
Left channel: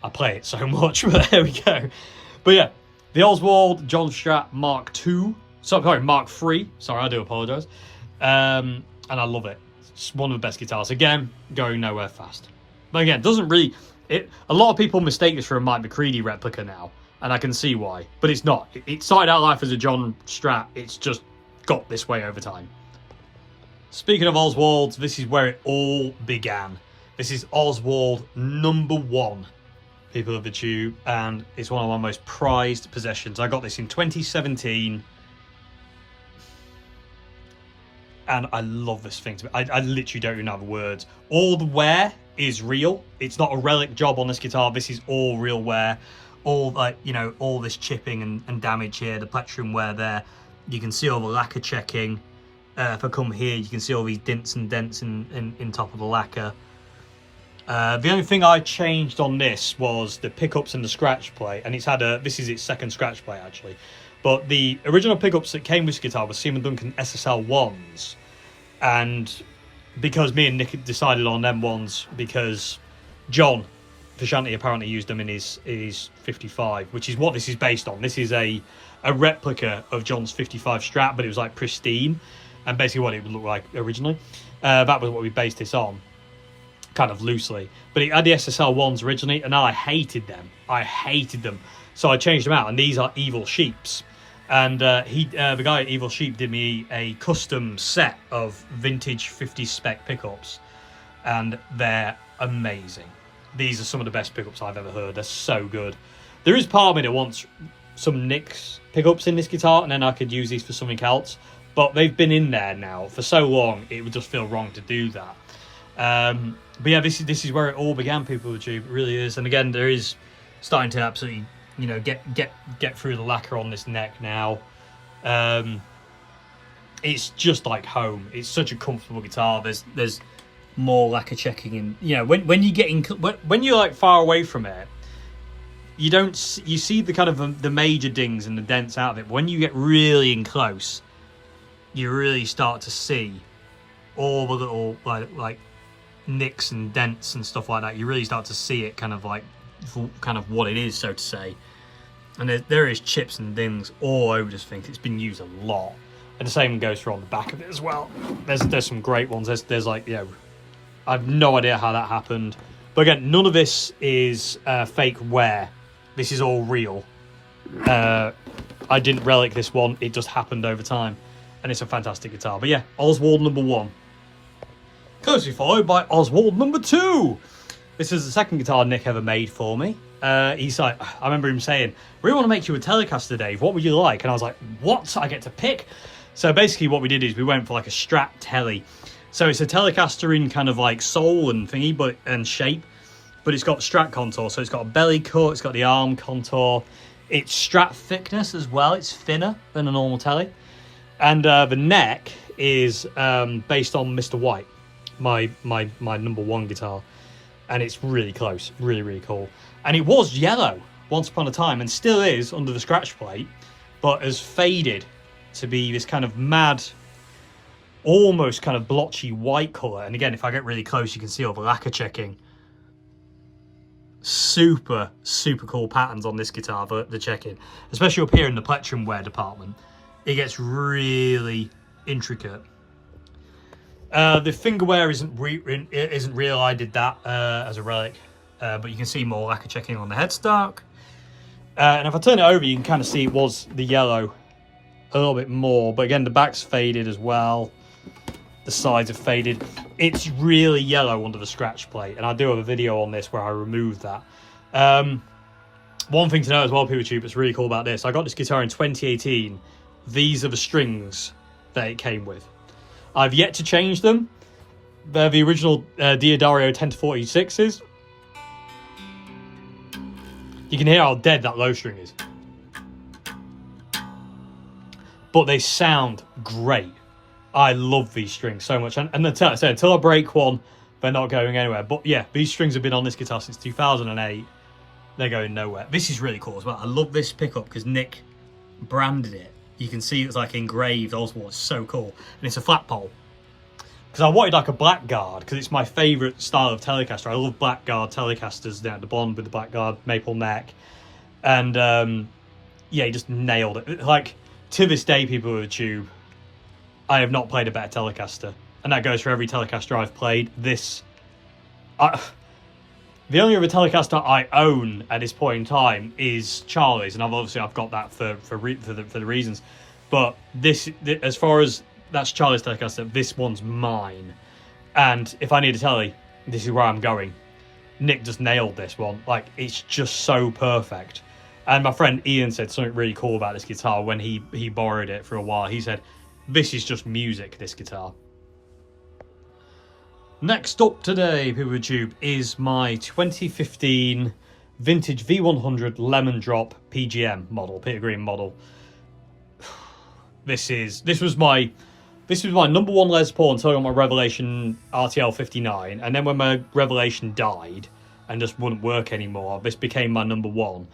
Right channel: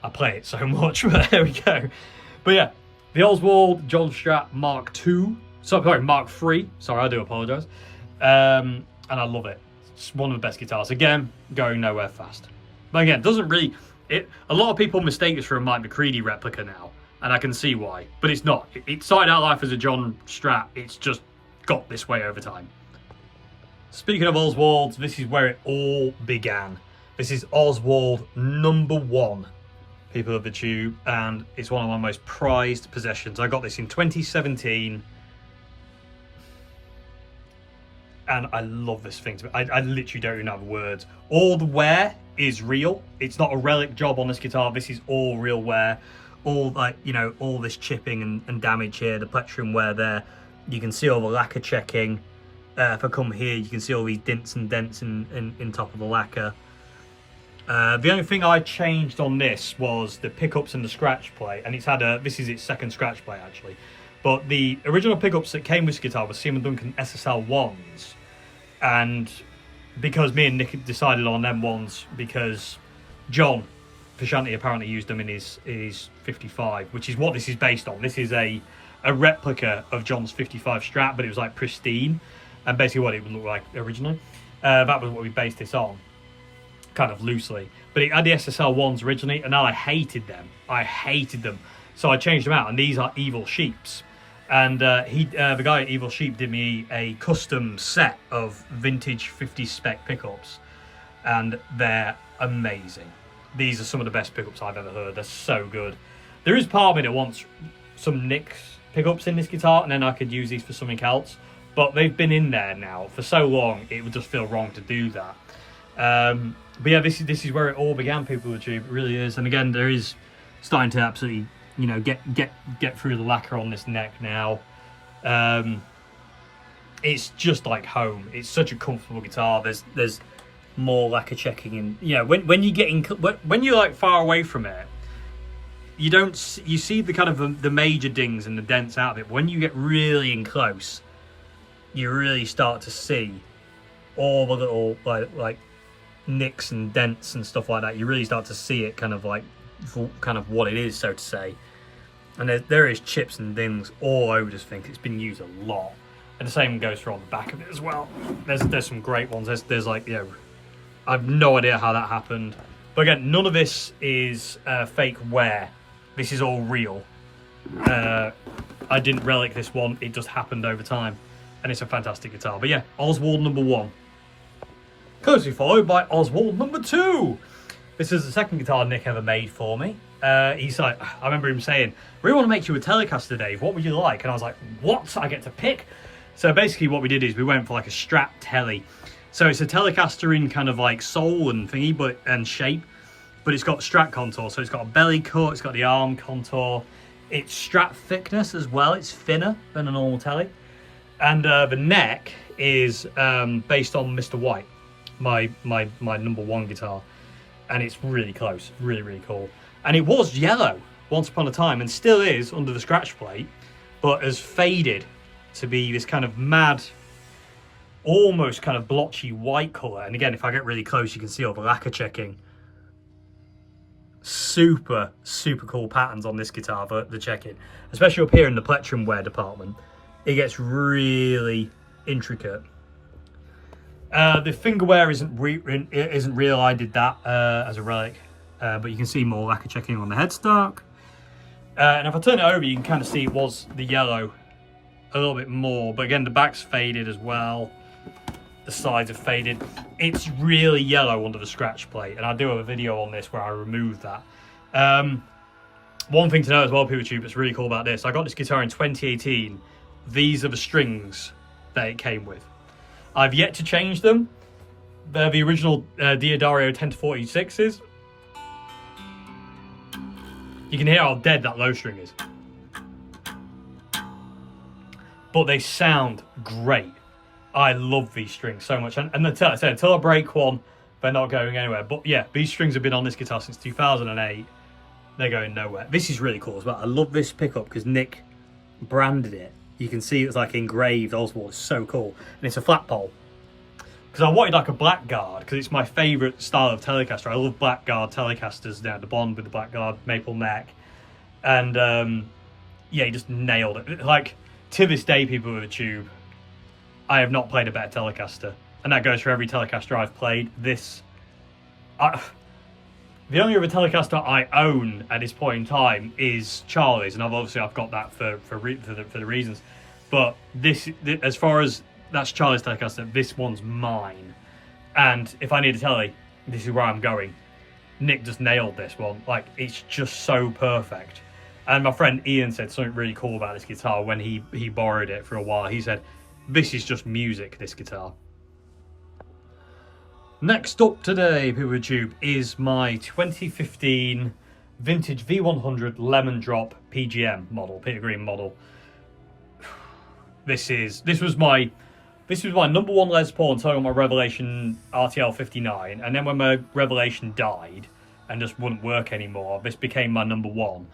I play it so much. But there we go. But yeah, the Oswald JEM Strat Mark II. Sorry, Mark III. Sorry, I do apologise. And I love it. It's one of the best guitars. Again, going nowhere fast. But again, doesn't really... a lot of people mistake this for a Mike McCready replica now, and I can see why. But it's not. It started out life as a JEM Strat. It's just got this way over time. Speaking of Oswalds, this is where it all began. This is Oswald #1, people of the tube, and it's one of my most prized possessions. I got this in 2017. And I love this thing. I literally don't even have words. All the wear is real. It's not a relic job on this guitar. This is all real wear. All, like, you know, all this chipping and damage here. The plectrum wear there. You can see all the lacquer checking. If I come here, you can see all these dints and dents in top of the lacquer. The only thing I changed on this was the pickups and the scratch plate. And it's had this is its second scratch plate, actually. But the original pickups that came with this guitar were Seaman Duncan SSL 1s. And because me and Nick decided on them ones, because John Frusciante apparently used them in his 55, which is what this is based on. This is a replica of John's 55 Strat, but it was like pristine. And basically what it would look like originally. That was what we based this on, kind of loosely. But it had the SSL 1s originally, and I hated them. I hated them. So I changed them out, and these are Evil Sheeps. And the guy at Evil Sheep did me a custom set of vintage 50 spec pickups, and they're amazing. These are some of the best pickups I've ever heard. They're so good. There is part of me that wants some Nick's pickups in this guitar, and then I could use these for something else. But they've been in there now for so long, it would just feel wrong to do that. But yeah, this is where it all began, people of the tube. It really is. And again, there is starting to absolutely, you know, get through the lacquer on this neck now. It's just like home. It's such a comfortable guitar. There's more lacquer checking, and you know, when you get in, when you're like far away from it, you see the kind of the major dings and the dents out of it. But when you get really in close, you really start to see all the little like nicks and dents and stuff like that. You really start to see it kind of what it is, so to say. And there is chips and dings all over this thing. It's been used a lot, and the same goes for on the back of it as well. There's some great ones. There's like, you know, I have no idea how that happened, but again, none of this is fake wear. This is all real. I didn't relic this one. It just happened over time, and it's a fantastic guitar. But yeah, Oswald #1, closely followed by Oswald #2. This is the second guitar Nick ever made for me. He's like, I remember him saying, "We really want to make you a Telecaster, Dave. What would you like?" And I was like, "What? I get to pick?" So basically what we did is we went for like a Strat Telly. So it's a Telecaster in kind of like soul and thingy, and shape, but it's got Strat contour. So it's got a belly cut, it's got the arm contour. It's Strat thickness as well. It's thinner than a normal Telly. And the neck is based on Mr. White, my #1 guitar. And it's really close, really, really cool. And it was yellow once upon a time, and still is under the scratch plate, but has faded to be this kind of mad, almost kind of blotchy white colour. And again, if I get really close, you can see all the lacquer checking. Super, super cool patterns on this guitar for the checking, especially up here in the plectrum wear department. It gets really, intricate. The fingerwear isn't real. I did that as a relic, but you can see more lacquer checking on the headstock. And if I turn it over, you can kind of see it was the yellow a little bit more. But again, the back's faded as well. The sides are faded. It's really yellow under the scratch plate, and I do have a video on this where I remove that. One thing to know as well, PeopleTube, that's really cool about this, I got this guitar in 2018. These are the strings that it came with. I've yet to change them. They're the original Diodario 10-46s. You can hear how dead that low string is. But they sound great. I love these strings so much. And until I break one, they're not going anywhere. But yeah, these strings have been on this guitar since 2008. They're going nowhere. This is really cool as well. I love this pickup because Nick branded it. You can see it's like engraved Oswald. It's so cool. And it's a flat pole. Because I wanted like a black guard, because it's my favourite style of Telecaster. I love black guard Telecasters down the bond with the black guard maple neck. And yeah, he just nailed it. Like, to this day, people with a tube, I have not played a better Telecaster. And that goes for every Telecaster I've played. The only other Telecaster I own at this point in time is Charlie's, and I've got that for the reasons. But this, as far as that's Charlie's Telecaster, this one's mine. And if I need a telly, this is where I'm going. Nick just nailed this one. Like, it's just so perfect. And my friend Ian said something really cool about this guitar when he borrowed it for a while. He said, "This is just music, this guitar." Next up today, PeopleTube, is my 2015 vintage V100 Lemon Drop PGM model, Peter Green model. This was my number one Les Paul until I got my Revelation RTL 59, and then when my Revelation died and just wouldn't work anymore, this became my number one,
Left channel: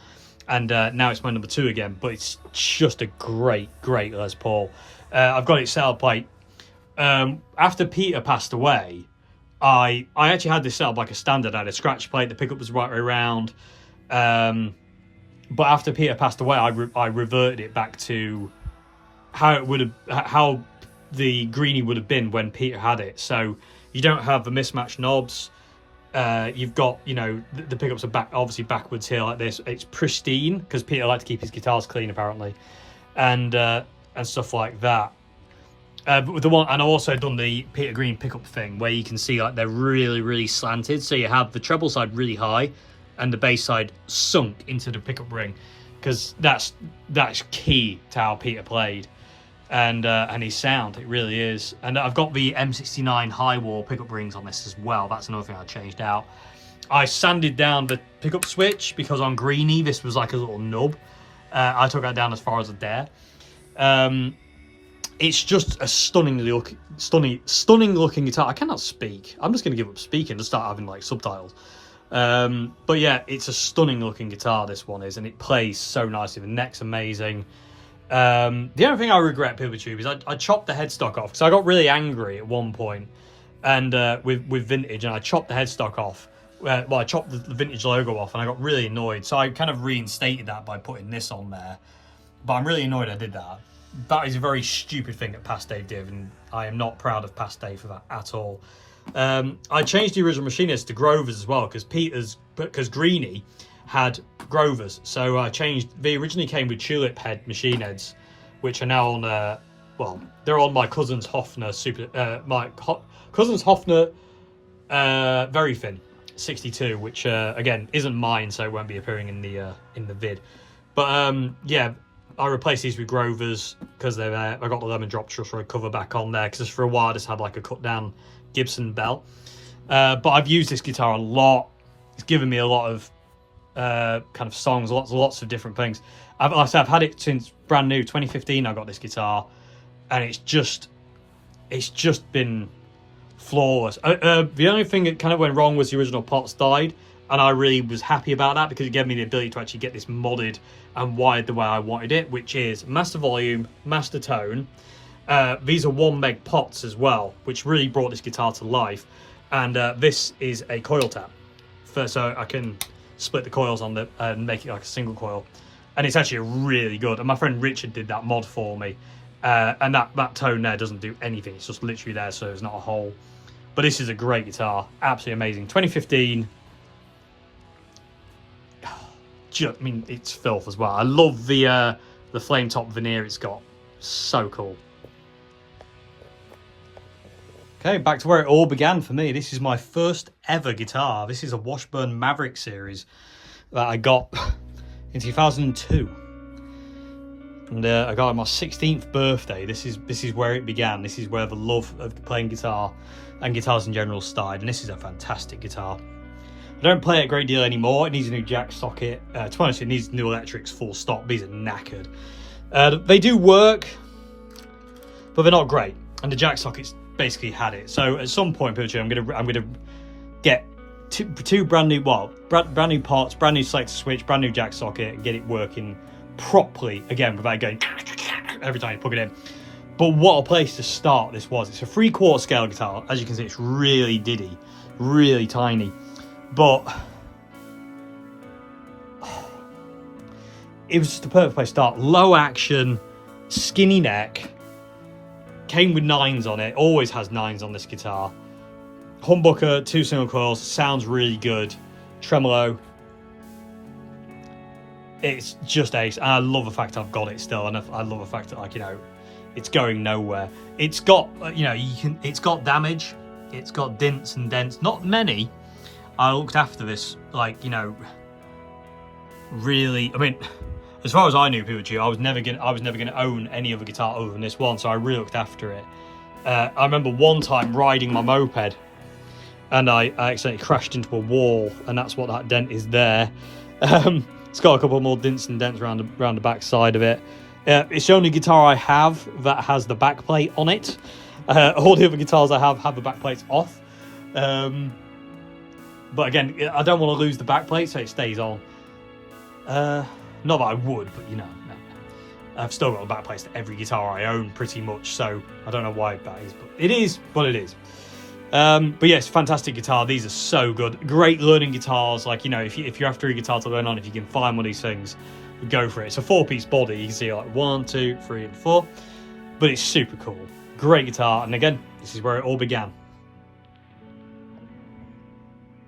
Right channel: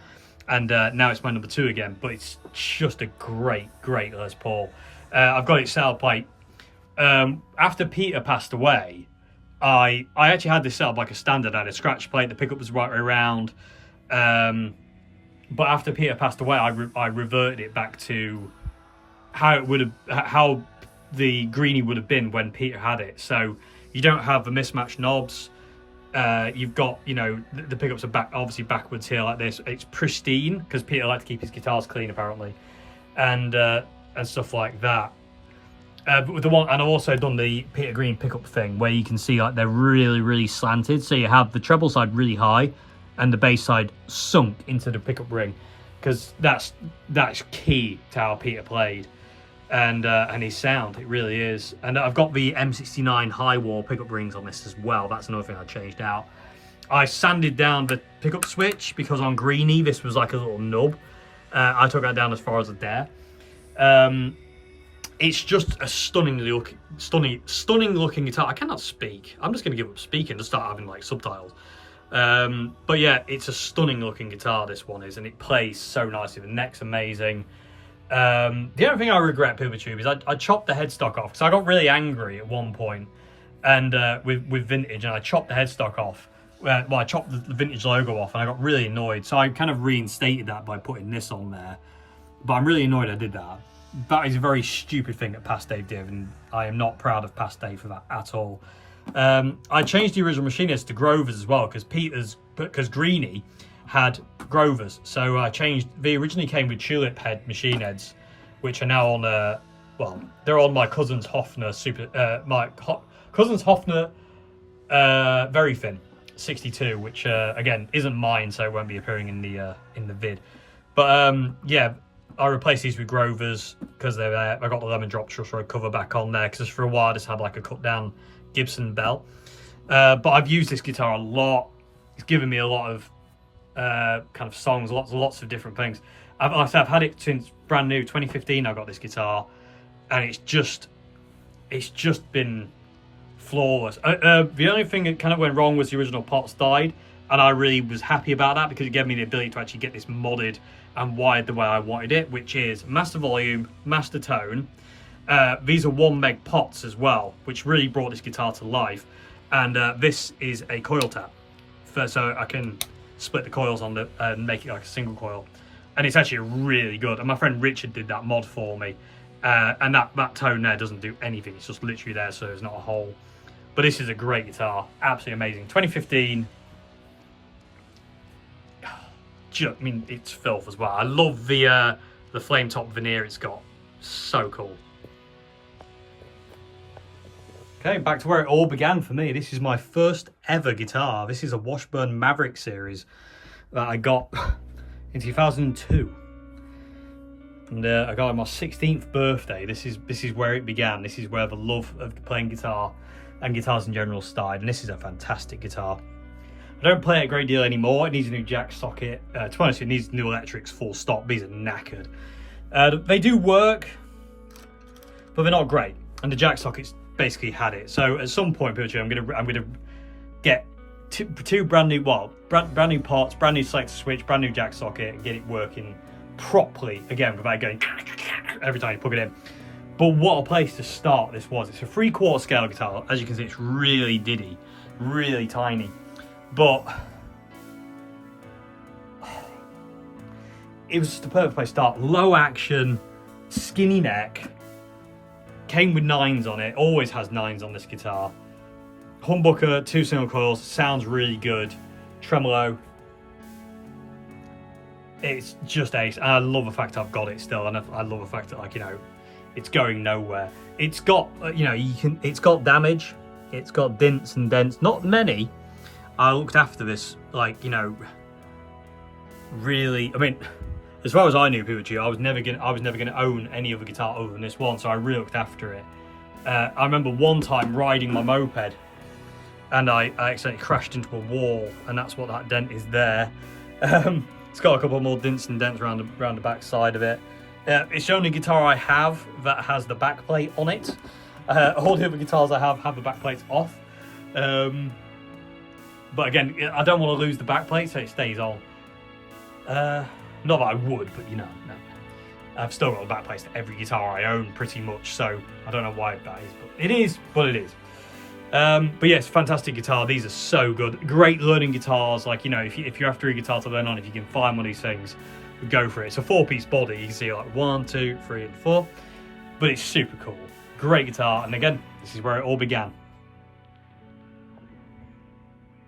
and now it's my number two again. But it's just a great Les Paul. I've got it set up like after Peter passed away. I actually had this set up like a standard. I had a scratch plate, the pickup was the right way around. But after Peter passed away, I reverted it back to how the greenie would have been when Peter had it. So you don't have the mismatched knobs. You've got, you know, the pickups are obviously backwards here like this. It's pristine because Peter liked to keep his guitars clean apparently, and stuff like that. But with the one, and I've also done the Peter Green pickup thing where you can see like they're really slanted. So you have the treble side really high and the bass side sunk into the pickup ring, because that's key to how Peter played and his sound. It really is. And I've got the M69 high wall pickup rings on this as well. That's another thing I changed out. I sanded down the pickup switch because on greenie this was like a little nub. I took that down as far as I dare. It's just a stunning looking guitar. I cannot speak. I'm just going to give up speaking to start having like subtitles. But yeah, it's a stunning looking guitar, this one is, and it plays so nicely. The neck's amazing. The only thing I regret, PeopleTube, is I chopped the headstock off because I got really angry at one point, and with vintage, and I chopped the headstock off. Well, I chopped the vintage logo off, and I got really annoyed. So I kind of reinstated that by putting this on there. But I'm really annoyed I did that. That is a very stupid thing that Past Dave did, and I am not proud of Past Dave for that at all. I changed the original machinist to Grovers as well, because Greenie had Grovers. So I changed. They originally came with tulip head machine heads, which are now on well, they're on my cousin's Hofner cousin's Hofner Verythin 62, which again isn't mine, so it won't be appearing in the vid. But yeah, I replaced these with Grovers because they're there. I got the lemon drop truss rod cover back on there because for a while I just had like a cut down Gibson bell. But I've used this guitar a lot. It's given me a lot of kind of songs, lots of different things. I've had it since brand new 2015. I got this guitar, and it's just been flawless. The only thing that kind of went wrong was the original pots died, and I really was happy about that because it gave me the ability to actually get this modded and wired the way I wanted it, which is master volume, master tone. These are 1 meg pots as well, which really brought this guitar to life. And this is a coil tap, so I can split the coils on and make it like a single coil. And it's actually really good. And my friend Richard did that mod for me. And that tone there doesn't do anything. It's just literally there, so there's not a hole. But this is a great guitar, absolutely amazing. 2015. I mean, it's filth as well. I love the flame top veneer it's got. So cool. Okay, back to where it all began for me. This is my first ever guitar. This is a Washburn Maverick series that I got in 2002. And I got it on my 16th birthday. This is where it began. This is where the love of playing guitar and guitars in general started. And this is a fantastic guitar. I don't play it a great deal anymore. It needs a new jack socket. To be honest, it needs new electrics full stop. These are knackered. They do work, but they're not great. And the jack sockets basically had it. So at some point, I'm gonna get two brand new parts, brand new selector switch, brand new jack socket, and get it working properly again without going every time you plug it in. But what a place to start this was. It's a 3/4 scale guitar. As you can see, it's really diddy, really tiny. But it was just a perfect place to start. Low action, skinny neck, came with 9s on it, always has 9s on this guitar. Humbucker, 2 single coils, sounds really good. Tremolo. It's just ace. I love the fact I've got it still, and I love the fact that, like, you know, it's going nowhere. It's got, you know, it's got damage, it's got dints and dents, not many. I looked after this, like, you know, really. I mean, as far as I knew, people, I was never gonna own any other guitar other than this one, so I really looked after it. I remember one time riding my moped, and I accidentally crashed into a wall, and that's what that dent is there. It's got a couple more dints and dents around the back side of it. It's the only guitar I have that has the back plate on it. All the other guitars I have the back plates off. But again, I don't want to lose the back plate, so it stays on. Not that I would, but you know, no. I've still got the back plates to every guitar I own, pretty much. So I don't know why that is, but it is what it is. But yes, fantastic guitar. These are so good. Great learning guitars. Like, you know, if you're after a guitar to learn on, if you can find one of these things, go for it. It's a 4-piece body. You can see like 1, 2, 3, and 4. But it's super cool. Great guitar. And again, this is where it all began.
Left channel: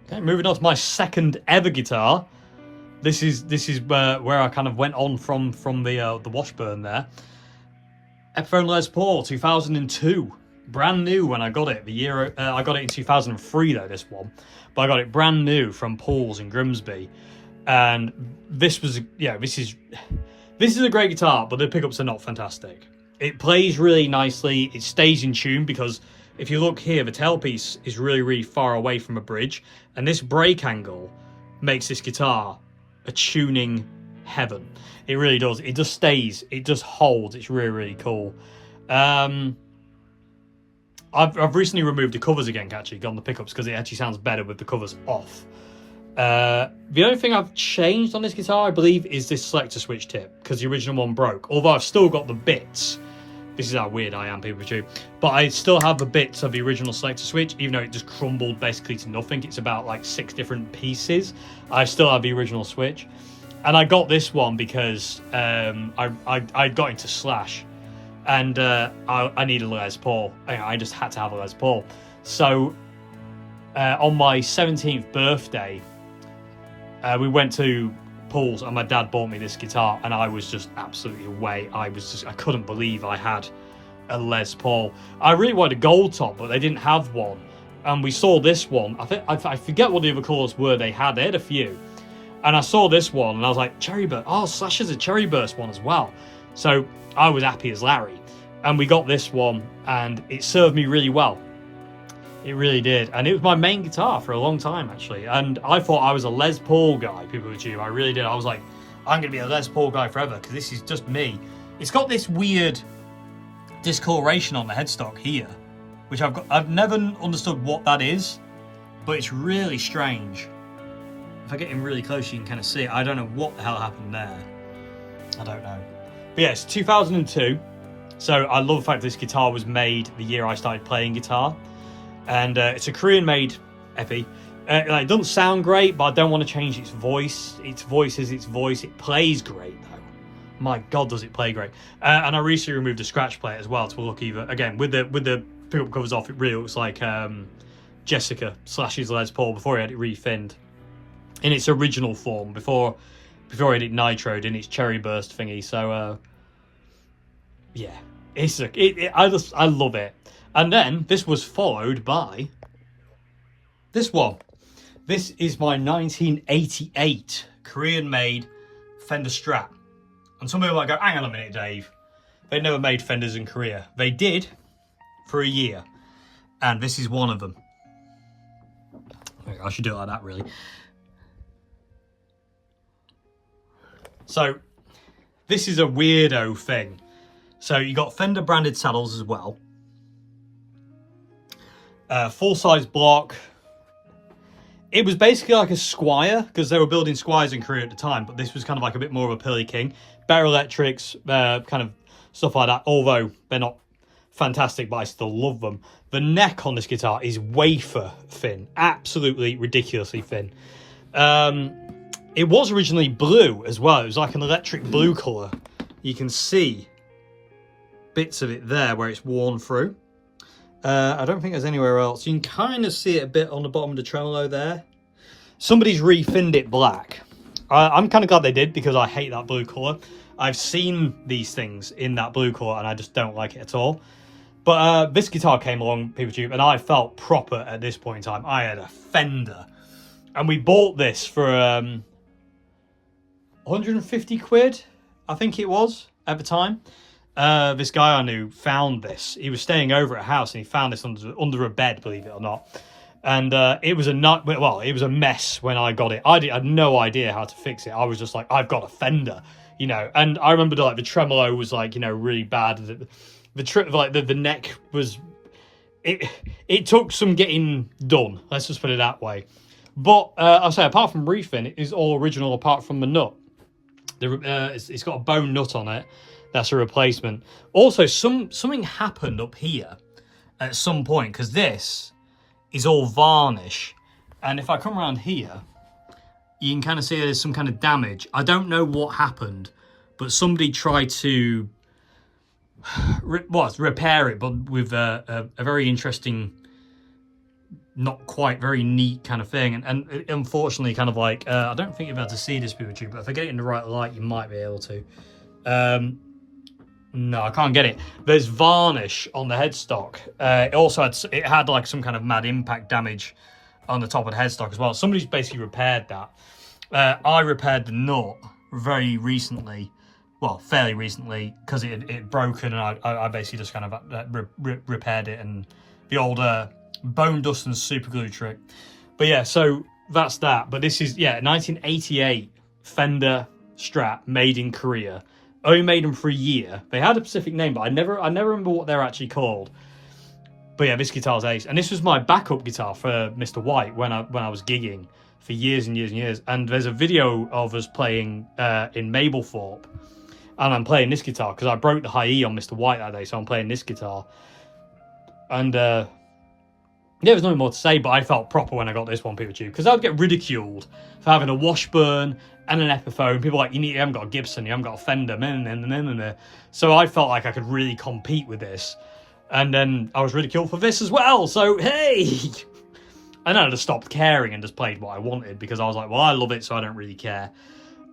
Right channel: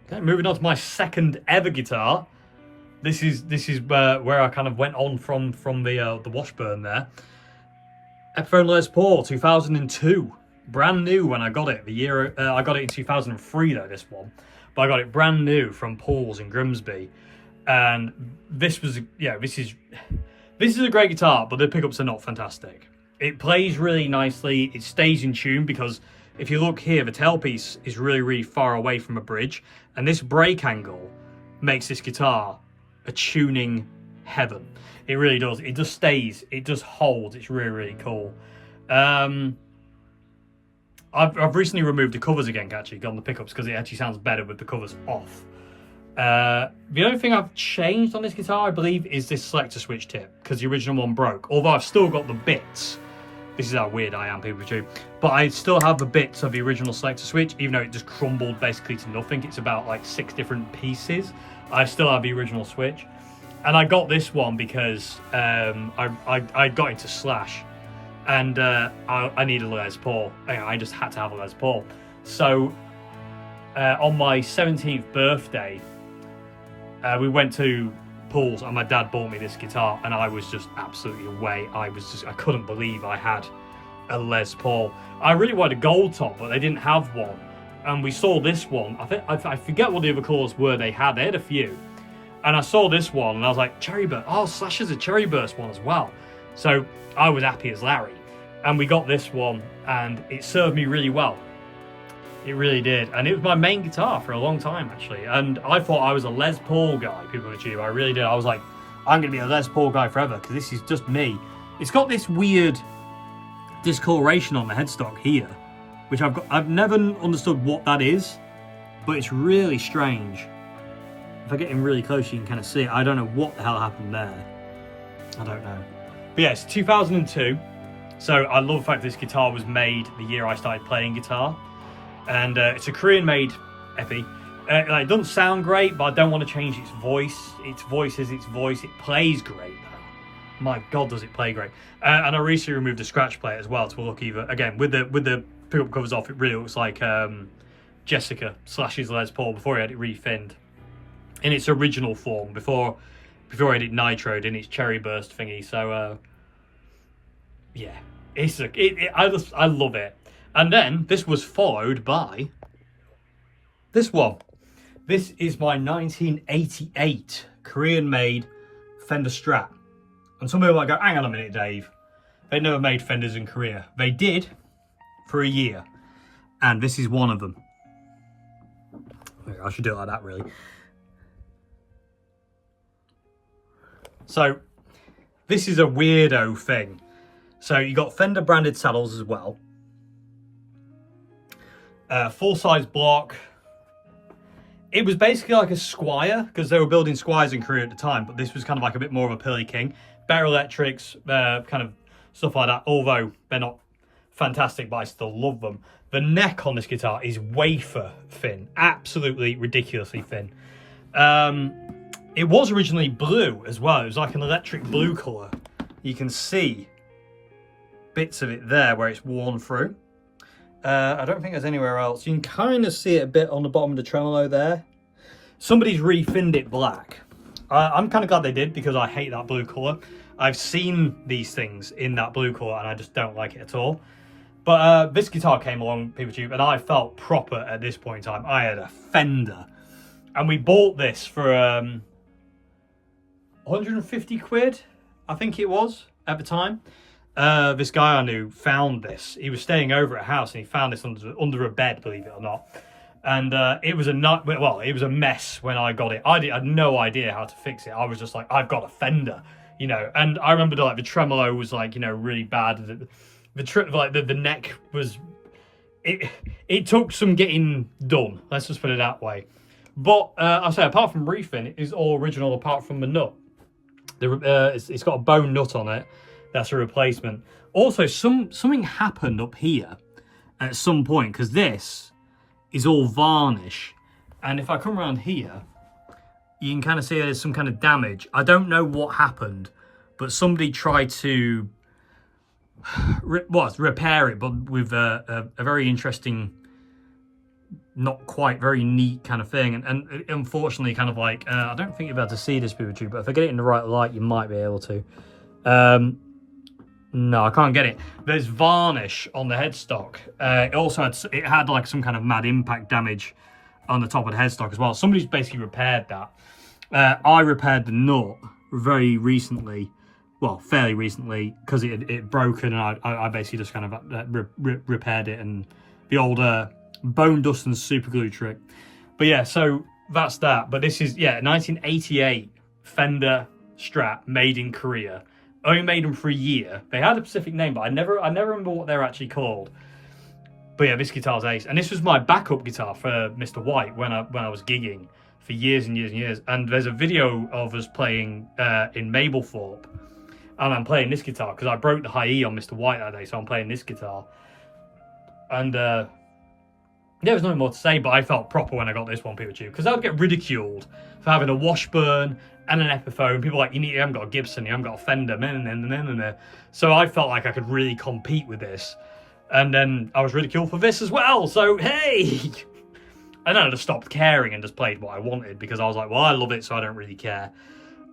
Okay, moving on to my second ever guitar. This is where I kind of went on from the Washburn there. Epiphone Les Paul, 2002. Brand new when I got it. The year I got it in 2003 though, this one. But I got it brand new from Paul's in Grimsby. And this was, yeah, this is a great guitar, but the pickups are not fantastic. It plays really nicely. It stays in tune because if you look here, the tailpiece is really far away from a bridge, and this break angle makes this guitar a tuning heaven. It really does. It just stays. It just holds. It's really cool. I've recently removed the covers again, actually, on the pickups, because it actually sounds better with the covers off. The only thing I've changed on this guitar, I believe, is this selector switch tip, because the original one broke. Although I've still got the bits. This is how weird I am, people too. But I still have the bits of the original selector switch, even though it just crumbled basically to nothing. It's about like 6 different pieces. I still have the original switch. And I got this one because I got into Slash. And I needed a Les Paul. I just had to have a Les Paul. So on my 17th birthday, we went to Paul's and my dad bought me this guitar, and I was just absolutely away. I couldn't believe I had a Les Paul. I really wanted a gold top, but they didn't have one. And we saw this one. I forget what the other colours were they had. They had a few. And I saw this one and I was like, Cherry Burst. Oh, Slash has a Cherry Burst one as well. So I was happy as Larry. And we got this one and it served me really well. It really did. And it was my main guitar for a long time, actually. And I thought I was a Les Paul guy, people with you. I really did. I was like, I'm going to be a Les Paul guy forever because this is just me. It's got this weird discoloration on the headstock here, which I've never understood what that is, but it's really strange. If I get in really close, you can kind of see it. I don't know what the hell happened there. I don't know. But yeah, it's 2002. So I love the fact this guitar was made the year I started playing guitar. And it's a Korean-made Epi. It doesn't sound great, but I don't want to change its voice. Its voice is its voice. It plays great, though. my God, does it play great. And I recently removed the scratch plate as well to look even, again, with the pickup covers off, it really looks like Jessica / Les Paul before he had it refinned in its original form, before he had it nitroed in its cherry burst thingy. So yeah, it's I love it. And then this was followed by this one. This is my 1988 Korean-made Fender Strat. And some people might go, hang on a minute, Dave. They never made Fenders in Korea. They did for a year. And this is one of them. I should do it like that, really. So, this is a weirdo thing. So, you got Fender branded saddles as well. Full-size block. It was basically like a Squire, because they were building Squires in Korea at the time, but this was kind of like a bit more of a Pearly King. Better electrics, kind of stuff like that, although they're not fantastic, but I still love them. The neck on this guitar is wafer thin, absolutely ridiculously thin. It was originally blue as well. It was like an electric blue colour. You can see bits of it there where it's worn through. I don't think there's anywhere else. You can kind of see it a bit on the bottom of the tremolo there. Somebody's refinned it black. I'm kind of glad they did, because I hate that blue colour. I've seen these things in that blue colour and I just don't like it at all. But this guitar came along, people tube, and I felt proper at this point in time. I had a Fender. And we bought this for 150 quid, I think it was, at the time. This guy I knew found this. He was staying over at a house and he found this under a bed, believe it or not. And it was it was a mess when I got it. I had no idea how to fix it. I was just like, I've got a Fender, you know. And I remember like the tremolo was like, you know, really bad. The neck was, it took some getting done. Let's just put it that way. But I say, apart from refin, it is all original apart from the nut. It's got a bone nut on it. That's a replacement. Also, something happened up here at some point, because this is all varnish. And if I come around here, you can kind of see there's some kind of damage. I don't know what happened, but somebody tried to repair it, but with a very interesting, not quite very neat kind of thing. And unfortunately, kind of like, I don't think you're able to see this picture, but if I get it in the right light, you might be able to. No, I can't get it. There's varnish on the headstock. It also had like some kind of mad impact damage on the top of the headstock as well. Somebody's basically repaired that. I repaired the nut very recently, well, fairly recently, because it had broken, and I basically just kind of repaired it, and the old bone dust and super glue trick. But yeah, so that's that. But this is, yeah, 1988 Fender Strat made in Korea. Only made them for a year. They had a specific name, but I never remember what they're actually called. But yeah, this guitar's ace. And this was my backup guitar for Mr. White when I was gigging for years and years and years. And there's a video of us playing in Mablethorpe, and I'm playing this guitar because I broke the high E on Mr. White that day, so I'm playing this guitar. And yeah, there's nothing more to say, but I felt proper when I got this one, people too, because I'd get ridiculed for having a Washburn and an Epiphone. People are like, you haven't got a Gibson, you haven't got a Fender, so I felt like I could really compete with this. And then I was ridiculed for this as well, so hey! And then I just stopped caring and just played what I wanted, because I was like, well, I love it, so I don't really care.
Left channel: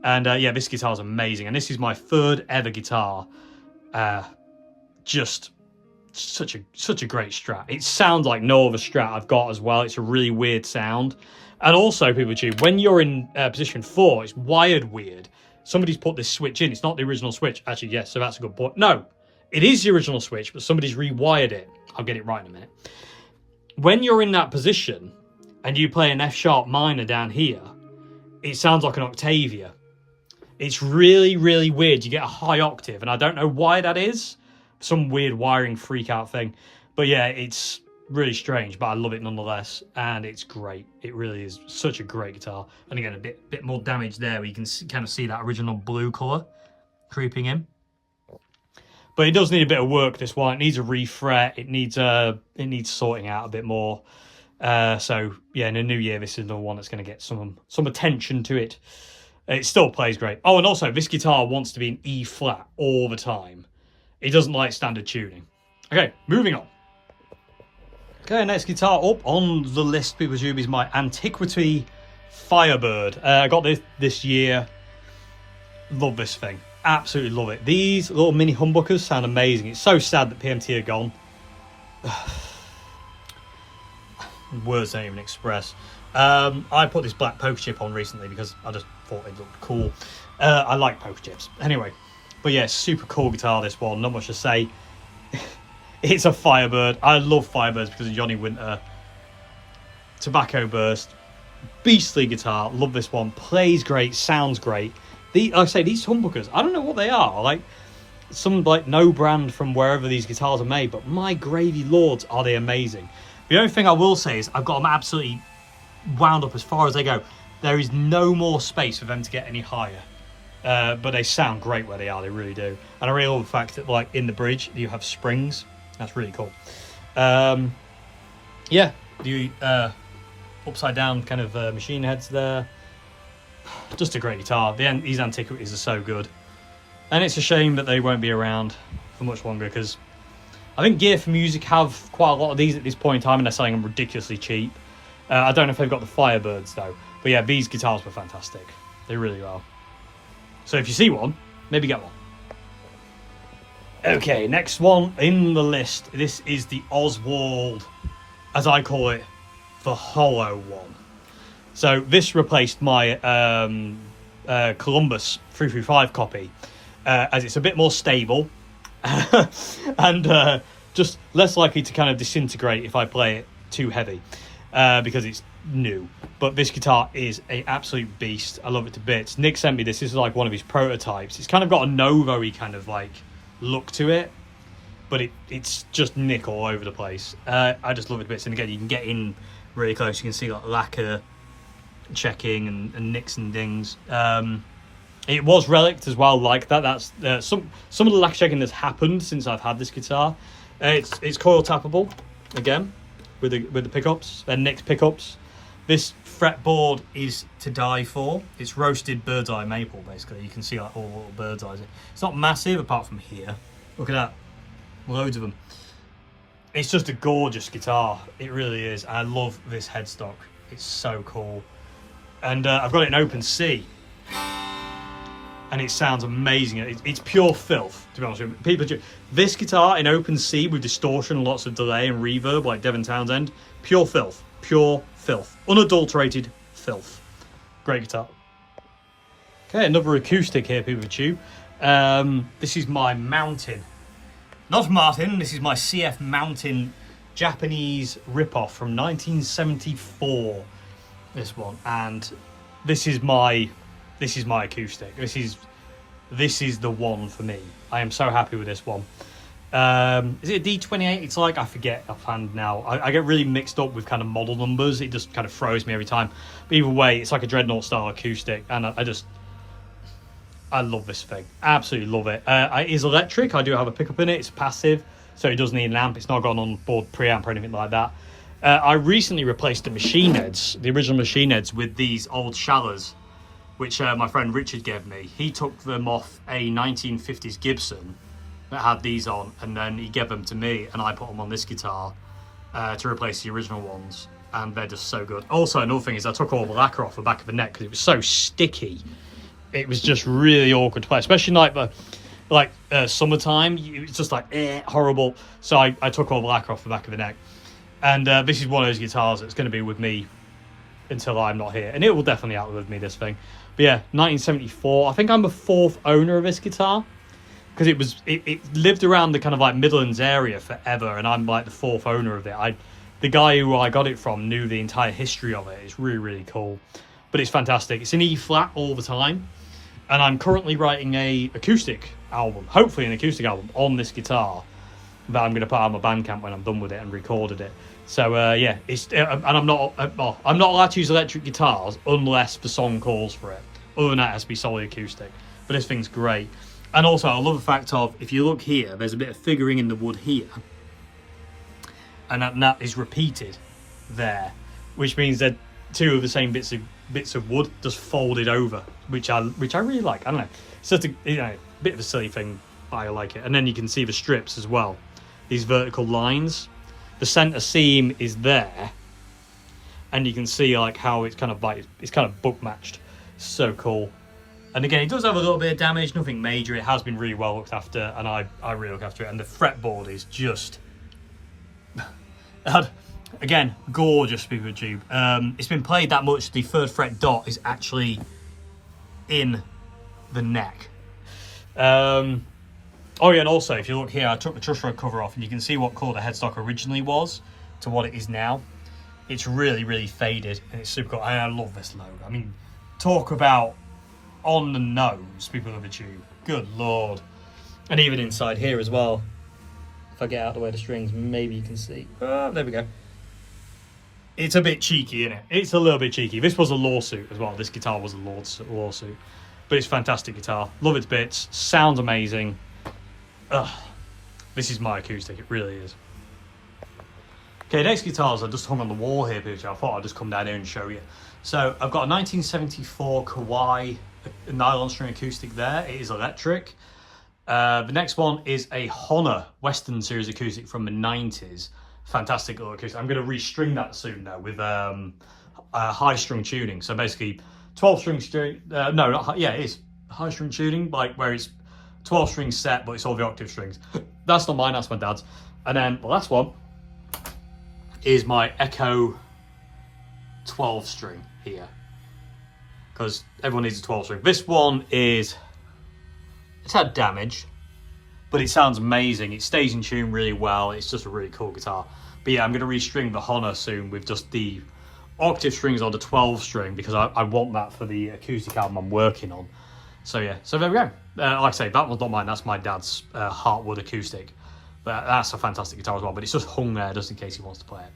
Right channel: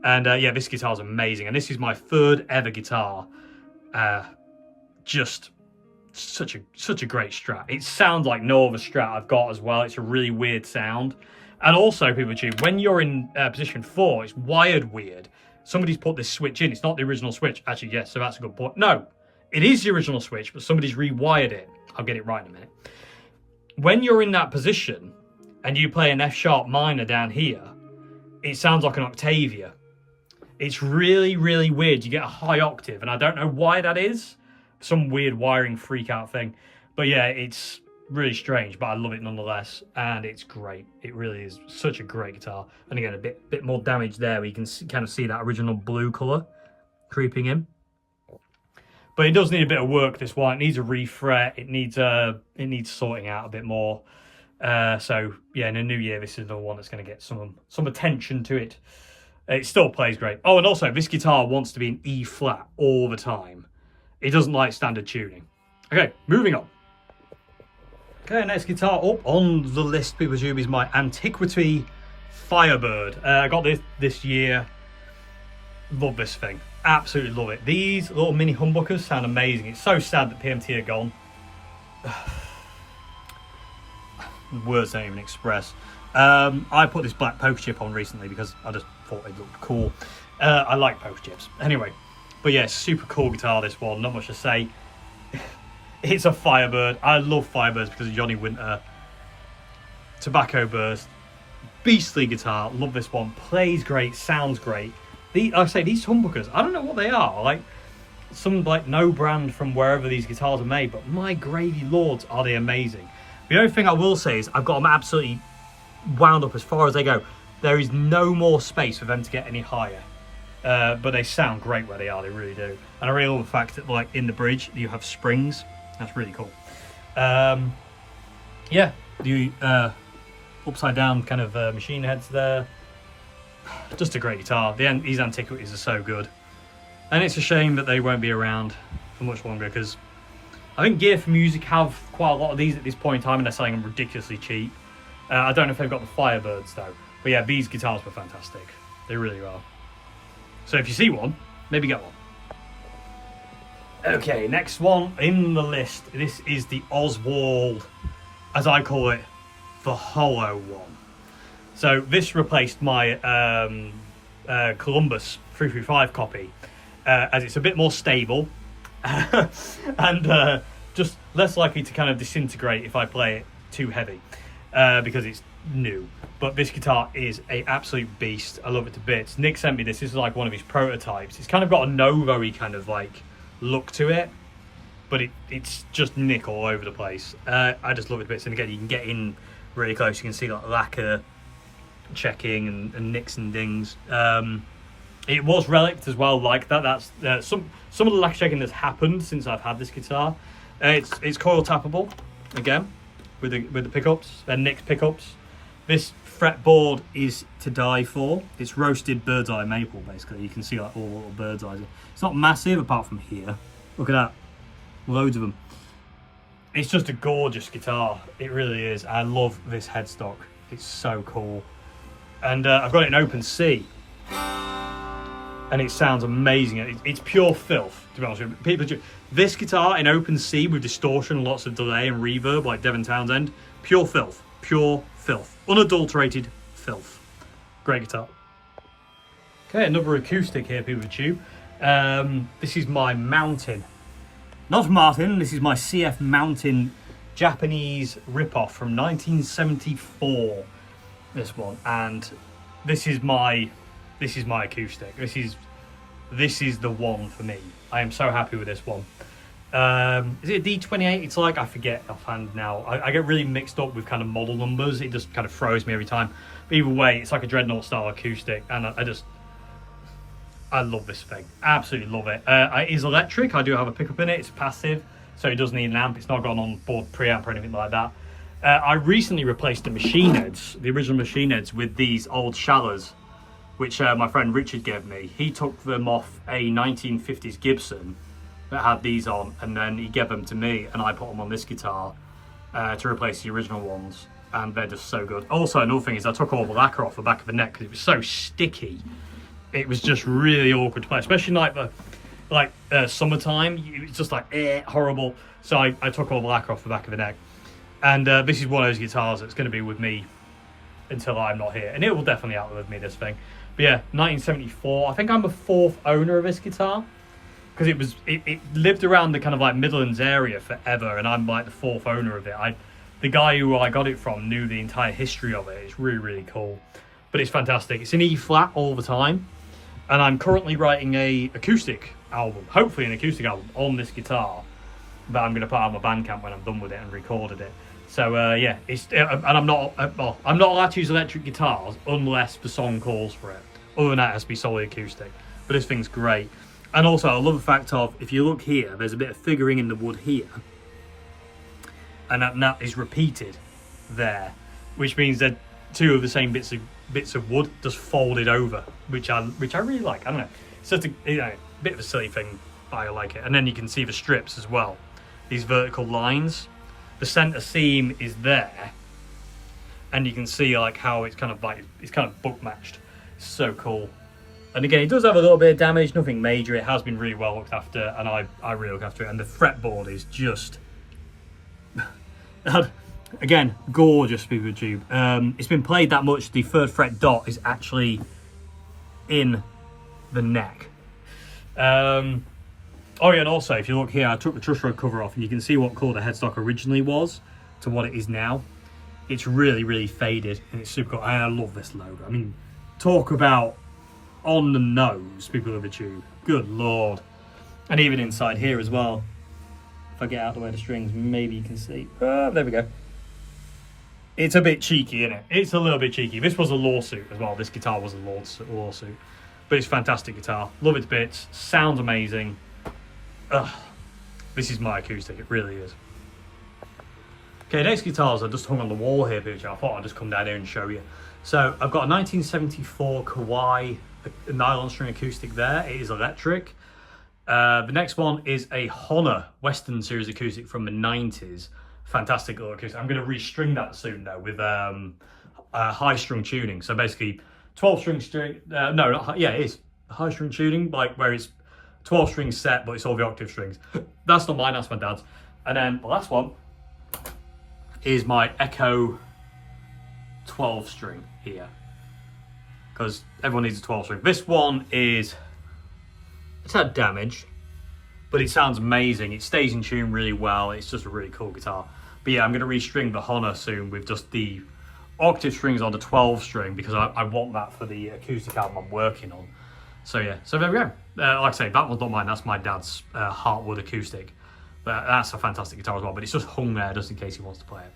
And yeah, this guitar's amazing, and this is my third ever guitar. Just such a great Strat. It sounds like no other Strat I've got as well. It's a really weird sound. And also, people too, when you're in position 4, it's wired weird. Somebody's put this switch in. It's not the original switch. Actually, yes, so that's a good point. No, it is the original switch, but somebody's rewired it. I'll get it right in a minute. When you're in that position and you play an F sharp minor down here, it sounds like an Octavia. It's really, really weird. You get a high octave, and I don't know why that is. Some weird wiring freak out thing. But yeah, it's really strange, but I love it nonetheless, and it's great. It really is such a great guitar. And again, a bit more damage there, where you can kind of see that original blue colour creeping in. But it does need a bit of work, this one. It needs a refret. It needs sorting out a bit more. So yeah, in the new year, this is the one that's going to get some attention to it. It still plays great. Oh, and also this guitar wants to be in E flat all the time. It doesn't like standard tuning. Okay, moving on. Okay, next guitar up on the list, people assume, is my Antiquity Firebird. I got this year. Love this thing. Absolutely love it. These little mini humbuckers sound amazing. It's so sad that PMT are gone. Words don't even express. I put this black poker chip on recently because I just thought it looked cool. I like poker chips. Anyway, but yeah, super cool guitar, this one. Not much to say. It's a Firebird. I love Firebirds because of Johnny Winter. Tobacco Burst. Beastly guitar. Love this one. Plays great. Sounds great. Like I say, these humbuckers, I don't know what they are. Like some no brand from wherever these guitars are made, but my Grady Lords, are they amazing. The only thing I will say is I've got them absolutely wound up as far as they go. There is no more space for them to get any higher. But they sound great where they are. They really do. And I really love the fact that, like, in the bridge you have springs. That's really cool. Yeah, the upside down kind of machine heads there. Just a great guitar. These Antiquities are so good. And it's a shame that they won't be around for much longer, because I think Gear for Music have quite a lot of these at this point in time, and they're selling them ridiculously cheap. I don't know if they've got the Firebirds though. But yeah, these guitars were fantastic. They really are. So if you see one, maybe get one. Okay, next one in the list. This is the Oswald, as I call it, the Hollow one. So this replaced my Columbus 335 copy, as it's a bit more stable and just less likely to kind of disintegrate if I play it too heavy, because it's new. But this guitar is an absolute beast. I love it to bits. Nick sent me this. This is like one of his prototypes. It's kind of got a Novo-y kind of like look to it, but it's just Nick all over the place. I just love it to bits. And again, you can get in really close. You can see like lacquer checking and nicks and dings. It was relicked as well, like that. That's some of the lacquer checking that's happened since I've had this guitar. It's coil tappable again with the pickups. They're Nick's pickups. This fretboard is to die for. It's roasted bird's eye maple, basically. You can see like all the little bird's eyes. It's not massive apart from here. Look at that, loads of them. It's just a gorgeous guitar. It really is. I love this headstock. It's so cool. And I've got it in open C, and it sounds amazing. It's pure filth, to be honest with you. People, this guitar in open C with distortion, lots of delay and reverb, like Devin Townsend, pure filth, unadulterated filth. Great guitar. Okay, another acoustic here, people of Tube. This is my Mountain, not Martin. This is my CF Mountain Japanese ripoff from 1974. This one, and this is my acoustic. This is the one for me. I am so happy with this one. Is it a D28? It's like, I forget offhand now. I get really mixed up with kind of model numbers. It just kind of throws me every time. But either way, it's like a Dreadnought style acoustic, and I love this thing. Absolutely love it. It is electric. I do have a pickup in it. It's passive, so it doesn't need an amp. It's not got an onboard preamp or anything like that. I recently replaced the machine heads, the original machine heads, with these old Shallas, which my friend Richard gave me. He took them off a 1950s Gibson that had these on, and then he gave them to me, and I put them on this guitar to replace the original ones, and they're just so good. Also, another thing is I took all the lacquer off the back of the neck because it was so sticky. It was just really awkward to play, especially like summertime. It's just like horrible. So I took all the lacquer off the back of the neck. And this is one of those guitars that's going to be with me until I'm not here. And it will definitely outlive me, this thing. But yeah, 1974. I think I'm the 4th owner of this guitar, because it lived around the kind of like Midlands area forever, and I'm like the 4th owner of it. The guy who I got it from knew the entire history of it. It's really, really cool. But it's fantastic. It's in E flat all the time. And I'm currently writing a acoustic album, hopefully an acoustic album, on this guitar that I'm going to put out on my Bandcamp when I'm done with it and recorded it. So yeah, and I'm not allowed to use electric guitars unless the song calls for it. Other than that, it has to be solely acoustic. But this thing's great. And also, I love the fact of, if you look here, there's a bit of figuring in the wood here, and that is repeated there, which means that 2 of the same bits of bits of wood just folded over, which I really like. I don't know, it's just a bit of a silly thing, but I like it. And then you can see the strips as well, these vertical lines. The center seam is there, and you can see like how it's kind of book matched. So cool. And again, it does have a little bit of damage, nothing major. It has been really well looked after, and I really look after it. And the fretboard is just again, gorgeous piece of tube. It's been played that much, the third fret dot is actually in the neck. Oh yeah, and also, if you look here, I took the truss rod cover off, and you can see what colour the headstock originally was to what it is now. It's really, really faded, and it's super cool. I love this logo. I mean, talk about on the nose, people of the tube. Good lord. And even inside here as well. If I get out of the way of the strings, maybe you can see. There we go. It's a bit cheeky, isn't it? It's a little bit cheeky. This was a lawsuit as well. This guitar was a lawsuit. But it's a fantastic guitar. Love its bits. Sounds amazing. Ugh. This is my acoustic. It really is. Okay, next guitars I just hung on the wall here, which I thought I'd just come down here and show you. So I've got a 1974 Kawai nylon string acoustic there. It is electric. The next one is a Hofner Western series acoustic from the 90s. Fantastic little acoustic. I'm going to restring that soon though with high strung tuning. So basically 12 string string. No, not high, yeah, it is high string tuning, like where it's 12 strings set, but it's all the octave strings. That's not mine. That's my dad's. And then the last one is my Echo 12 string here, because everyone needs a 12 string. This one it's had damage, but it sounds amazing. It stays in tune really well. It's just a really cool guitar. But yeah, I'm going to restring the Hofner soon with just the octave strings on the 12 string, because I want that for the acoustic album I'm working on. So yeah, so there we go. Like I say, that one's not mine. That's my dad's Heartwood acoustic. But that's a fantastic guitar as well. But it's just hung there just in case he wants to play it.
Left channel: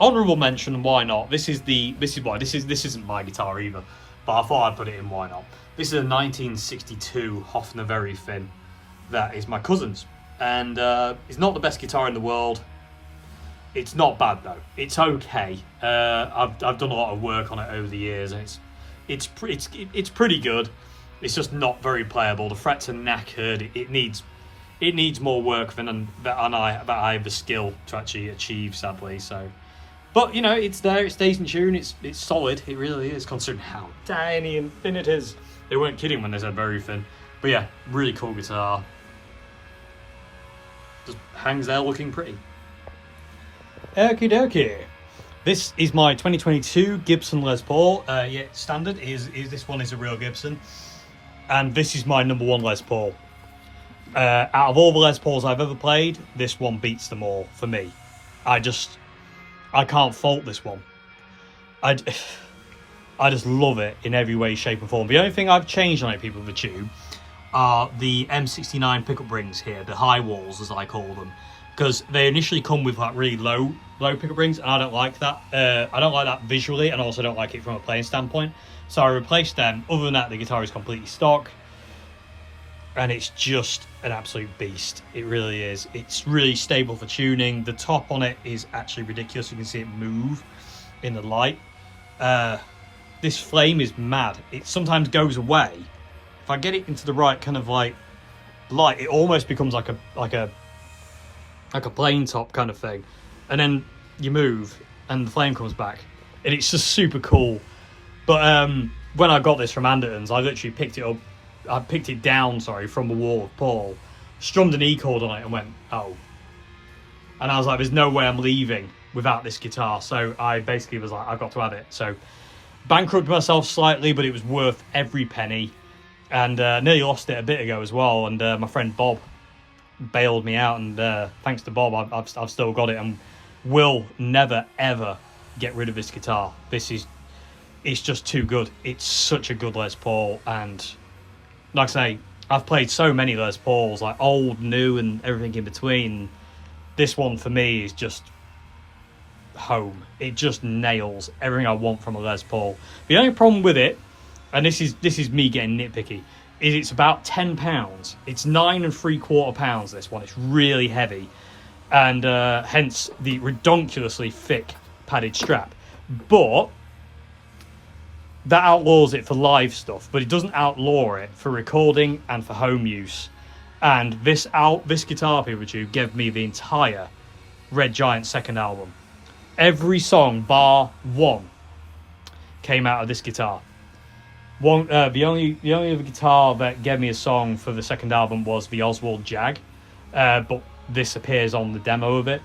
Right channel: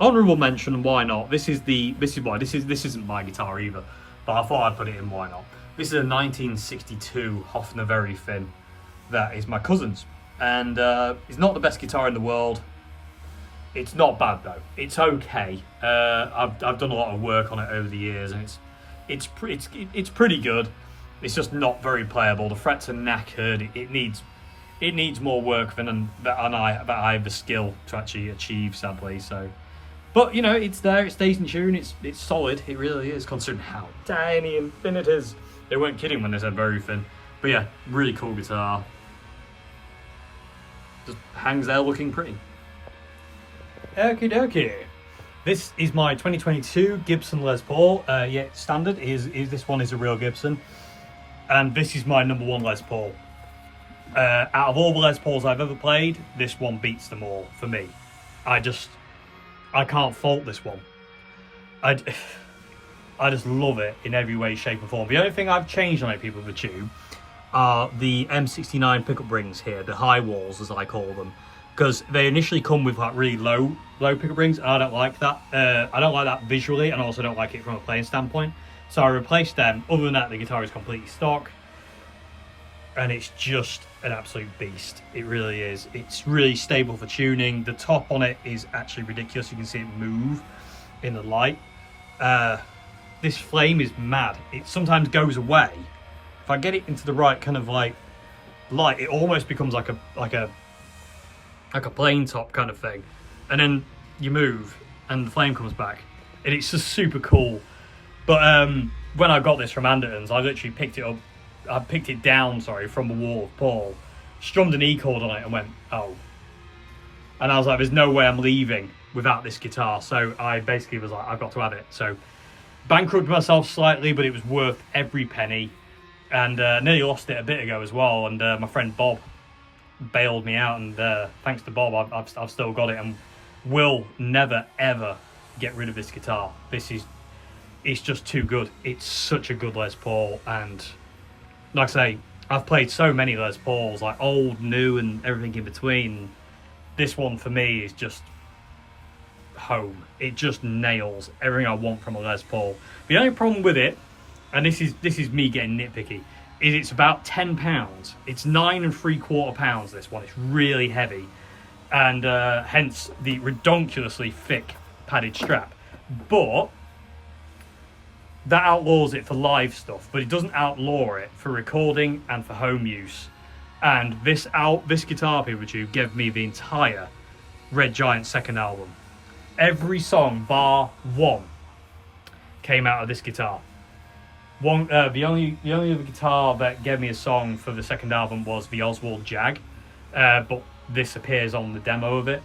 Honourable mention, why not? This isn't my guitar either, but I thought I'd put it in. Why not? This is a 1962 Hofner Verythin that is my cousin's, and it's not the best guitar in the world. It's not bad though. It's okay. I've done a lot of work on it over the years, and it's pretty good. It's just not very playable. The frets are knackered. It needs more work than I have the skill to actually achieve, sadly. So, but you know, it's there. It stays in tune. It's solid. It really is, considering how tiny and thin it is. They weren't kidding when they said very thin. But yeah, really cool guitar. Just hangs there looking pretty. Okie dokie. This is my 2022 Gibson Les Paul. Yeah, standard. This one is a real Gibson. And this is my #1 Les Paul. Out of all the Les Pauls I've ever played, this one beats them all for me. I can't fault this one. I just love it in every way, shape and form. The only thing I've changed on it, people of the tube, are the M69 pickup rings here, the high walls as I call them, because they initially come with like really low pickup rings, and I don't like that. I don't like that visually, and also don't like it from a playing standpoint. So I replaced them. Other than that, the guitar is completely stock, and it's just an absolute beast. It really is. It's really stable for tuning. The top on it is actually ridiculous. You can see it move in the light. This flame is mad. It sometimes goes away. If I get it into the right kind of like light, it almost becomes like a plane top kind of thing. And then you move and the flame comes back. And it's just super cool. But when I got this from Anderton's, I literally picked it up. I picked it down, sorry, from the wall of Paul, strummed an E chord on it and went, oh. And I was like, there's no way I'm leaving without this guitar. So I basically was like, I've got to have it. So bankrupted myself slightly, but it was worth every penny. And nearly lost it a bit ago as well. And my friend Bob bailed me out. And thanks to Bob, I've still got it and will never, ever get rid of this guitar. It's just too good. It's such a good Les Paul. And like I say, I've played so many Les Pauls, like old, new, and everything in between. This one for me is just home. It just nails everything I want from a Les Paul. The only problem with it, and this is me getting nitpicky, is it's about £10. It's 9 3/4 pounds. This one, it's really heavy, and hence the redonkulously thick padded strap. But that outlaws it for live stuff, but it doesn't outlaw it for recording and for home use. And this guitar, people tube, gave me the entire Red Giant second album. Every song bar one came out of this guitar. The only other guitar that gave me a song for the second album was the Oswald Jag, but this appears on the demo of it,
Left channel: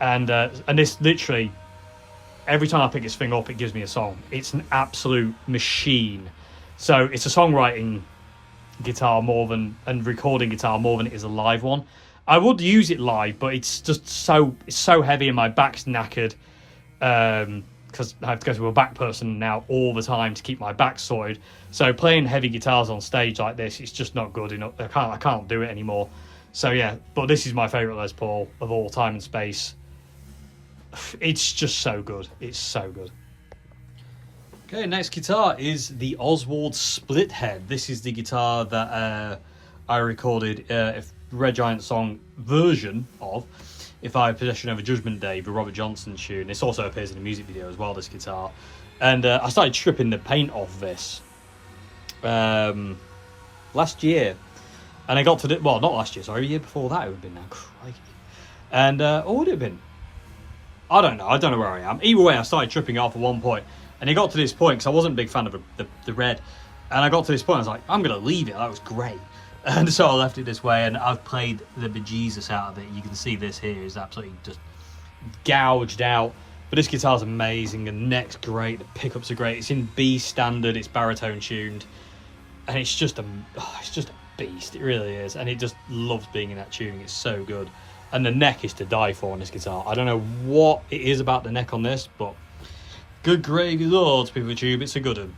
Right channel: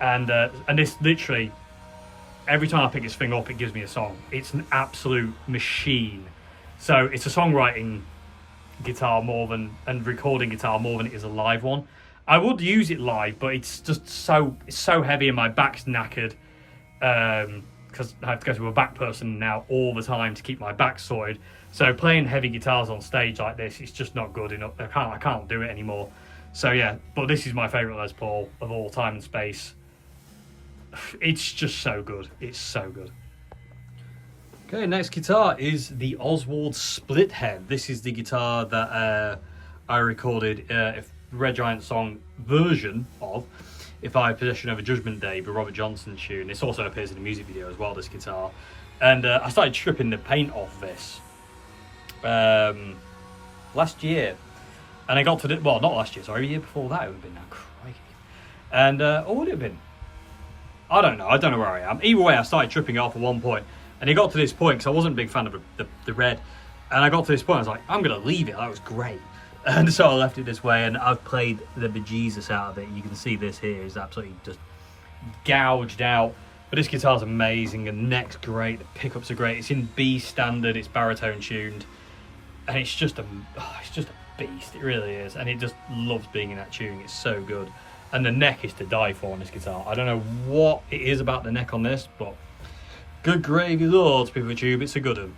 and this literally, every time I pick this thing up, it gives me a song. It's an absolute machine. So it's a songwriting guitar and recording guitar more than it is a live one. I would use it live, but it's just so heavy and my back's knackered, because I have to go to a back person now all the time to keep my back sorted. So playing heavy guitars on stage like this, it's just not good enough. I can't do it anymore. So yeah, but this is my favourite Les Paul of all time and space. It's just so good. It's so good. Okay, next guitar is the Oswald Split Head. This is the guitar that I recorded a Red Giant song version of If I Had Possession Over Judgment Day, the Robert Johnson tune. This also appears in the music video as well, this guitar. And I started stripping the paint off this last year. And I got to the, well, not last year, sorry, a year before that it would have been now, crikey. And what would it have been? I don't know where I am. Either way, I started tripping it off at one point. And it got to this point, because I wasn't a big fan of the red. And I got to this point, I was like, I'm going to leave it. That was great. And so I left it this way, and I've played the bejesus out of it. You can see this here is absolutely just gouged out. But this guitar's amazing, and the neck's great, the pickups are great. It's in B standard, it's baritone tuned. And it's just a beast, it really is. And it just loves being in that tuning, it's so good. And the neck is to die for on this guitar. I don't know what it is about the neck on this, but good gravy lords, people tube, it's a good one.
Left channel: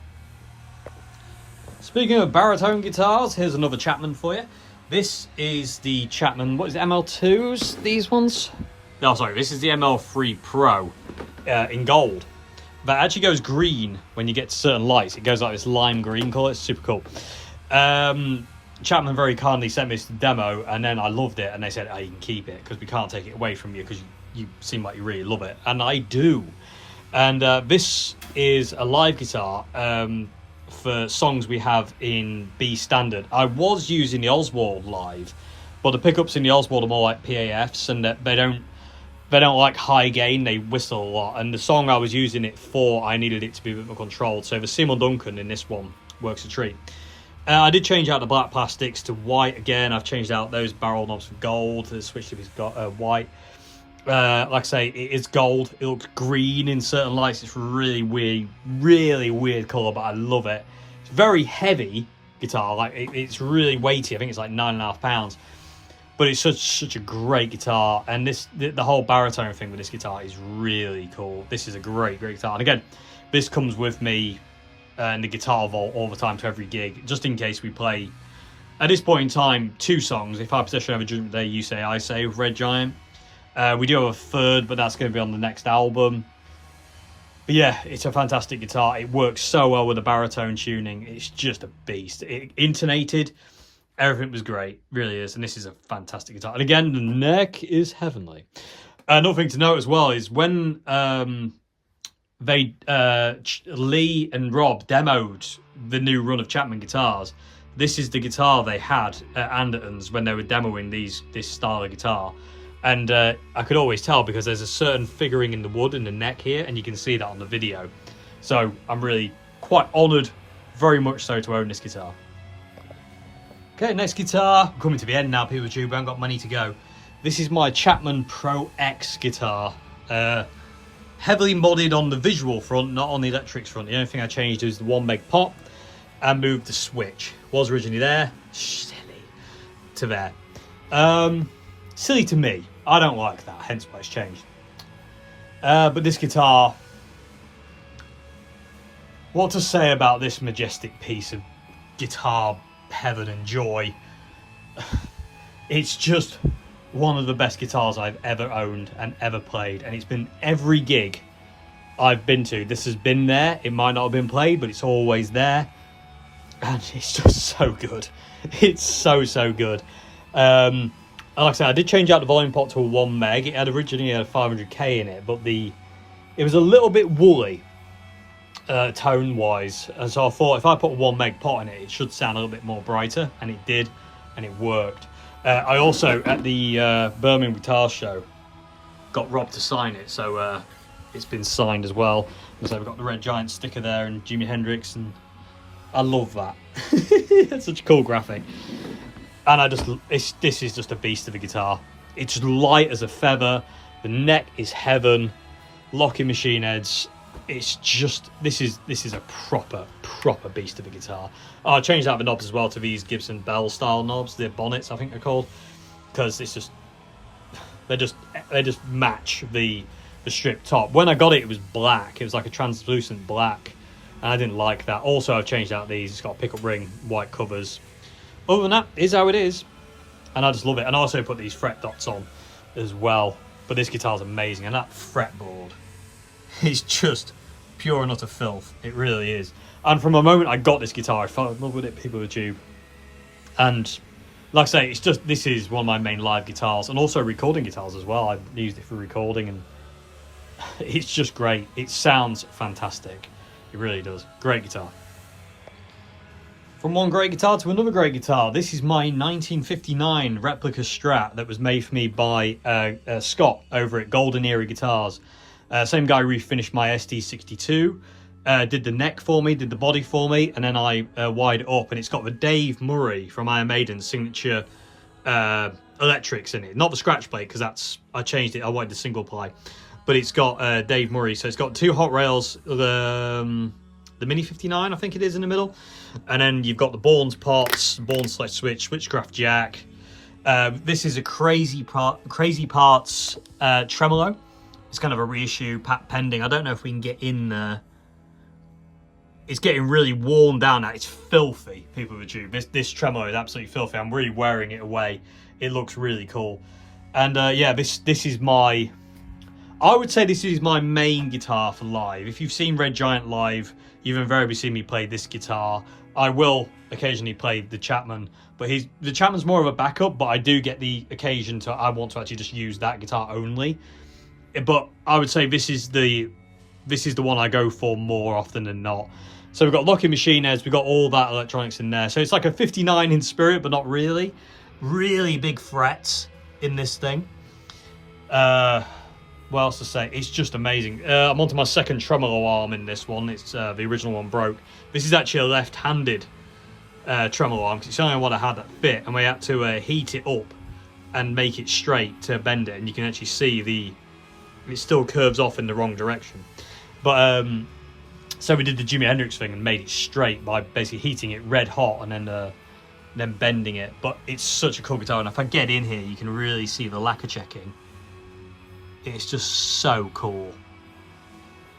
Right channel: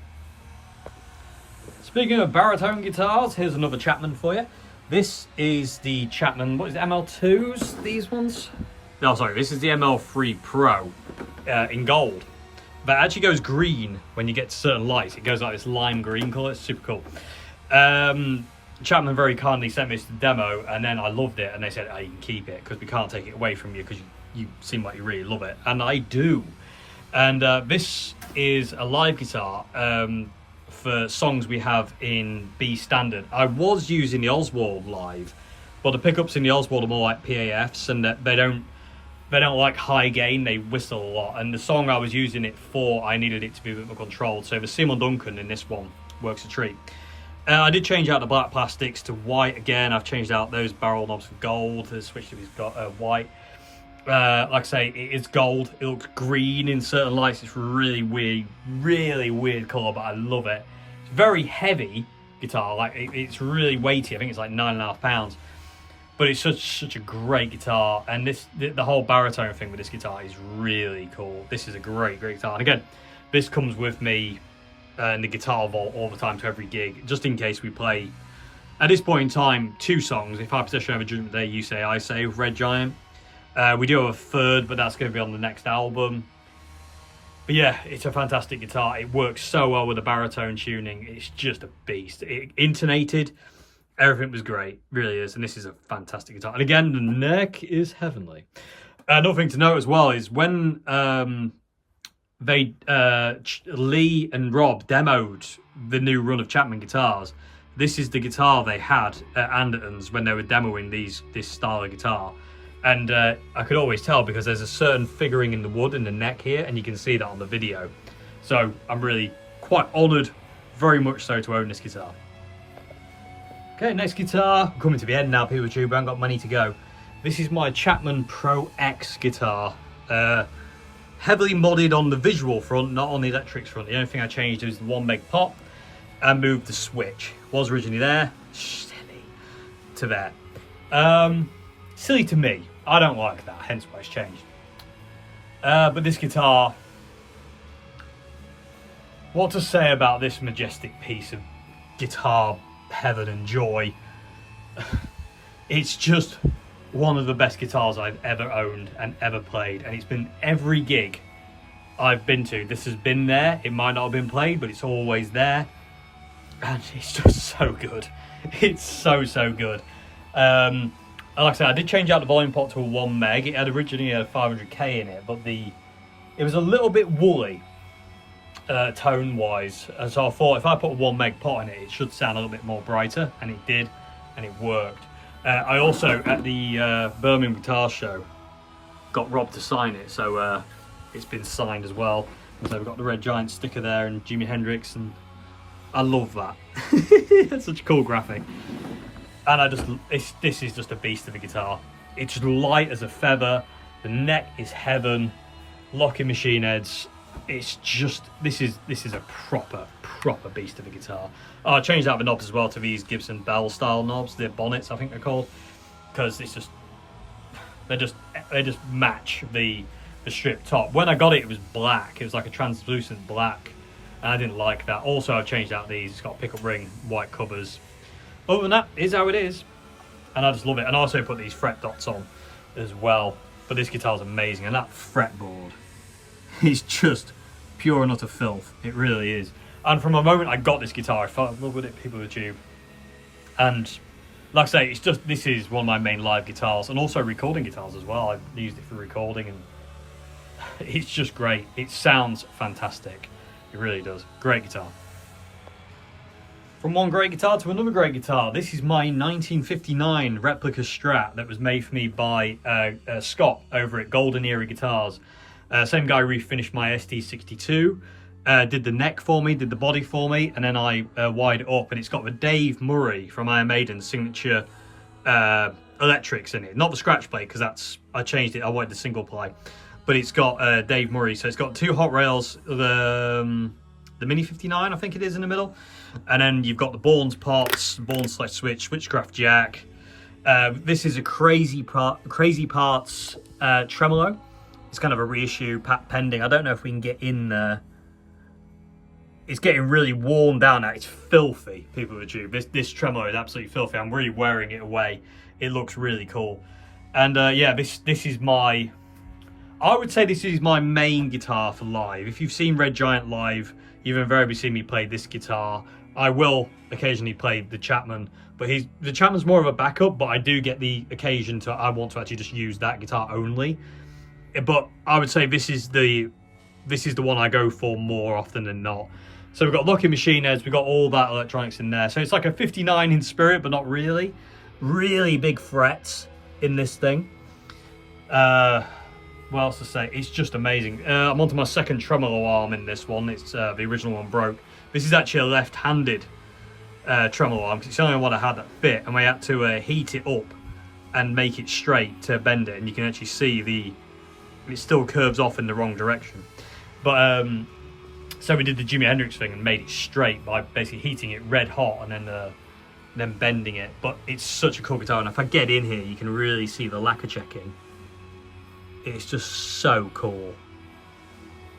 Speaking of baritone guitars, here's another Chapman for you. This is the Chapman, what is it, ML2s, these ones? No, sorry, this is the ML3 Pro in gold. That actually goes green when you get to certain lights. It goes like this lime green colour, it's super cool. Chapman very kindly sent me this demo, and then I loved it, and they said, oh, you can keep it, because we can't take it away from you, because you seem like you really love it. And I do. And this is a live guitar for songs we have in B standard. I was using the Oswald live, but the pickups in the Oswald are more like PAFs, and they don't like high gain, they whistle a lot. And the song I was using it for, I needed it to be a bit more controlled. So the Seymour Duncan in this one works a treat. I did change out the black plastics to white again. I've changed out those barrel knobs for gold. The switch to white. Like I say, it is gold. It looks green in certain lights. It's really weird colour, but I love it. It's very heavy guitar. Like it's really weighty. I think it's like 9.5 pounds. But it's such a great guitar, and the whole baritone thing with this guitar is really cool. This is a great guitar. And again, this comes with me in the guitar vault all the time to every gig, just in case we play, at this point in time, 2 songs. If I Possession Over Judgment Day, You Say, I Say, with Red Giant. We do have a third, but that's going to be on the next album. But yeah, it's a fantastic guitar. It works so well with the baritone tuning. It's just a beast. It intonated. Everything was great, really is, and this is a fantastic guitar. And again, the neck is heavenly. Another thing to note as well is when Lee and Rob demoed the new run of Chapman guitars, this is the guitar they had at Anderton's when they were demoing this style of guitar. And I could always tell because there's a certain figuring in the wood in the neck here, and you can see that on the video. So I'm really quite honoured, very much so, to own this guitar. Okay, next guitar. I'm coming to the end now, people tube. I haven't got many to go. This is my Chapman Pro X guitar. Heavily modded on the visual front, not on the electrics front. The only thing I changed is the 1 meg pop and moved the switch. Was originally there, silly, to there. Silly to me. I don't like that, hence why it's changed. But this guitar, what to say about this majestic piece of guitar heaven and joy? It's just one of the best guitars I've ever owned and ever played, and it's been every gig I've been to. This has been there. It might not have been played, but it's always there, and it's just so good. It's so good. Like I said, I did change out the volume pot to a 1 meg. It had originally had 500k in it, but it was a little bit woolly. tone wise, and so I thought if I put a 1 meg pot in it, it should sound a little bit more brighter, and it did, and it worked. I also at the Birmingham Guitar Show got Rob to sign it, so it's been signed as well. And so we've got the Red Giant sticker there and Jimi Hendrix, and I love that. It's such a cool graphic, and this is just a beast of a guitar. It's light as a feather, the neck is heaven, locking machine heads. It's just, this is a proper beast of a guitar. I changed out the knobs as well to these Gibson Bell style knobs, the bonnets I think they're called, because it's just they just match the strip top. When I got it, it was black. It was like a translucent black, and I didn't like that. Also, I've changed out these. It's got pickup ring, white covers. Other than that, is how it is, and I just love it. And I also put these fret dots on as well. But this guitar's amazing, and that fretboard is just pure and utter filth. It really is. And from the moment I got this guitar, I fell in love with it, people with tube. And like I say, it's just, this is one of my main live guitars, and also recording guitars as well. I've used it for recording, and it's just great. It sounds fantastic. It really does. Great guitar. From one great guitar to another great guitar. This is my 1959 Replica Strat that was made for me by Scott over at Golden Era Guitars. Same guy refinished my SD62, did the neck for me, did the body for me, and then I wired it up, and it's got the Dave Murray from Iron Maiden's signature electrics in it. Not the scratch plate, because I changed it, I wanted the single ply. But it's got Dave Murray, so it's got 2 hot rails, the Mini 59 I think it is in the middle, and then you've got the Bourne's pots, Bourne's select switch, switchcraft jack. This is a crazy parts tremolo. It's kind of a reissue, patent pending. I don't know if we can get in there. It's getting really worn down now. It's filthy, people with tube. This tremolo is absolutely filthy. I'm really wearing it away. It looks really cool. And yeah, this is my, I would say this is my main guitar for live. If you've seen Red Giant live, you've invariably seen me play this guitar. I will occasionally play the Chapman, but the Chapman's more of a backup, but I do get the occasion I want to actually just use that guitar only. But I would say this is the one I go for more often than not. So we've got locking machine heads, we've got all that electronics in there. So it's like a 59 in spirit, but not really. Really big frets in this thing. What else to say? It's just amazing. I'm onto my second tremolo arm in this one. It's the original one broke. This is actually a left-handed tremolo arm, because it's the only one I had that fit, and we had to heat it up and make it straight to bend it, and you can actually see it still curves off in the wrong direction. But so we did the Jimi Hendrix thing and made it straight by basically heating it red hot and then bending it. But it's such a cool guitar, and if I get in here, you can really see the lacquer checking. It's just so cool.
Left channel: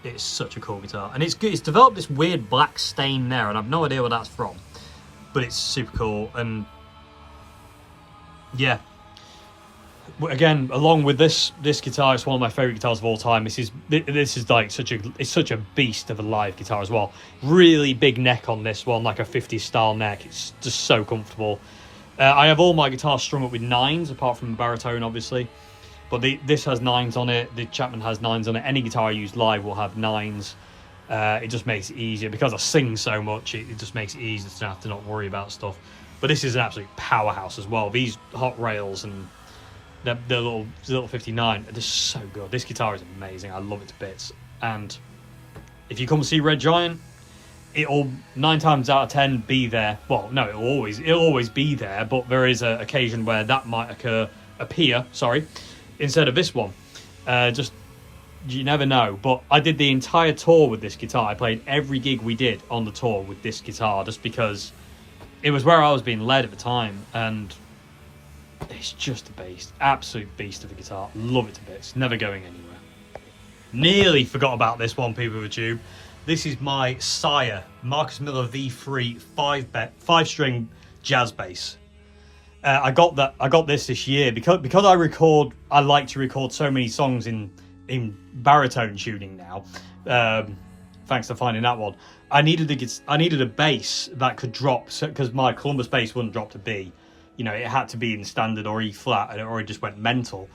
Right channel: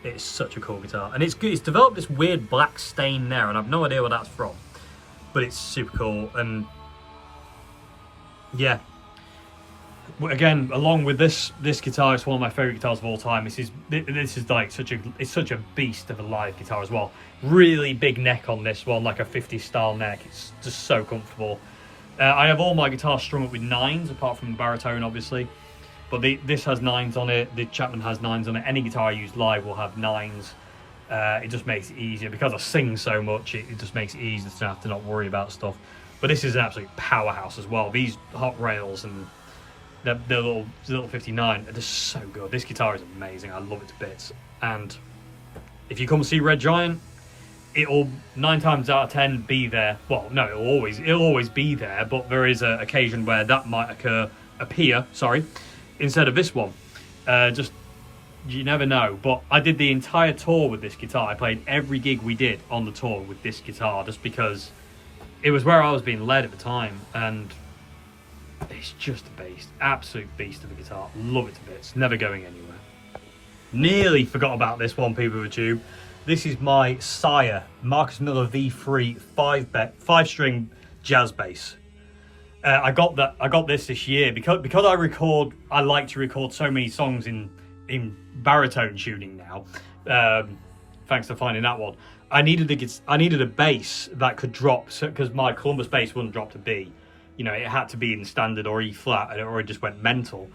It's such a cool guitar, and it's good. It's developed this weird black stain there, and I've no idea where that's from, but it's super cool. And yeah, again, along with this guitar, it's one of my favorite guitars of all time. This is like such a beast of a live guitar as well. Really big neck on this one, like a 50s style neck. It's just so comfortable. I have all my guitars strung up with 9s, apart from the baritone, obviously. But this has 9s on it. The Chapman has 9s on it. Any guitar I use live will have 9s. It just makes it easier. Because I sing so much, it just makes it easier to have to not worry about stuff. But this is an absolute powerhouse as well. These hot rails and the little 59, they're so good. This guitar is amazing. I love it to bits. And if you come and see Red Giant, it'll 9 times out of 10 be there. Well, no, it'll always be there. But there is an occasion where that might appear. Instead of this one. Just, you never know. But I did the entire tour with this guitar. I played every gig we did on the tour with this guitar, just because it was where I was being led at the time, and it's just a beast. Absolute beast of a guitar. Love it to bits. Never going anywhere. Nearly forgot about this one, people with tube. This is my Sire Marcus Miller V3 5-string jazz bass. I got this year because I like to record so many songs in baritone tuning now. Thanks for finding that one. I needed a bass that could drop, because my Columbus bass wouldn't drop to B. You know, it had to be in standard or E flat, and it already just went mental.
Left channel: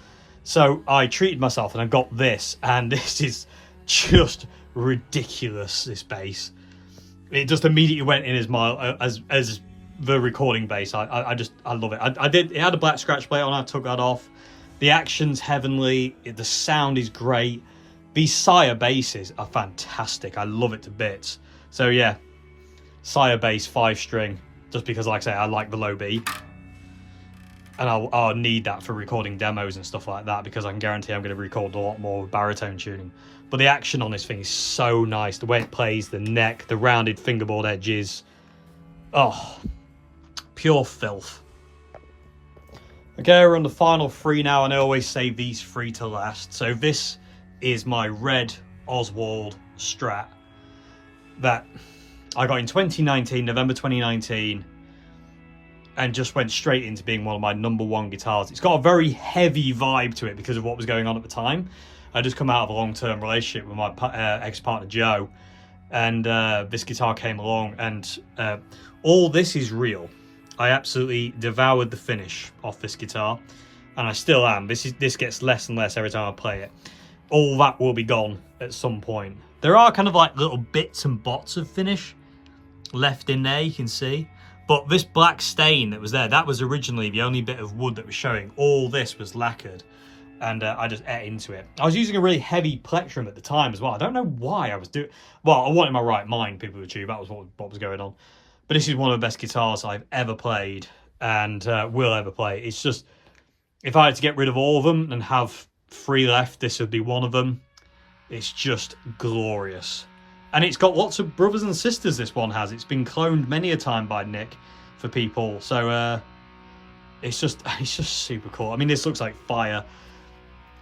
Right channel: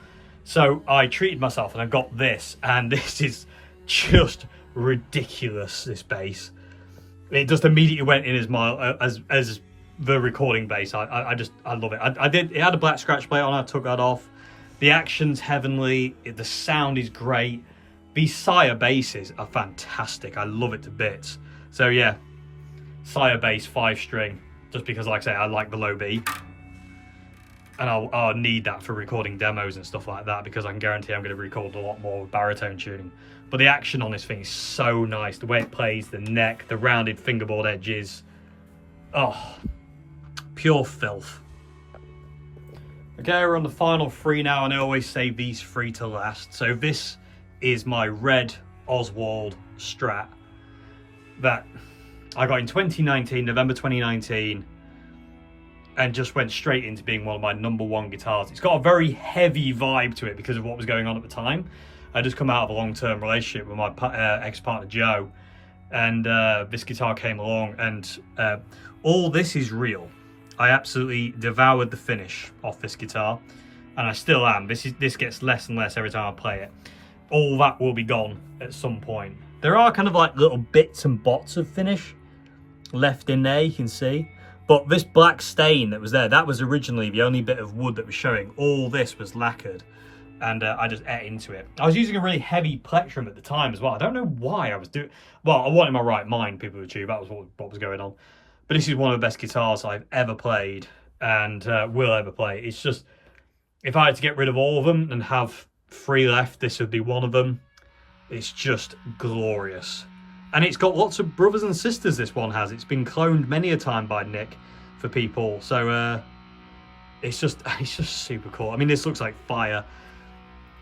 So I treated myself, and I got this, and this is just ridiculous, this bass. It just immediately went in as the recording bass. I love it. It had a black scratch plate on, I took that off. The action's heavenly, the sound is great. These Sire basses are fantastic. I love it to bits. So yeah, Sire bass 5-string, just because, like I say, I like the low B. And I'll need that for recording demos and stuff like that, because I can guarantee I'm going to record a lot more with baritone tuning. But the action on this thing is so nice. The way it plays, the neck, the rounded fingerboard edges. Oh, pure filth. Okay, we're on the final 3 now, and I always save these 3 to last. So this is my red Oswald Strat that I got in 2019, November 2019. And just went straight into being one of my #1 guitars. It's got a very heavy vibe to it because of what was going on at the time. I just come out of a long-term relationship with my ex-partner Joe, and this guitar came along, and all this is real. I absolutely devoured the finish off this guitar, and I still am. This gets less and less every time I play it. All that will be gone at some point. There are kind of like little bits and bots of finish left in there, you can see. But this black stain that was there, that was originally the only bit of wood that was showing. All this was lacquered, and I just ate into it. I was using a really heavy plectrum at the time as well. I don't know why I was doing... Well, I wasn't in my right mind, people would tube. That was what was going on. But this is one of the best guitars I've ever played, and will ever play. It's just... If I had to get rid of all of them and have 3 left, this would be one of them. It's just glorious. And it's got lots of brothers and sisters, this one has. It's been cloned many a time by Nick for people. So it's just super cool. I mean, this looks like fire.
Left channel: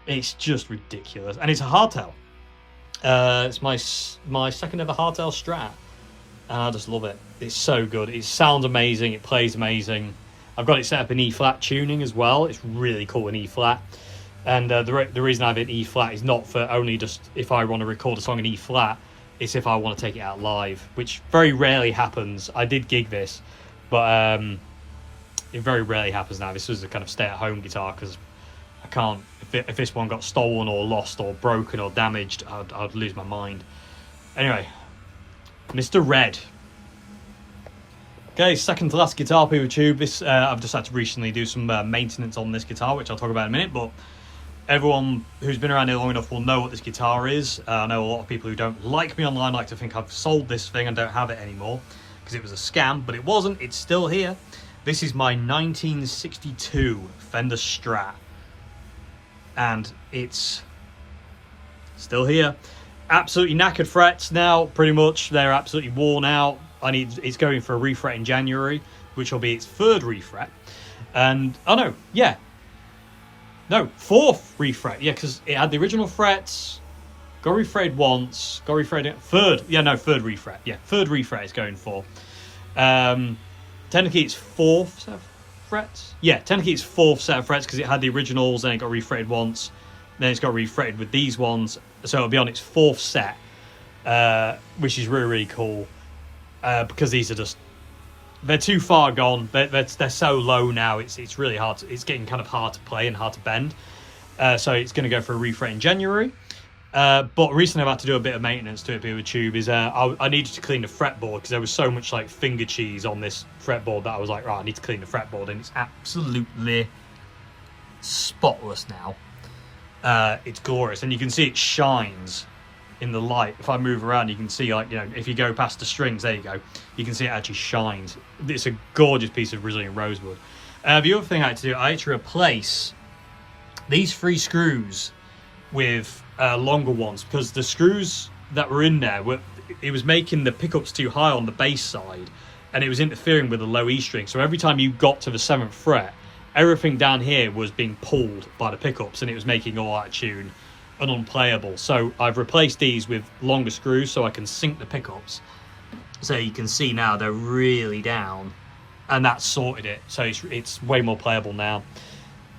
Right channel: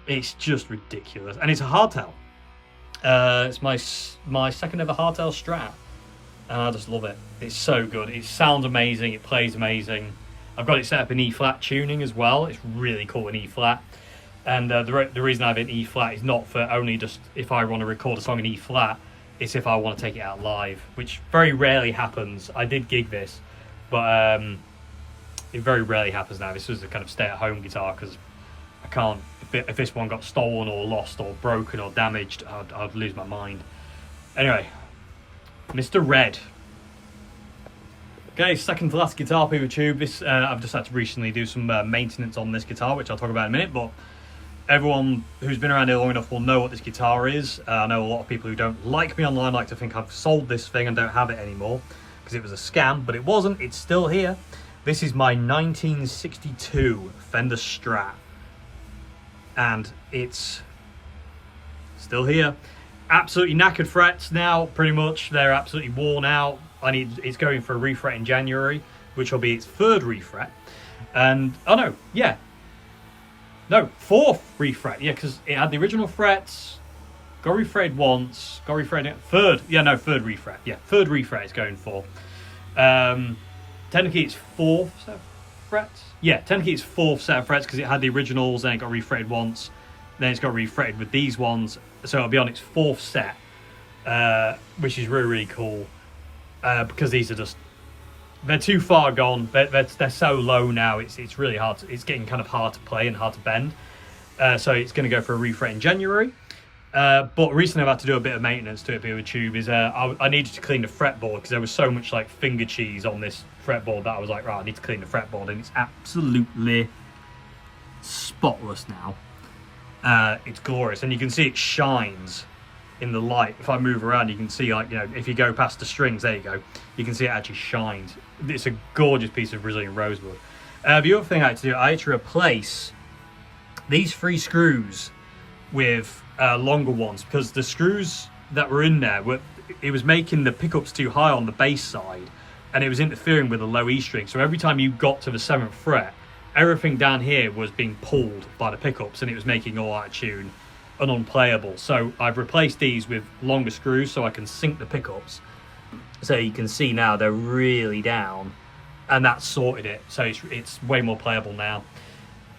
It's just ridiculous. And it's a hardtail. It's my second ever hardtail Strat. And I just love it. It's so good. It sounds amazing. It plays amazing. I've got it set up in E-flat tuning as well. It's really cool in E-flat. And the reason I have it in E-flat is not for only just if I want to record a song in E-flat. It's if I want to take it out live, which very rarely happens. I did gig this, but it very rarely happens now. This was a kind of stay-at-home guitar, because I can't... If this one got stolen or lost or broken or damaged, I'd lose my mind. Anyway, Mr. Red. Okay, second to last guitar, people tube. This I've just had to recently do some maintenance on this guitar, which I'll talk about in a minute, but everyone who's been around here long enough will know what this guitar is. I know a lot of people who don't like me online like to think I've sold this thing and don't have it anymore, because it was a scam, but it wasn't. It's still here. This is my 1962 Fender Strat, and it's still here. Absolutely knackered frets now, pretty much. They're absolutely worn out. It's going for a refret in January, which will be its 3rd refret. And, oh no, yeah. No, 4th refret, yeah, because it had the original frets, got refretted once, got refretted... 3rd, yeah, no, 3rd refret, yeah, 3rd refret it's going for. Technically it's 4th set of frets? Yeah, technically it's 4th set of frets, because it had the originals, then it got refretted once, then it's got refretted with these ones, so it'll be on its 4th set, which is really, really cool, because these are just... They're too far gone. They're so low now. It's really hard. It's getting kind of hard to play and hard to bend. So it's going to go for a refret in January. But recently I've had to do a bit of maintenance to it with tube. I needed to clean the fretboard, because there was so much like finger cheese on this fretboard that I was like, right, I need to clean the fretboard, and it's absolutely spotless now. It's glorious, and you can see it shines in the light. If I move around, you can see, like, you know, if you go past the strings, there you go, you can see it actually shines. It's a gorgeous piece of Brazilian rosewood. The other thing I had to do, I had to replace these 3 screws with longer ones, because the screws that were in there it was making the pickups too high on the bass side, and it was interfering with the low E string. So every time you got to the 7th fret, everything down here was being pulled by the pickups, and it was making all that tune unplayable. So I've replaced these with longer screws so I can sync the pickups. So you can see now they're really down, and that's sorted it. So it's way more playable now.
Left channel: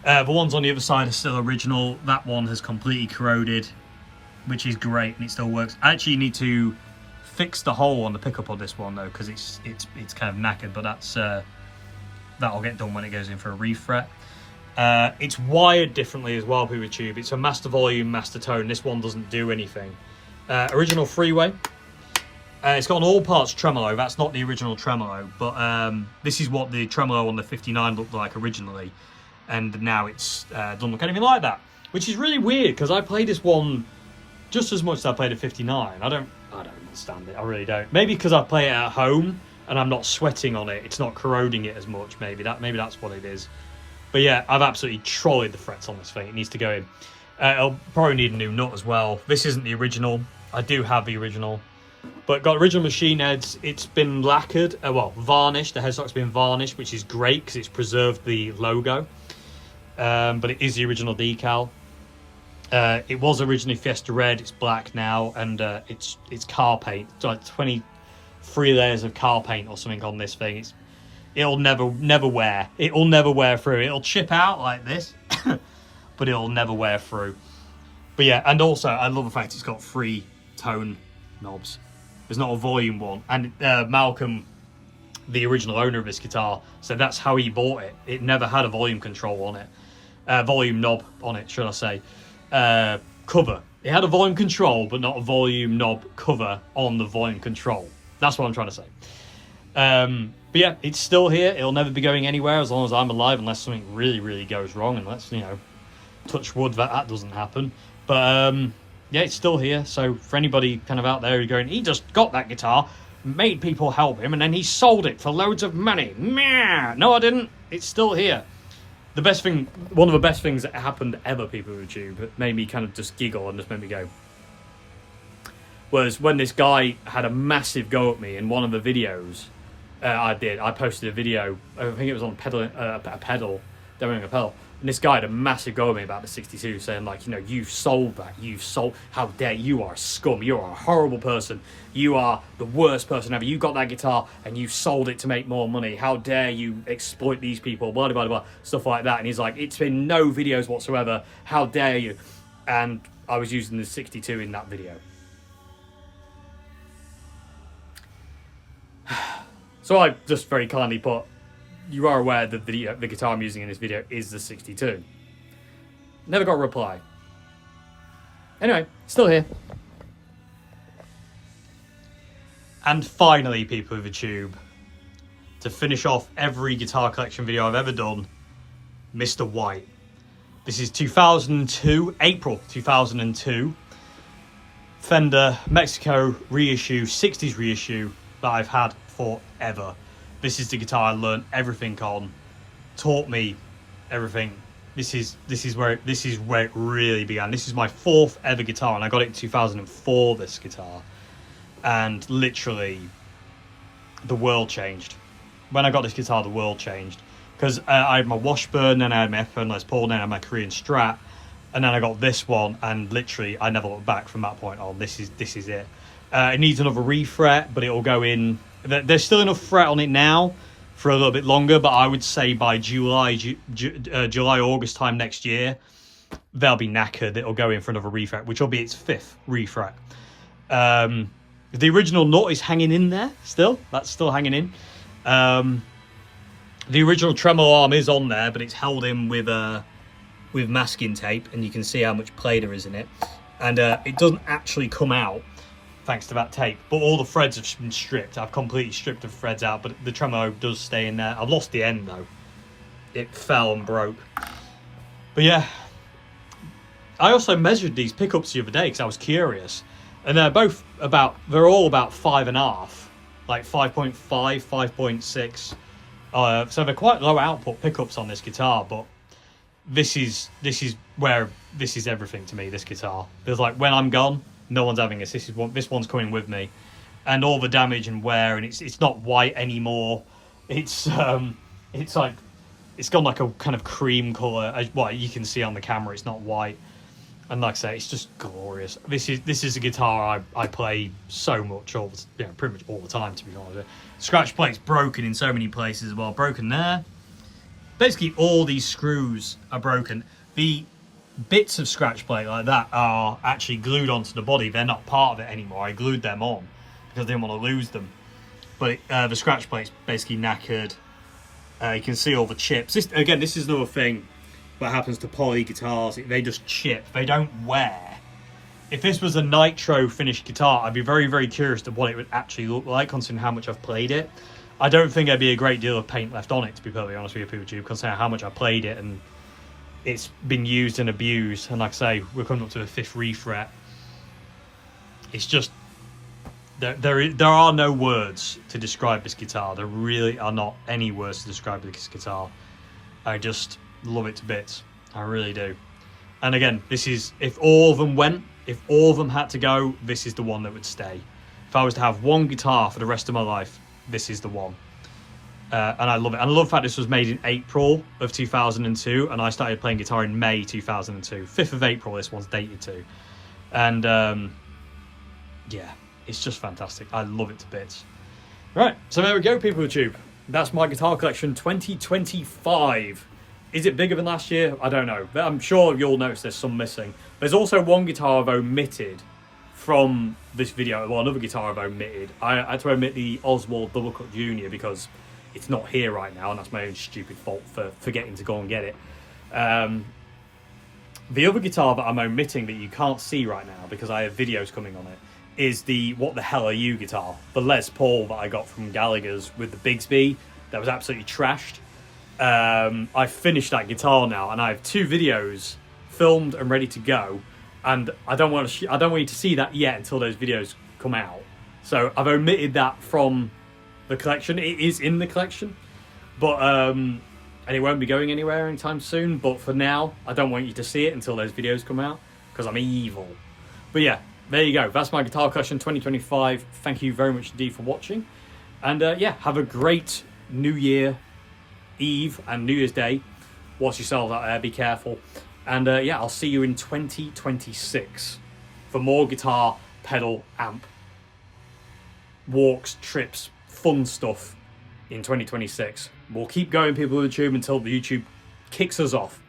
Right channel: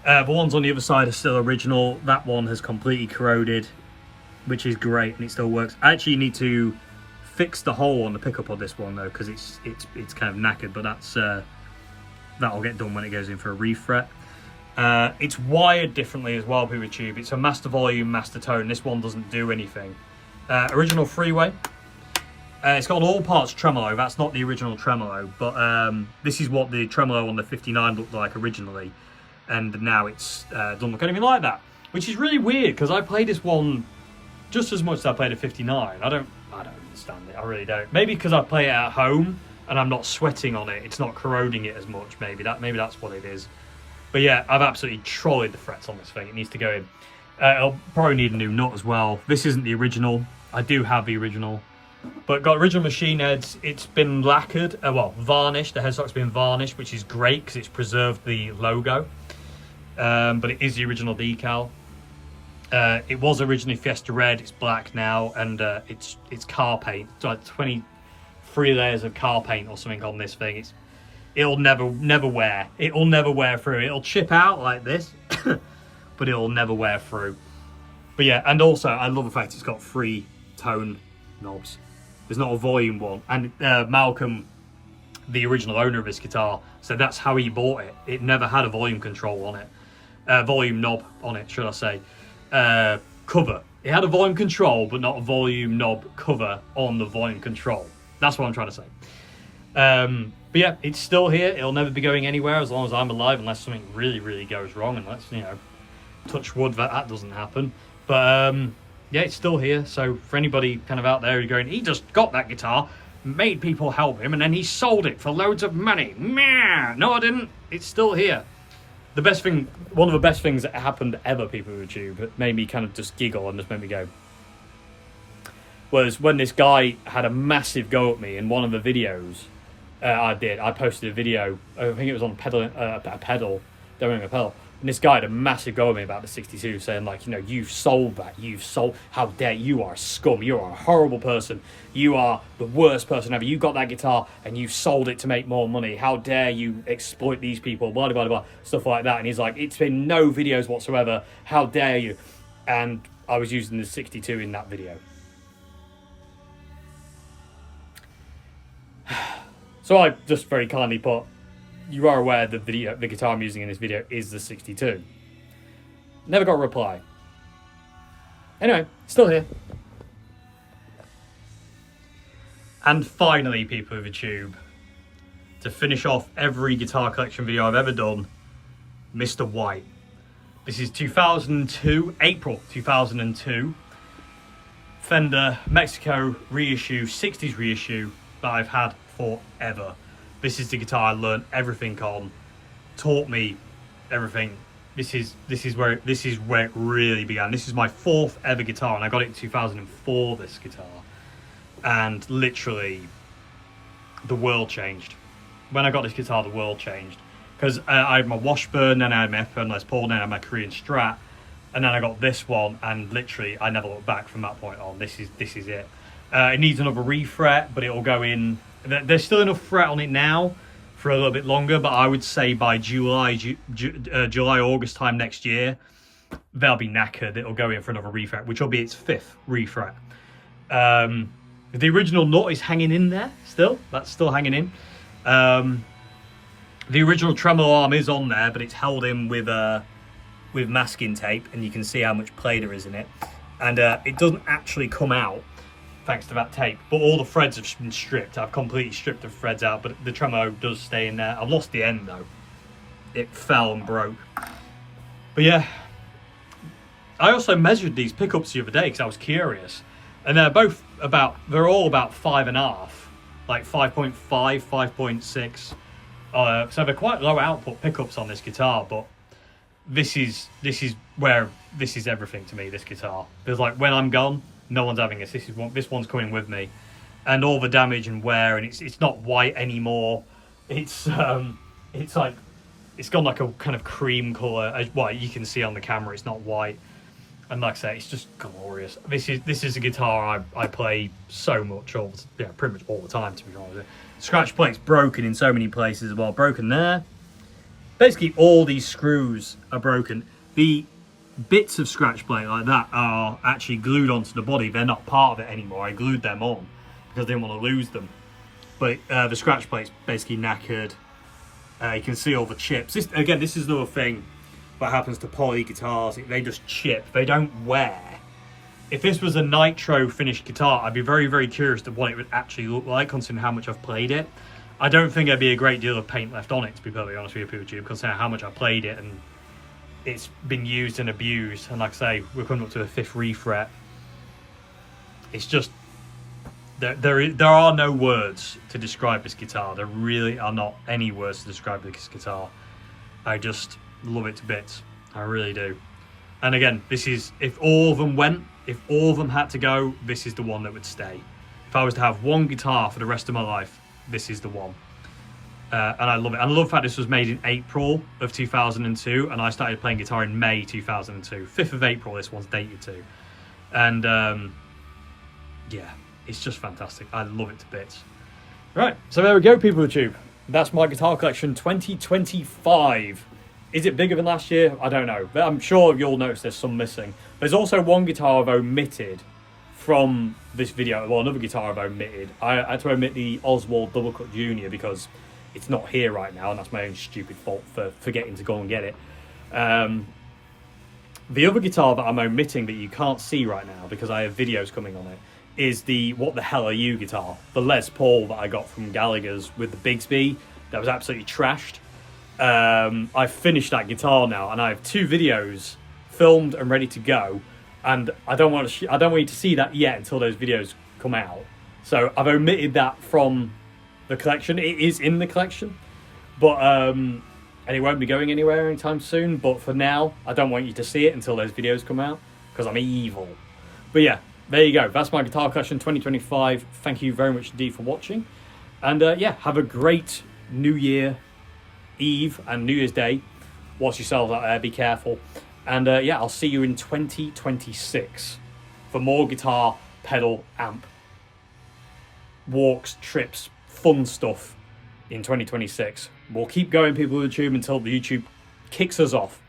The ones on the other side are still original. That one has completely corroded, which is great, and it still works. I actually need to fix the hole on the pickup on this one though, because it's kind of knackered, but that'll get done when it goes in for a refret. It's wired differently as well, people tube. It's a master volume, master tone. This one doesn't do anything. Original freeway. It's got an all parts tremolo. That's not the original tremolo, but this is what the tremolo on the 59 looked like originally, and now it's doesn't look anything like that, which is really weird because I played this one just as much as I played a 59. I don't understand it. I really don't. Maybe because I play it at home and I'm not sweating on it. It's not corroding it as much. Maybe that's what it is. But yeah, I've absolutely trolleyed the frets on this thing. It needs to go in. It'll probably need a new nut as well. This isn't the original. I do have the original. But got original machine heads. It's been lacquered, well, varnished. The headstock's been varnished, which is great because it's preserved the logo. But it is the original decal. It was originally Fiesta Red. It's black now, and it's car paint. It's like 23 layers of car paint or something on this thing. It'll never wear. It'll never wear through. It'll chip out like this, but it'll never wear through. But yeah, and also I love the fact it's got 3 tone knobs. There's not a volume one. And Malcolm, the original owner of this guitar, said that's how he bought it. It never had a volume control on it. Volume knob on it, should I say. Cover. It had a volume control, but not a volume knob cover on the volume control. That's what I'm trying to say. But yeah, it's still here. It'll never be going anywhere as long as I'm alive, unless something really, really goes wrong. And let's, touch wood that doesn't happen. But yeah, it's still here. So for anybody kind of out there who's going, he just got that guitar, made people help him, and then he sold it for loads of money. No, I didn't. It's still here. The best thing, one of the best things that happened ever, people with YouTube, that made me kind of just giggle and just made me go, was when this guy had a massive go at me in one of the videos I posted a video, I think it was on a pedal, demoing a pedal, and this guy had a massive go at me about the 62, saying like, you've sold that, how dare you, are scum, you are a horrible person, you are the worst person ever, you got that guitar and you sold it to make more money, how dare you exploit these people, blah blah blah, stuff like that. And he's like, it's been no videos whatsoever, how dare you. And I was using the 62 in that video. So I just very kindly put, you are aware that the guitar I'm using in this video is the 62. Never got a reply. Anyway, still here. And finally, people of the tube, to finish off every guitar collection video I've ever done, Mr. White. This is 2002, April 2002. Fender Mexico reissue, 60s reissue that I've had forever. This is the guitar I learned everything on, taught me everything. This is where it really began. This is my 4th ever guitar, and I got it in 2004. This guitar, and literally, the world changed. When I got this guitar, the world changed, because I had my Washburn, then I had my Epiphone Les Paul, then I had my Korean Strat, and then I got this one, and literally, I never looked back from that point on. This is it. It needs another refret, but it'll go in. There's still enough fret on it now for a little bit longer, but I would say by July, August time next year, they'll be knackered. It'll go in for another refret, which will be its 5th refret. The original nut is hanging in there still. That's still hanging in. The original tremolo arm is on there, but it's held in with masking tape, and you can see how much play there is in it. And it doesn't actually come out thanks to that tape, but all the threads have been stripped. I've completely stripped the threads out, but the tremolo does stay in there. I've lost the end though. It fell and broke. But yeah, I also measured these pickups the other day because I was curious, and they're all about 5.5, like 5.5, 5.6. So they're quite low output pickups on this guitar, but this is everything to me. This guitar, there's like, when I'm gone, no one's having this. This one's coming with me, and all the damage and wear, and it's not white anymore. It's like, it's gone like a kind of cream color. Well, you can see on the camera, it's not white, and like I say, it's just glorious. This is a guitar I play so much, pretty much all the time, to be honest with you. Scratch plate's broken in so many places as well. Broken there. Basically, all these screws are broken. The bits of scratch plate like that are actually glued onto the body. They're not part of it anymore. I glued them on because I didn't want to lose them. But the scratch plate's basically knackered. You can see all the chips. This is another thing that happens to poly guitars. They just chip. They don't wear. if this was a nitro finished guitar, I'd be very, very curious to what it would actually look like, considering how much I've played it. I don't think there'd be a great deal of paint left on it, to be perfectly honest with you, PeopleTube, considering how much I played it and it's been used and abused. And like I say, we're coming up to a 5th refret. It's just, there are no words to describe this guitar. There really are not any words to describe this guitar. I just love it to bits. I really do. And again, this is, if all of them went, if all of them had to go, this is the one that would stay. If I was to have one guitar for the rest of my life, this is the one. And I love it. And I love the fact this was made in April of 2002, and I started playing guitar in May 2002. 5th of April this one's dated to. And yeah, it's just fantastic. I love it to bits. Right, so there we go, PeopleTube. That's my guitar collection 2025. Is it bigger than last year? I don't know, but I'm sure you'll notice there's some missing. There's also one guitar I've omitted from this video. Well, another guitar I've omitted. I had to omit the Oswald Jr because it's not here right now, and that's my own stupid fault for forgetting to go and get it. The other guitar that I'm omitting that you can't see right now because I have videos coming on it is the What the Hell Are You guitar, the Les Paul that I got from Gallagher's with the Bigsby that was absolutely trashed. I've finished that guitar now, and I have 2 videos filmed and ready to go, and I don't want you to see that yet until those videos come out. So I've omitted that from the collection. It is in the collection, but and it won't be going anywhere anytime soon. But for now, I don't want you to see it until those videos come out because I'm evil. But yeah, there you go. That's my guitar collection 2025. Thank you very much indeed for watching, and yeah, have a great New Year Eve and New Year's Day. Watch yourselves out there, be careful, and yeah, I'll see you in 2026 for more guitar, pedal, amp, walks, trips, fun stuff in 2026. We'll keep going, PeopleTube, until the YouTube kicks us off.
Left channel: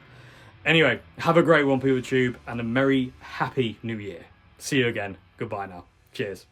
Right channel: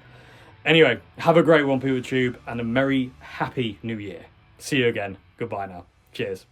Anyway, have a great one, PeopleTube, and a merry, happy New Year. See you again. Goodbye now. Cheers.